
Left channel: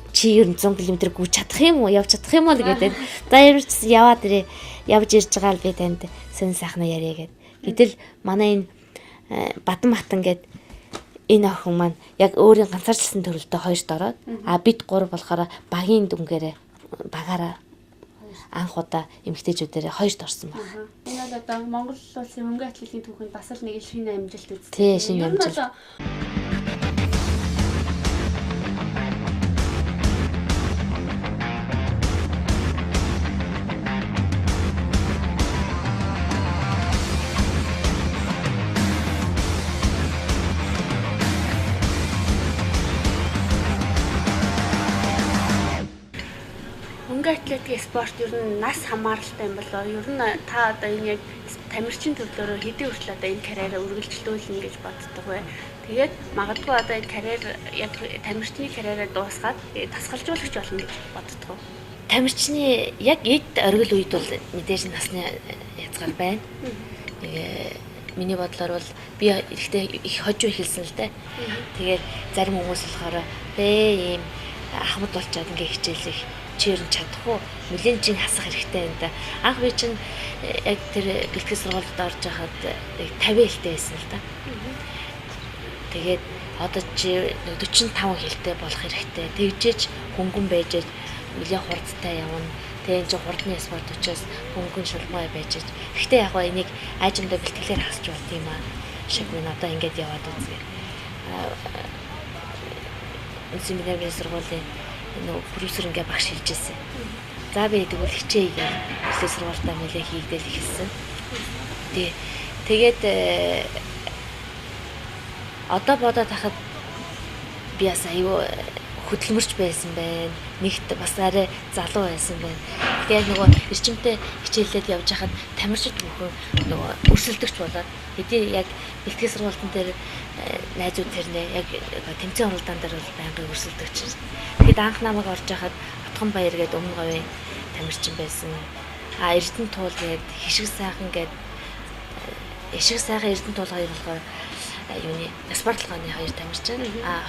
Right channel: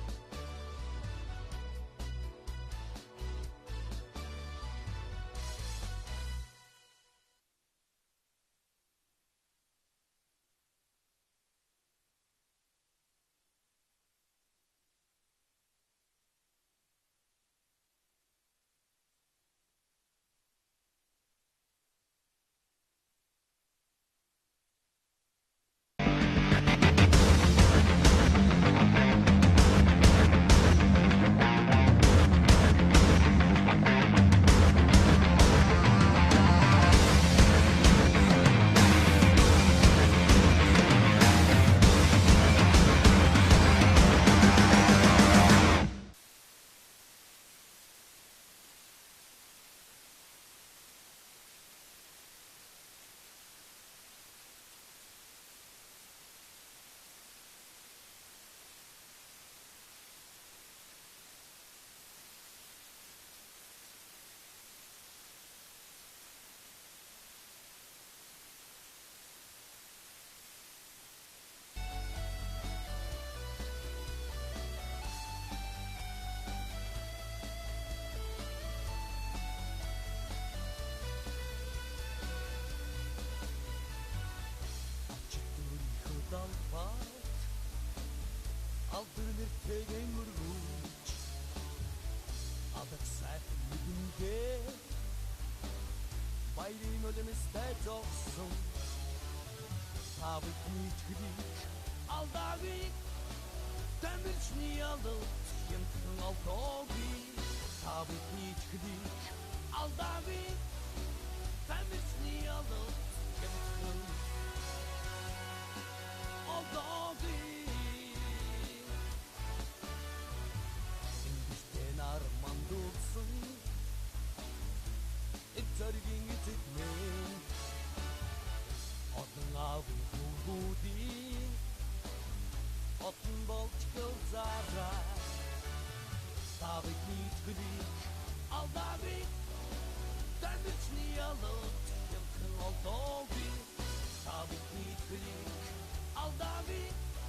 чи ер нь 100 км гүйж чадах юм уу? Явж чадах юм уу гэдэг. За ямар ч яваад ирээ. Явж ирж байгаа л би танд сэн сайхна яриа гэд. Гэтэл манай энэ Бадан Матан гэд энэ охин маань яг өөрийн ганцаарчлсан төрөлдөө хоёрт ороод бид 3 болохоор багийн дүнгээрээ багаараа анх удаа эмэгтэйчүүдээр хоёрт орсон байна. Энэ бол одоо Монгол улсын хөнгөн атлетикийн түүхэнд бас л нэг шинэ амжилт үзсэн. Тий, шинэ амжилт. Атлетик спорт ер нь нас хамааралтай юм болоо. Ер нь та одоо энэ яг тамирчин төрлөөрөө хэдийн хүртэл одоо энэ карьераа үргэлжлүүлнэ гэж боддог бай. Тэгээд магадгүй одоо энэ карьер яг тамирчны карьераа дуусгаад тасгалжуулагч болно гэж боддог. Тамирчны яг эд оргил үед бол мэдээж насны язгаар байна. Миний бодлоор бол би ихтэй их хожуу хэлсэн л дээ. Тэгээд зарим хүмүүс болохоор ийм ахмад болчоод ингээ хичээлэх чирэн чадахгүй нүлийн жин хасах хэрэгтэй юм да. Анх би чинь яг тэр бэлтгэл сургуульд орж байхад 50 хэлтэй байсан л да. Тэгээд одоо чи 45 хэлтэй болох хэрэгтэй. Тэгжээж хөнгөн байж нэлээд хурдтай явна. Тэгээд энэ хурдны спорт учраас хөнгөн шулмай байж. Гэхдээ яг гоо энийг аажимдаа бэлтгэлээр хасч болт юм аа. Шиг би одоо ингэж яваад байгаа. Семинарын сургуулийн продюсер ингээ багш хэлжсэн. За би тэгвэл хичээе гэж бэлтгэл сургуультаа нэлээ хийгдэл ихэлсэн. Тэгээд одоо бодоод хахад би бас аюу хөдөлмөрч байсан байна. Нэгт бас арай залуу байсан байна. Тэгээд нөгөө эрчимтэй хичээлээд явж хахад тамирчид бүхэн нөгөө өрсөлдөгч болоод хэдий яг бэлтгэл сургуулийн дээр найзууд тэрнээ яг тэмцээн уралдаан дээр бол байнгын өрсөлдөгч. Тэгэд анх намайг орж хахад Отгон Баяр гээд өмнө говийн тамирчин байсан. Эрдэнэ туул гээд хишиг сайхан гээд ишиг сайхан эрдэнэ туул хоёр болохоор юуны спортлогооны хоёр тамирчин.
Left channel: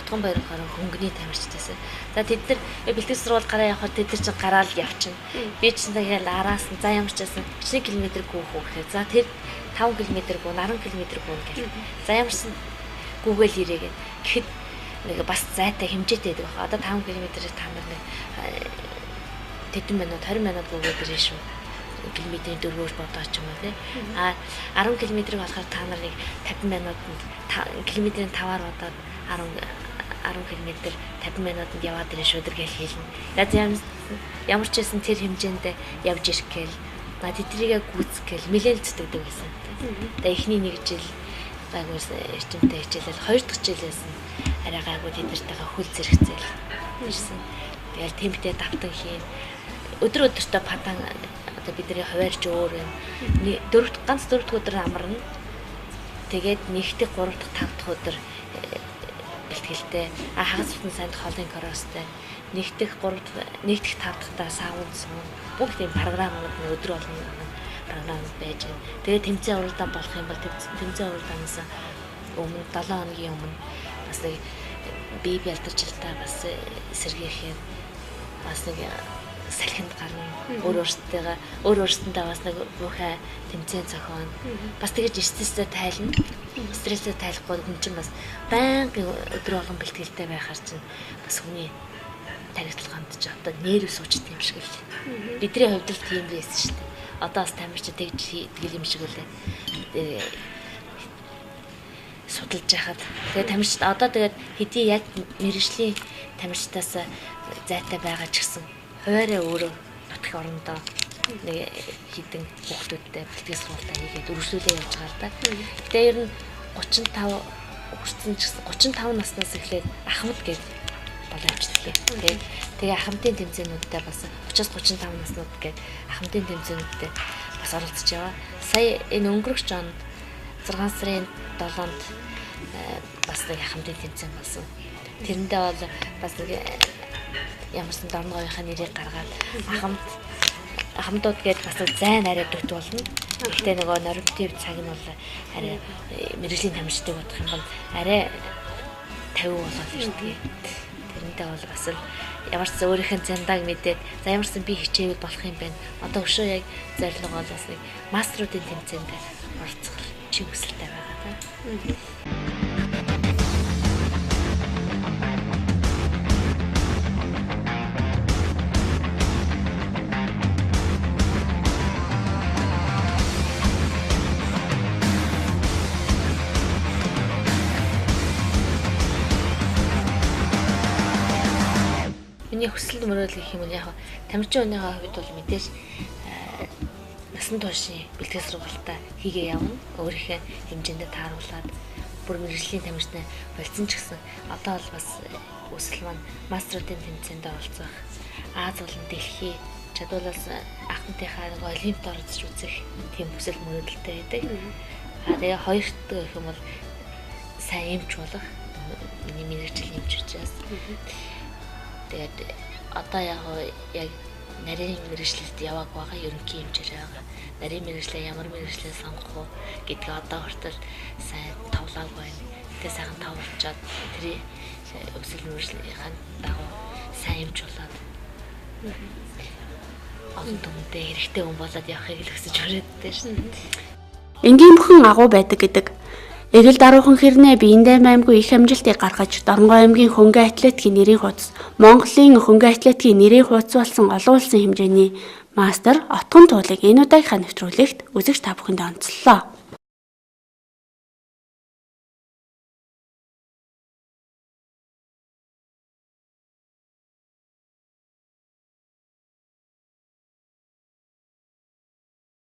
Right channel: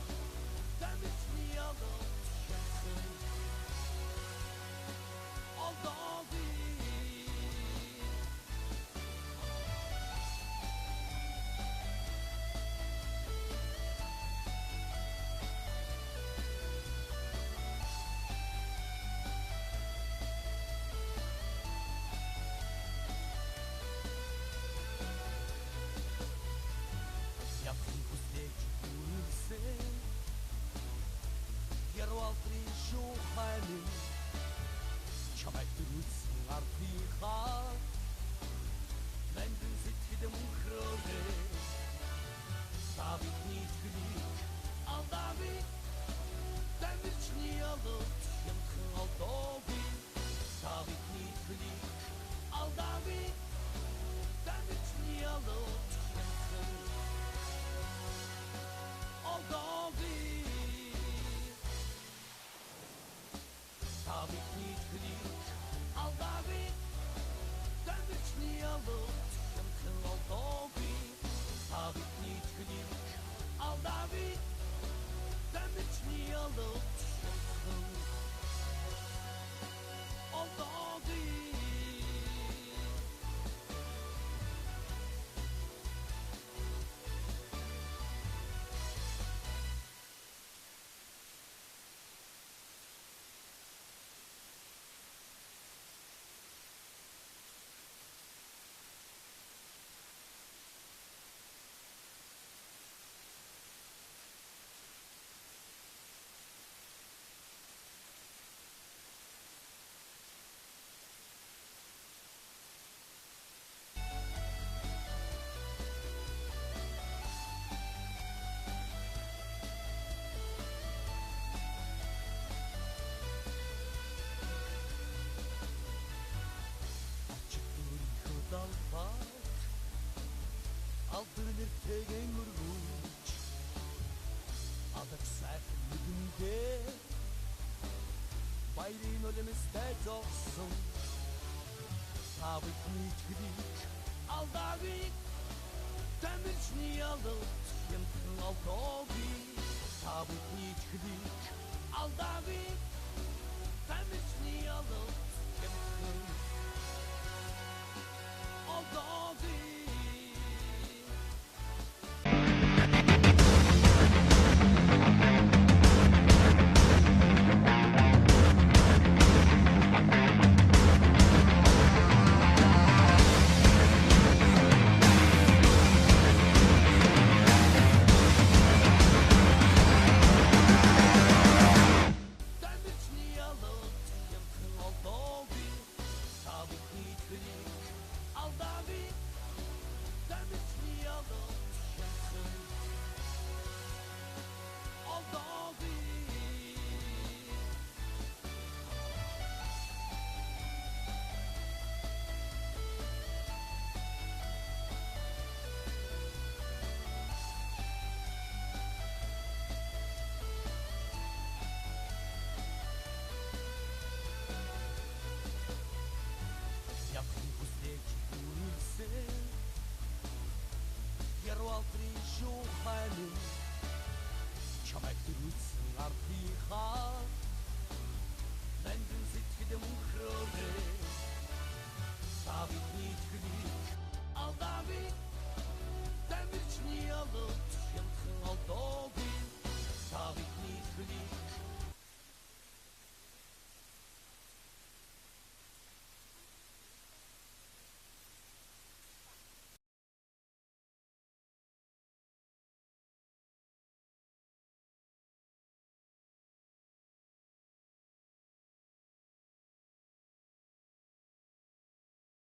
Отгон Баяр болохоор хөнгөний тамирчдээс. За тэд нар бэлтгэл сургууль гараа явахад тэд нар чинь гараал явчихна. Би чинь тэгээд араас нь за ямар ч байсан 1 км гүйх үү гэхээр за тэр 5 км гоо 10 км гоо гэх. За ямар ч гүүгээл ирээгээд гэхэд нэг бас зайтай хэмжээтэй байдаг. Одоо 5 км-ээр та нар нэг тэдэн минут 20 минут гүүгээд ирээ шүү. Километрийн дөрвөөр бодооч юм уу те. 10 км-ийг болохоор та нарыг 50 минутанд километрийн 5-аар бодоод 10 км 50 минутанд яваад ирээ шүү гэж хэлнэ. Ямар ч байсан тэр хэмжээнд явж ирэх гээл. Тэдрийгээ гүйцгээл нэлээд зүтгэдэг байсан. Тэгээ эхний нэг жил гайгуус эрчимтэй хичээлэл 2 дахь жилээс арай гайгүй тэднэртэйгээ хөл зэрэгцээл ирсэн. Тэгэл темптэй давтан хийн. Өдөр өдөртөө падан одоо бидний хуваарч өөр ганц 4 дахь өдөр амарна. Тэгээд нэгдэх 3 дахь 5 дахь өдөр бэлтгэлтэй хагас бүтэн санд хоолын коростой нэгдэх 3 дахь 5 дахьтаа саавуулсан бүгд тийм програм өдөр болгон програм байж. Тэгээд тэмцээн уралдаан болох юм бол тэмцээн уралдаанаас өмнө 7 хоногийн өмнө бас бие бэлтгэлтэй бас сэргийхээр бас нэг салхинд гарна. Өөр өөртөө бас нэг бүхэ тэмцээн зохион. Бас тэгэж стресстэй тайлна. Стресстэй тайлахгүй хүн чинь бас байнгын өдөр болгон бэлтгэлтэй байхаар чинь бас хүний тарихтал гамдж одоо нерв суучт юм шиг л. Бидний хувьд л тийм байсан шүү дээ. Одоо бас тамирч тэгж тэгэл юм шиг үлээ. Судалж яхад. Тэгээ тамирчид одоо тэгээд хэдий яг мэрэгжлийн тамирчдаас зайтай байгаа ч гэсэн хуваараа өөрөө нутаг орондоо нэг хідэн хүүхдүүдтэй бэлтгэл сургалтаа хийгээд өргөжлүүлээ явж байгаа да. Тэгээ ер нь 35 хүрсэн ч гэсэн 35 наснаас эхлээд ахмад гэж болоо явчихлаа. Тэгээ ахмадын тэмцээнүүдтэй бас 30-35 наснууд гээд ахмадын тэмцээнүүдтэй бас оролцож яваа. Сая энэ өнгөрөх онд 6 сарын 7-нд бас нэг ахмадын тэмцээн болсон. Тэрэндээ бол бас ямарсан дорногоохын нэрийг гаргаад ахмадууд гээд бас зайн арай дут болно. Гэхдээ нөгөө норматив цаг нь бол арай мэрэгжлийн тамирчдыг бодох юм бол арай 50 болоод ирдэг. Тэрнтэй бол бас л ямар ч өөрийнх нь зандааг мэдээд за ямар ч би хичээвэл болох юм байна. Одоо өшөө яг зорилго бол бас нэг мастеруудын тэмцээнд оролцох чиг хүсэлтэй байгаа. Миний хүсэл мөрөөл гэх юм бол яг тамирчин өнөөгөө хувьд бол мэдээж насан туршийн бэлтгэл сургалтаа хийгээ явна. Өөрийнхөө хэмжээндээ тааруулаад бүр мэрэгжлийн тамирчтай болцсон ч гэсэн одоо бол бас өсөл маань мастеруудын тэмцээнд оролцох, Аз болон дэлхий чадварлаас ахмадынхаа нэг олимпиад оролцож үзэх тийм хүсэл мөрөөдөлтэй байдаг. Тэгээ хоёр дахь гэх юм бол сайн эмч болох миний мэрэгжил эмч учраас. Тэгээд одоо яг нарийн мэрэгчлэлд яваг байгаа ерөнхий хэмжээр байгаа. Нарийн мэрэгчлээ ямар мэрэгчлээ сонгох уу гэдгээ одоо хүртэл сайн тавлаагүй байна. Тэгээ сайхан тавлуулчаад тэрий өсөл мэрэгчлийнхаа дагуу сайн хэмж болоод олон түмэндээ хэрэгтэй хүн болоод явахыг л хүсэж өрөөдтэй шин. Энгийн бүхэн агуу байдаг гэдэг. Эгэл даруухан хэрнээ биендээ маймгүй их амжилтыг гаргаж Дорногой аймгийн хөнгөн атлетикийн нэрийн хуудас Монголын хөнгөн атлетикийн нэрийн хуудас болсон олон улсын хэмжээний мастер отгон туулыг энэ удаагийнхаа нэвтрүүлэгт үзэгч та бүхэнд онцлолоо.